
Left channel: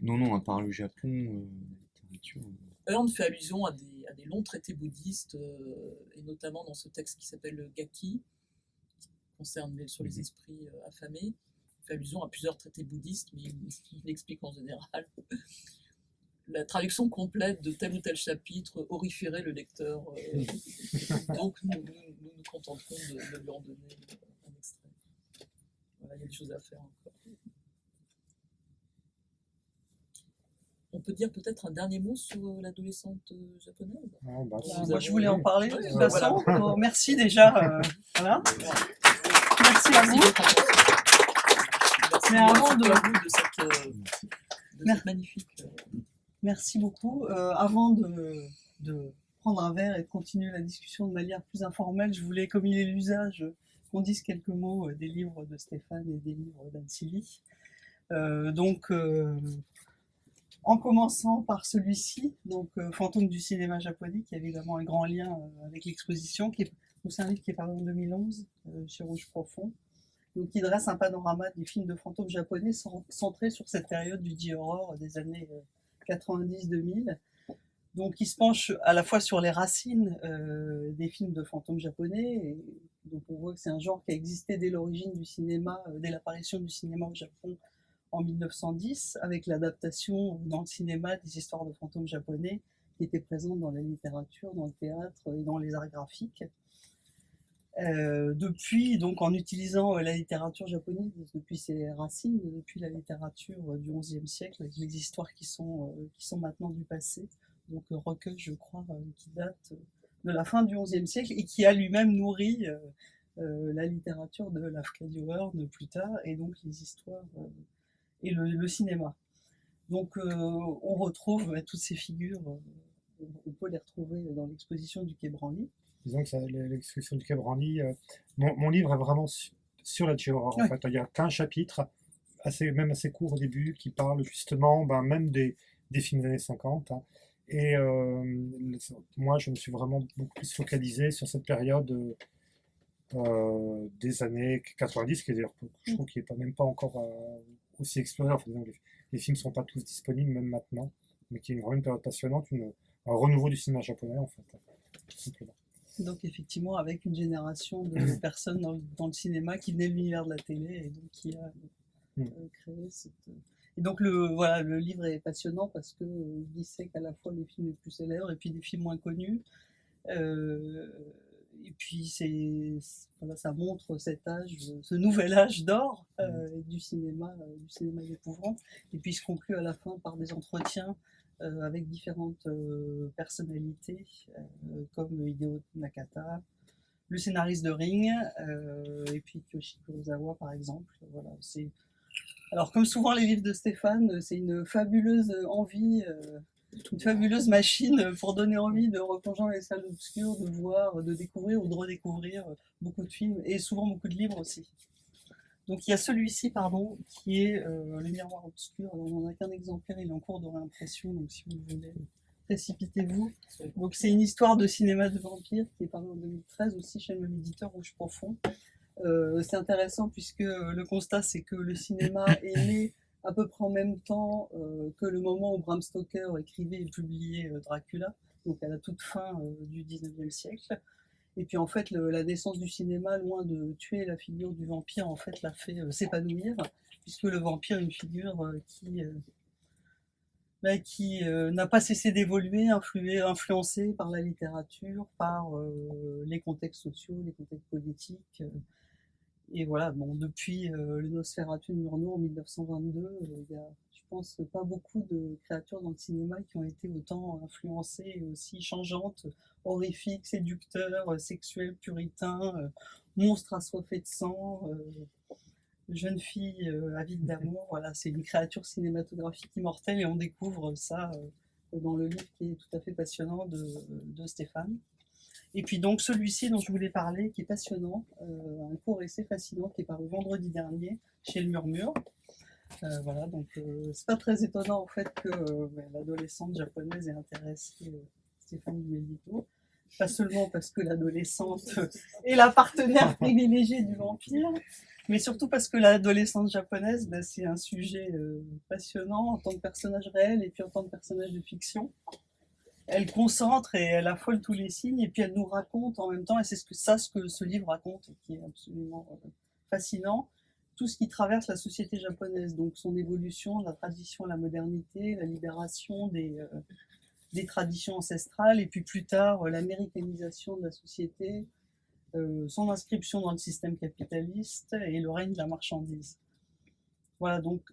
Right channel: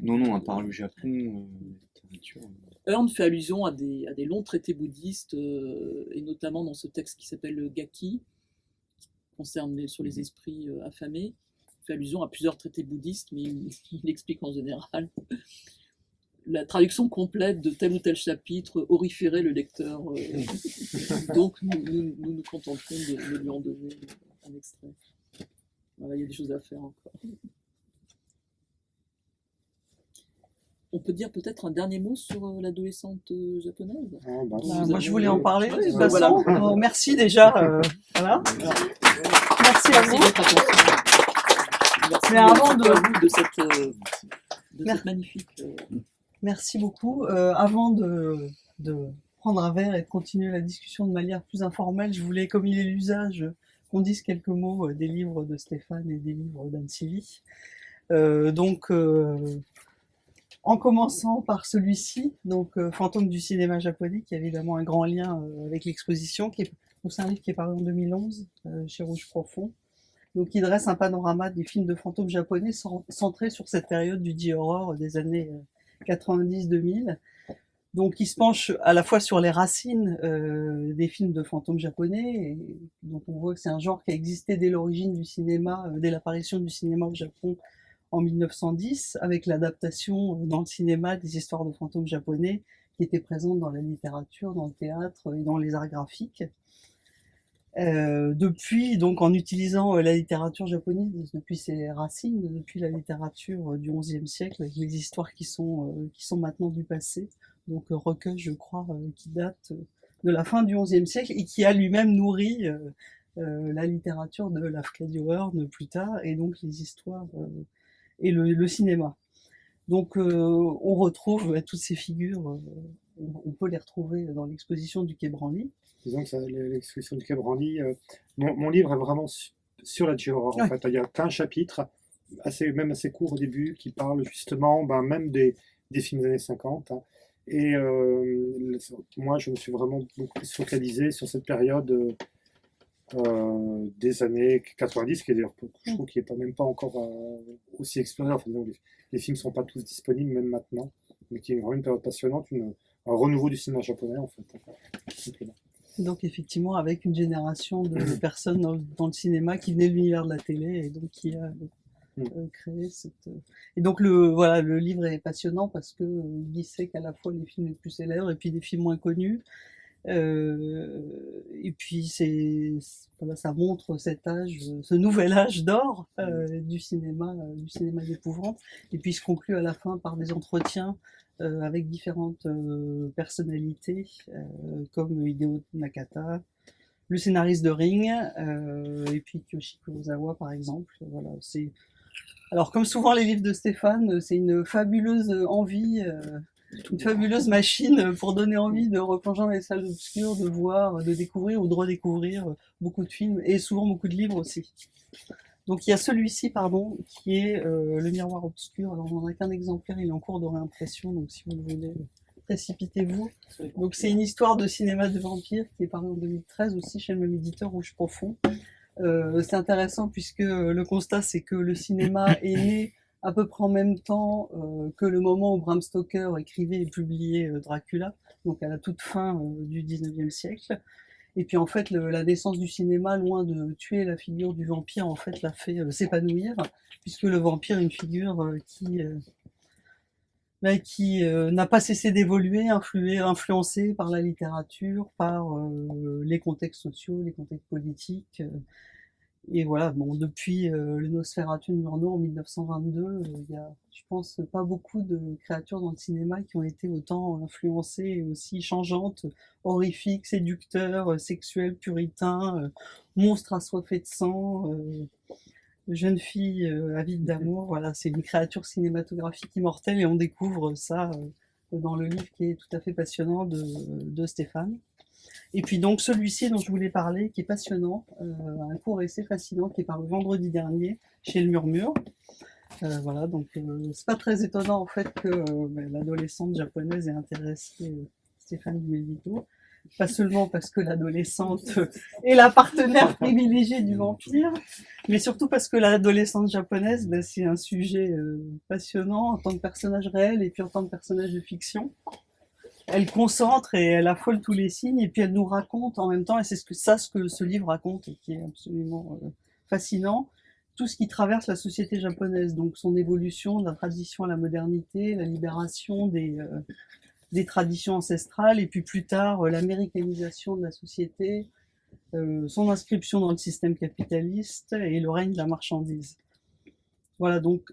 Non, à part le Japon, la littérature. Hearn fait allusion à des longs traités bouddhistes, et notamment dans ce texte qui s'appelle le Gaki, qui concerne sur les esprits affamés. Il fait allusion à plusieurs traités bouddhistes, mais il explique en général la traduction complète de tel ou tel chapitre horrifierait le lecteur. Donc nous contenterons de lui en donner un extrait. Voilà, il y a des choses à faire encore. On peut dire peut-être un dernier mot sur l'adolescente japonaise. Moi, je voulais en parler. Ouais, De toute bah, façon. voilà. Bon, merci déjà. Voilà. Merci à Merci vous. de votre attention. Merci Mais avant à de- vous de cette magnifique. Merci beaucoup. Avant de prendre un verre et de continuer la discussion de manière plus informelle, je voulais, comme il est l'usage, qu'on dise quelques mots des livres de Stéphane et des livres d'Anne Sylvie. En commençant par celui-ci, Fantôme du cinéma japonais, qui a évidemment un grand lien avec l'exposition, c'est un livre qui est paru en 2011 chez Rouge Profond, donc qui dresse un panorama des films de fantômes japonais centrés sur cette période du J-horror des années 90-2000. Donc il se penche à la fois sur les racines des films de fantômes japonais, et donc on voit que c'est un genre qui a existé dès l'origine du cinéma, dès l'apparition du cinéma au Japon en 1910, avec l'adaptation dans le cinéma des histoires de fantômes japonais qui étaient présentes dans la littérature, dans le théâtre et dans les arts graphiques. Depuis, donc en utilisant la littérature japonaise, depuis ses racines, depuis la littérature du XIe siècle, avec les histoires qui sont maintenant du passé, donc recueil, je crois, qui date de la fin du XIe siècle et qui a lui-même nourri la littérature de Lafcadio Hearn plus tard, et donc les histoires et le cinéma. Donc on retrouve toutes ces figures, on peut les retrouver dans l'exposition du Quai Branly. Disons que l'exposition du Quai Branly, mon livre est vraiment sur la J-horror. En fait, il y a qu'un chapitre, même assez court au début, qui parle justement même des films des années 50. Hein. Et moi, je me suis vraiment beaucoup plus focalisé sur cette période des années 90, qui est d'ailleurs, je trouve, qui n'est même pas encore aussi explorée. Enfin, disons, les films ne sont pas tous disponibles, même maintenant, mais qui est vraiment une période passionnante, un renouveau du cinéma japonais, en fait, tout simplement. Donc effectivement, avec une génération de personnes dans le cinéma qui venaient de l'univers de la télé et donc qui a créé cette... Et donc le livre est passionnant parce qu'il dissèque à la fois les films les plus célèbres et puis des films moins connus. Et puis ça montre cet âge, ce nouvel âge d'or du cinéma d'épouvante. Et puis il se conclut à la fin par des entretiens avec différentes personnalités comme Hideo Nakata, le scénariste de Ring, et puis Kiyoshi Kurosawa par exemple. Voilà, alors comme souvent les livres de Stéphane, c'est une fabuleuse envie, une fabuleuse machine pour donner envie de replonger dans les salles obscures, de voir, de découvrir ou de redécouvrir beaucoup de films et souvent beaucoup de livres aussi. Donc il y a celui-ci, qui est Le Miroir Obscur. Alors on n'en a qu'un exemplaire, il est en cours de réimpression, donc si vous le voulez, précipitez-vous. Donc c'est une histoire de cinéma de vampire qui est parue en 2013 aussi chez le même éditeur, Rouge Profond. C'est intéressant puisque le constat c'est que le cinéma est né à peu près en même temps que le moment où Bram Stoker écrivait et publiait Dracula, donc à la toute fin du 19e siècle. Et puis en fait, la naissance du cinéma, loin de tuer la figure du vampire, en fait, l'a fait s'épanouir, puisque le vampire est une figure qui n'a pas cessé d'évoluer, influencé par la littérature, par les contextes sociaux, les contextes politiques. Et voilà, bon, depuis le Nosferatu de Murnau en 1922, il y a, je pense, pas beaucoup de créatures dans le cinéma qui ont été autant influencées et aussi changeantes, horrifiques, séducteurs, sexuels, puritains, monstres assoiffés de sang, jeune fille avide d'amour. Voilà, c'est une créature cinématographique immortelle et on découvre ça dans le livre qui est tout à fait passionnant de Stéphane. Et puis donc celui-ci dont je voulais parler, qui est passionnant, un court essai fascinant qui est paru vendredi dernier chez Le Murmure. Voilà, donc c'est pas très étonnant en fait que l'adolescente japonaise ait intéressé Stéphane Dumézil. Pas seulement parce que l'adolescente est la partenaire privilégiée du vampire, mais surtout parce que l'adolescente japonaise, c'est un sujet passionnant en tant que personnage réel et puis en tant que personnage de fiction. Elle concentre et elle affole tous les signes et puis elle nous raconte en même temps, et c'est ce que ce livre raconte et qui est absolument fascinant, tout ce qui traverse la société japonaise, donc son évolution de la tradition à la modernité, la libération des traditions ancestrales et puis plus tard l'américanisation de la société, son inscription dans le système capitaliste et le règne de la marchandise. Voilà, donc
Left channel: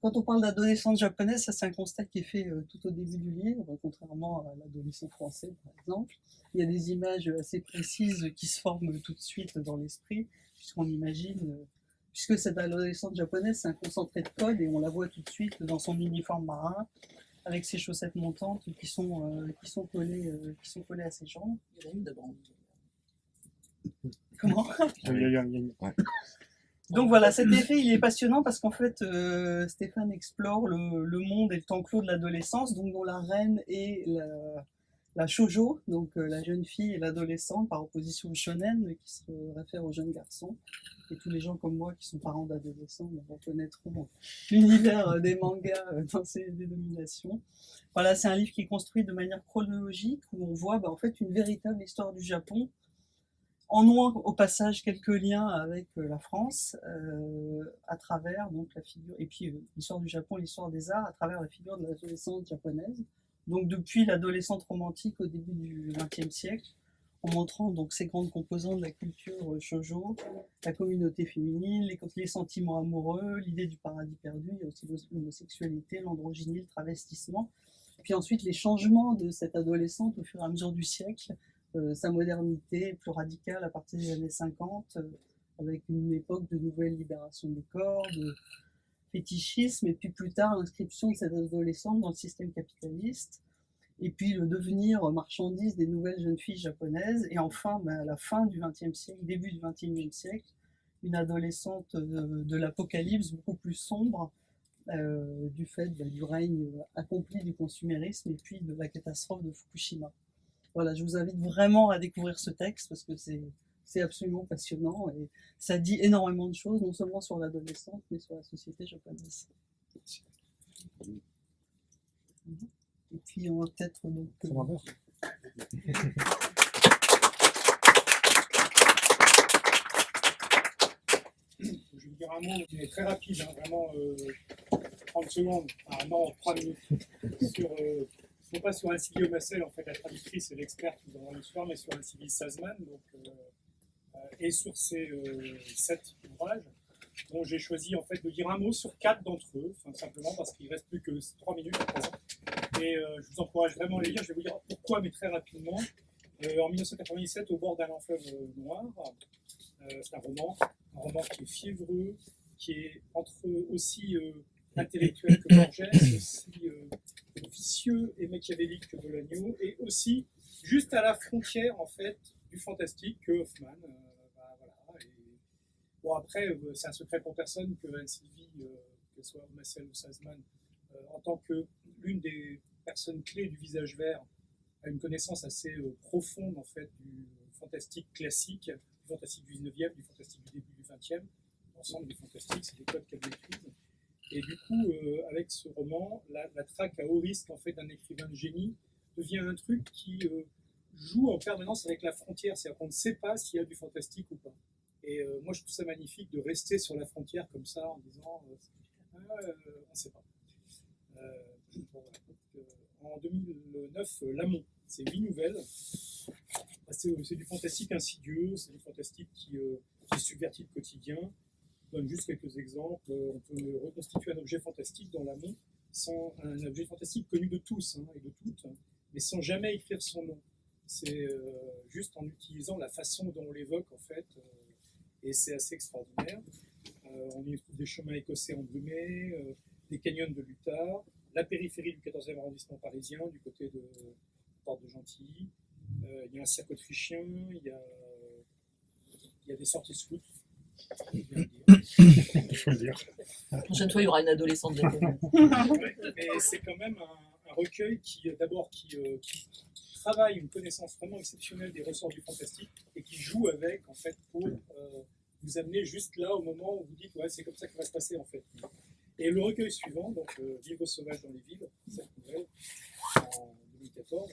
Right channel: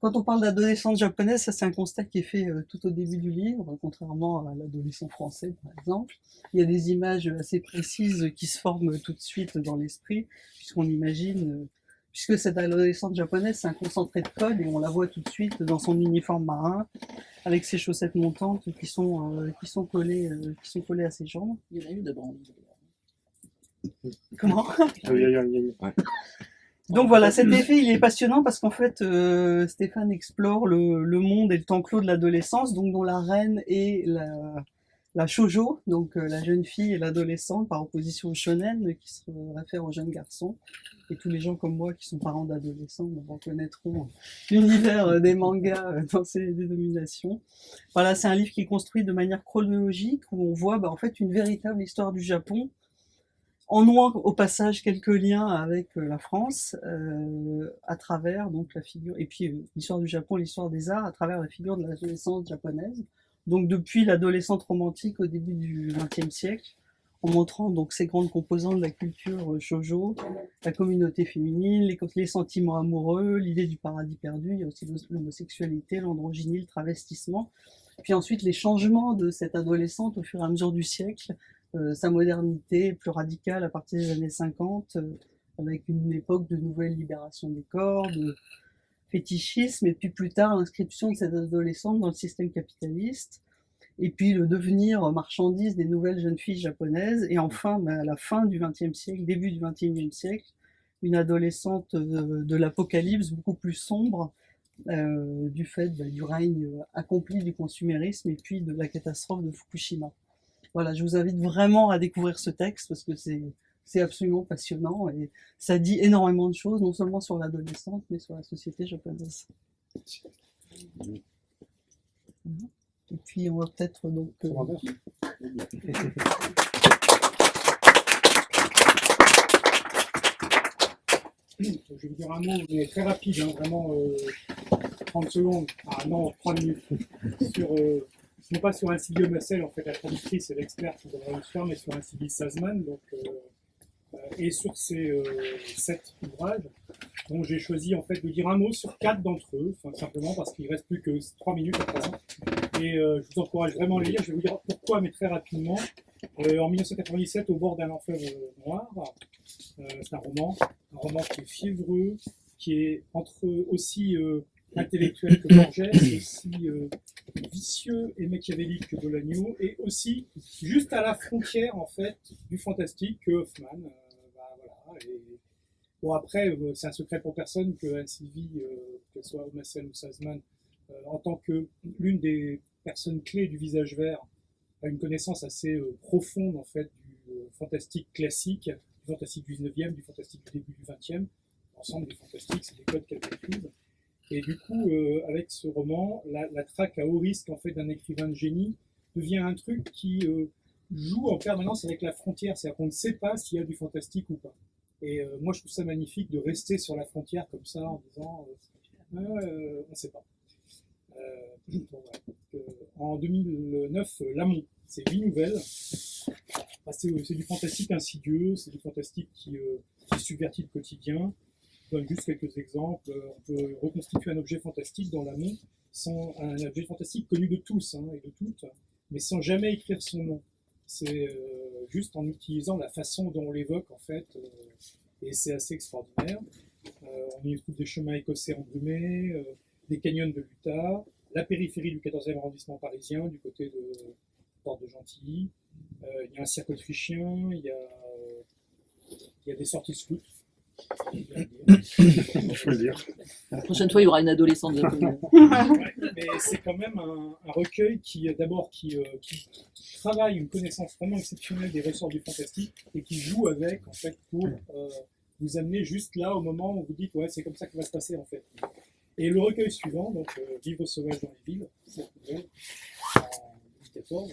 quand on parle d'adolescente japonaise, ça c'est un constat qui est fait tout au début du livre, contrairement à l'adolescent français par exemple. Il y a des images assez précises qui se forment tout de suite dans l'esprit, puisqu'on imagine, puisque cette adolescente japonaise c'est un concentré de code et on la voit tout de suite dans son uniforme marin, avec ses chaussettes montantes qui sont collées à ses jambes. Il y en a une de Brandy. Comment? Ouais. Donc voilà, cet effet, il est passionnant parce qu'en fait, Stéphane explore le monde et le temps clos de l'adolescence, donc dont la reine est la shoujo, donc la jeune fille et l'adolescente, par opposition au shonen, qui se réfère aux jeunes garçons. Et tous les gens comme moi qui sont parents d'adolescents reconnaîtront l'univers des mangas dans ces dénominations. Voilà, c'est un livre qui est construit de manière chronologique, où on voit en fait une véritable histoire du Japon, en nouant au passage quelques liens avec la France, à travers donc la figure, et puis l'histoire du Japon, l'histoire des arts, à travers la figure de l'adolescence japonaise. Donc depuis l'adolescente romantique au début du XXe siècle, en montrant donc ces grandes composantes de la culture shoujo, la communauté féminine, les sentiments amoureux, l'idée du paradis perdu, il y a aussi l'homosexualité, l'androgynie, le travestissement. Puis ensuite les changements de cette adolescente au fur et à mesure du siècle, sa modernité plus radicale à partir des années 50, avec une époque de nouvelle libération des corps, de fétichisme, et puis plus tard l'inscription de cette adolescente dans le système capitaliste, et puis le devenir marchandise des nouvelles jeunes filles japonaises, et enfin à la fin du XXe siècle, début du XXIe siècle, une adolescente de l'apocalypse beaucoup plus sombre, du fait du règne accompli du consumérisme et puis de la catastrophe de Fukushima. Voilà, je vous invite vraiment à découvrir ce texte parce que c'est absolument passionnant et ça dit énormément de choses, non seulement sur l'adolescente, mais sur la société japonaise. Et puis on va peut-être donc... Je vais vous dire un mot, mais très rapide, hein, vraiment 30 secondes, non, 3 minutes, sur, non pas sur un Sylvie Massel, en fait, la traductrice et l'experte qui devrait le faire, mais sur un Sylvie Sazman, donc, et sur ces 7 ouvrages, dont j'ai choisi en fait de dire un mot sur 4 d'entre eux, simplement parce qu'il ne reste plus que 3 minutes à présent. Et je vous encourage vraiment à les lire, je vais vous dire pourquoi, mais très rapidement. En 1997, Au bord d'un enfer noir, c'est un roman qui est fiévreux, qui est aussi intellectuel que Borges, aussi vicieux et machiavélique que Bolaño, et aussi juste à la frontière en fait du fantastique que Hoffman. Voilà. Et bon, après, c'est un secret pour personne que Anne-Sylvie, qu'elle soit Massel ou Sazman, en tant que l'une des personnes clés du Visage Vert, a une connaissance assez profonde en fait du fantastique classique, du fantastique du 19e, du fantastique du début du 20e. L'ensemble des fantastiques, c'est des codes qu'elle maîtrise. Et du coup, avec ce roman, la traque à haut risque en fait d'un écrivain de génie devient un truc qui joue en permanence avec la frontière, c'est-à-dire qu'on ne sait pas s'il y a du fantastique ou pas. Et moi, je trouve ça magnifique de rester sur la frontière comme ça en disant on ne sait pas. En 2009, Lamont, c'est 8 nouvelles. C'est du fantastique insidieux, c'est du fantastique qui qui subvertit le quotidien. Je donne juste quelques exemples. On peut reconstituer un objet fantastique dans l'amont, sans un objet fantastique connu de tous et de toutes, mais sans jamais écrire son nom. C'est juste en utilisant la façon dont on l'évoque, en fait, et c'est assez extraordinaire. On y trouve des chemins écossais embrumés, des canyons de l'Utah, la périphérie du 14e arrondissement parisien, du côté de Porte de Gentilly. Il y a un cirque autrichien, il y a des sorties scouts. Il faut le dire. La prochaine fois, il y aura une adolescente japonaise. Ouais, mais c'est quand même un recueil qui travaille une connaissance vraiment exceptionnelle des ressorts du fantastique et qui joue avec, en fait, pour vous amener juste là au moment où vous dites ouais, c'est comme ça que va se passer, en fait. Et le recueil suivant, donc Vivre sauvage dans les villes, cette nouvelle, en 2014,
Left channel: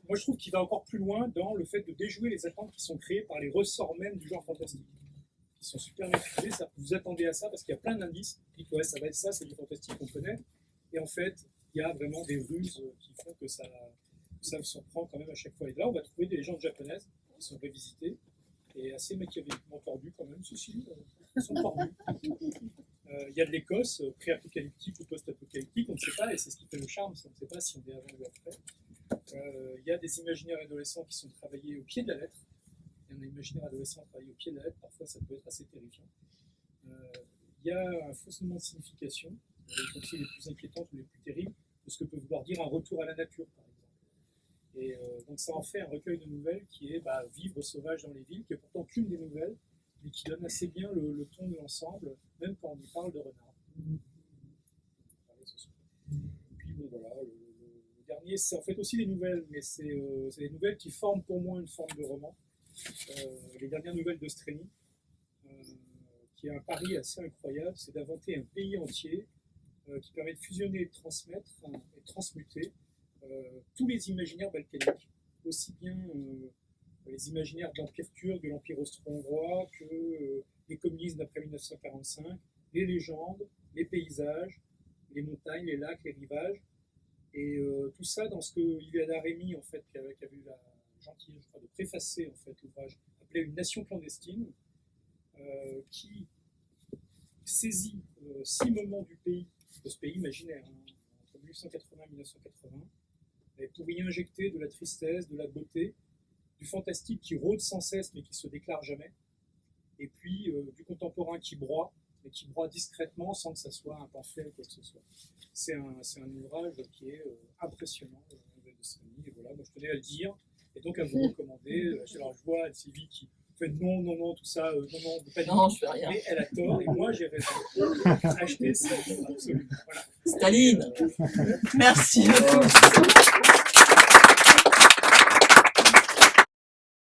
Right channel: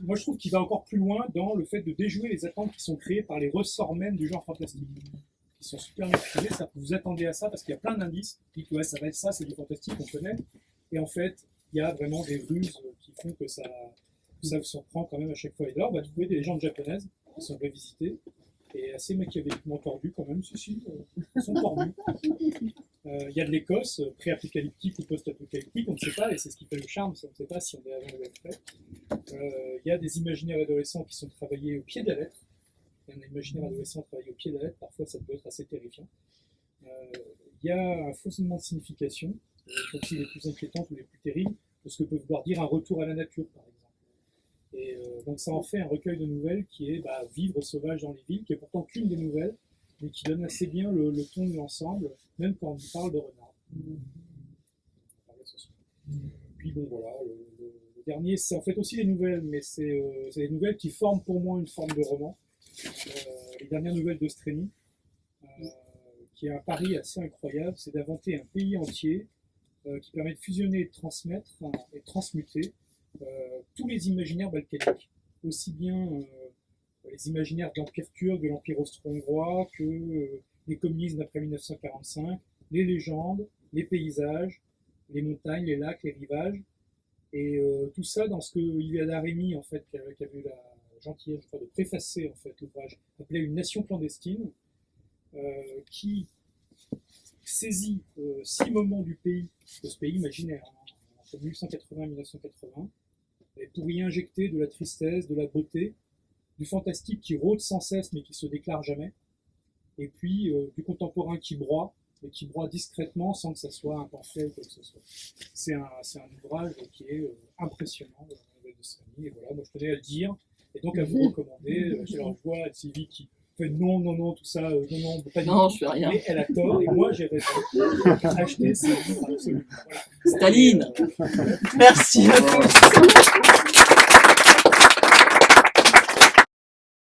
moi je trouve qu'il va encore plus loin dans le fait de déjouer les attentes qui sont créées par les ressorts même du genre fantastique, qui sont super maîtrisés. Vous attendez à ça parce qu'il y a plein d'indices. Vous dites ouais, ça va être ça, c'est du fantastique, on connaît. Et en fait, il y a vraiment des ruses qui font que ça vous surprend quand même à chaque fois. Et là, on va trouver des légendes japonaises qui sont revisitées et assez machiavéliquement tordues quand même. Ceci, elles sont tordues. Il y a de l'Écosse, pré-apocalyptique ou post-apocalyptique, on ne sait pas, et c'est ce qui fait le charme, on ne sait pas si on est avant ou après. Il y a des imaginaires adolescents qui sont travaillés au pied de la lettre. Il y a un imaginaire adolescent travaillé au pied de la lettre, parfois ça peut être assez terrifiant. Il y a un fonctionnement de signification, y compris les plus inquiétantes ou les plus terribles, de ce que peut vouloir dire un retour à la nature, par exemple. Et donc ça en fait un recueil de nouvelles qui est Vivre sauvage dans les villes, qui est pourtant qu'une des nouvelles, mais qui donne assez bien le ton de l'ensemble, même quand on parle de renard. Puis bon voilà, le dernier, c'est en fait aussi des nouvelles, mais c'est des nouvelles qui forment pour moi une forme de roman. Les dernières nouvelles de Streny, qui est un pari assez incroyable, c'est d'inventer un pays entier qui permet de fusionner et de transmettre et de transmuter tous les imaginaires balkaniques, aussi bien les imaginaires de l'Empire turc, de l'Empire austro-hongrois, que les communismes d'après 1945, les légendes, les paysages, les montagnes, les lacs, les rivages, et tout ça dans ce que Iliana Rémy, en fait, qui avait eu la gentillesse, je crois, de préfacer en fait l'ouvrage, appelé Une nation clandestine, qui saisit 6 moments du pays, de ce pays imaginaire, entre 1880 et 1980, et pour y injecter de la tristesse, de la beauté, du fantastique qui rôde sans cesse mais qui se déclare jamais, et puis du contemporain qui broie, mais qui broie discrètement sans que ça soit un pamphlet ou quoi que ce soit. C'est un ouvrage qui est impressionnant, de Streny, et voilà, moi je tenais à le dire, et donc à vous recommander. Alors je vois Sylvie qui fait non, tout ça, non, pas du Non, tout. je fais rien. Mais elle a tort, et moi j'ai raison. Acheter ce livre, absolument. Voilà. Staline. Merci à tous.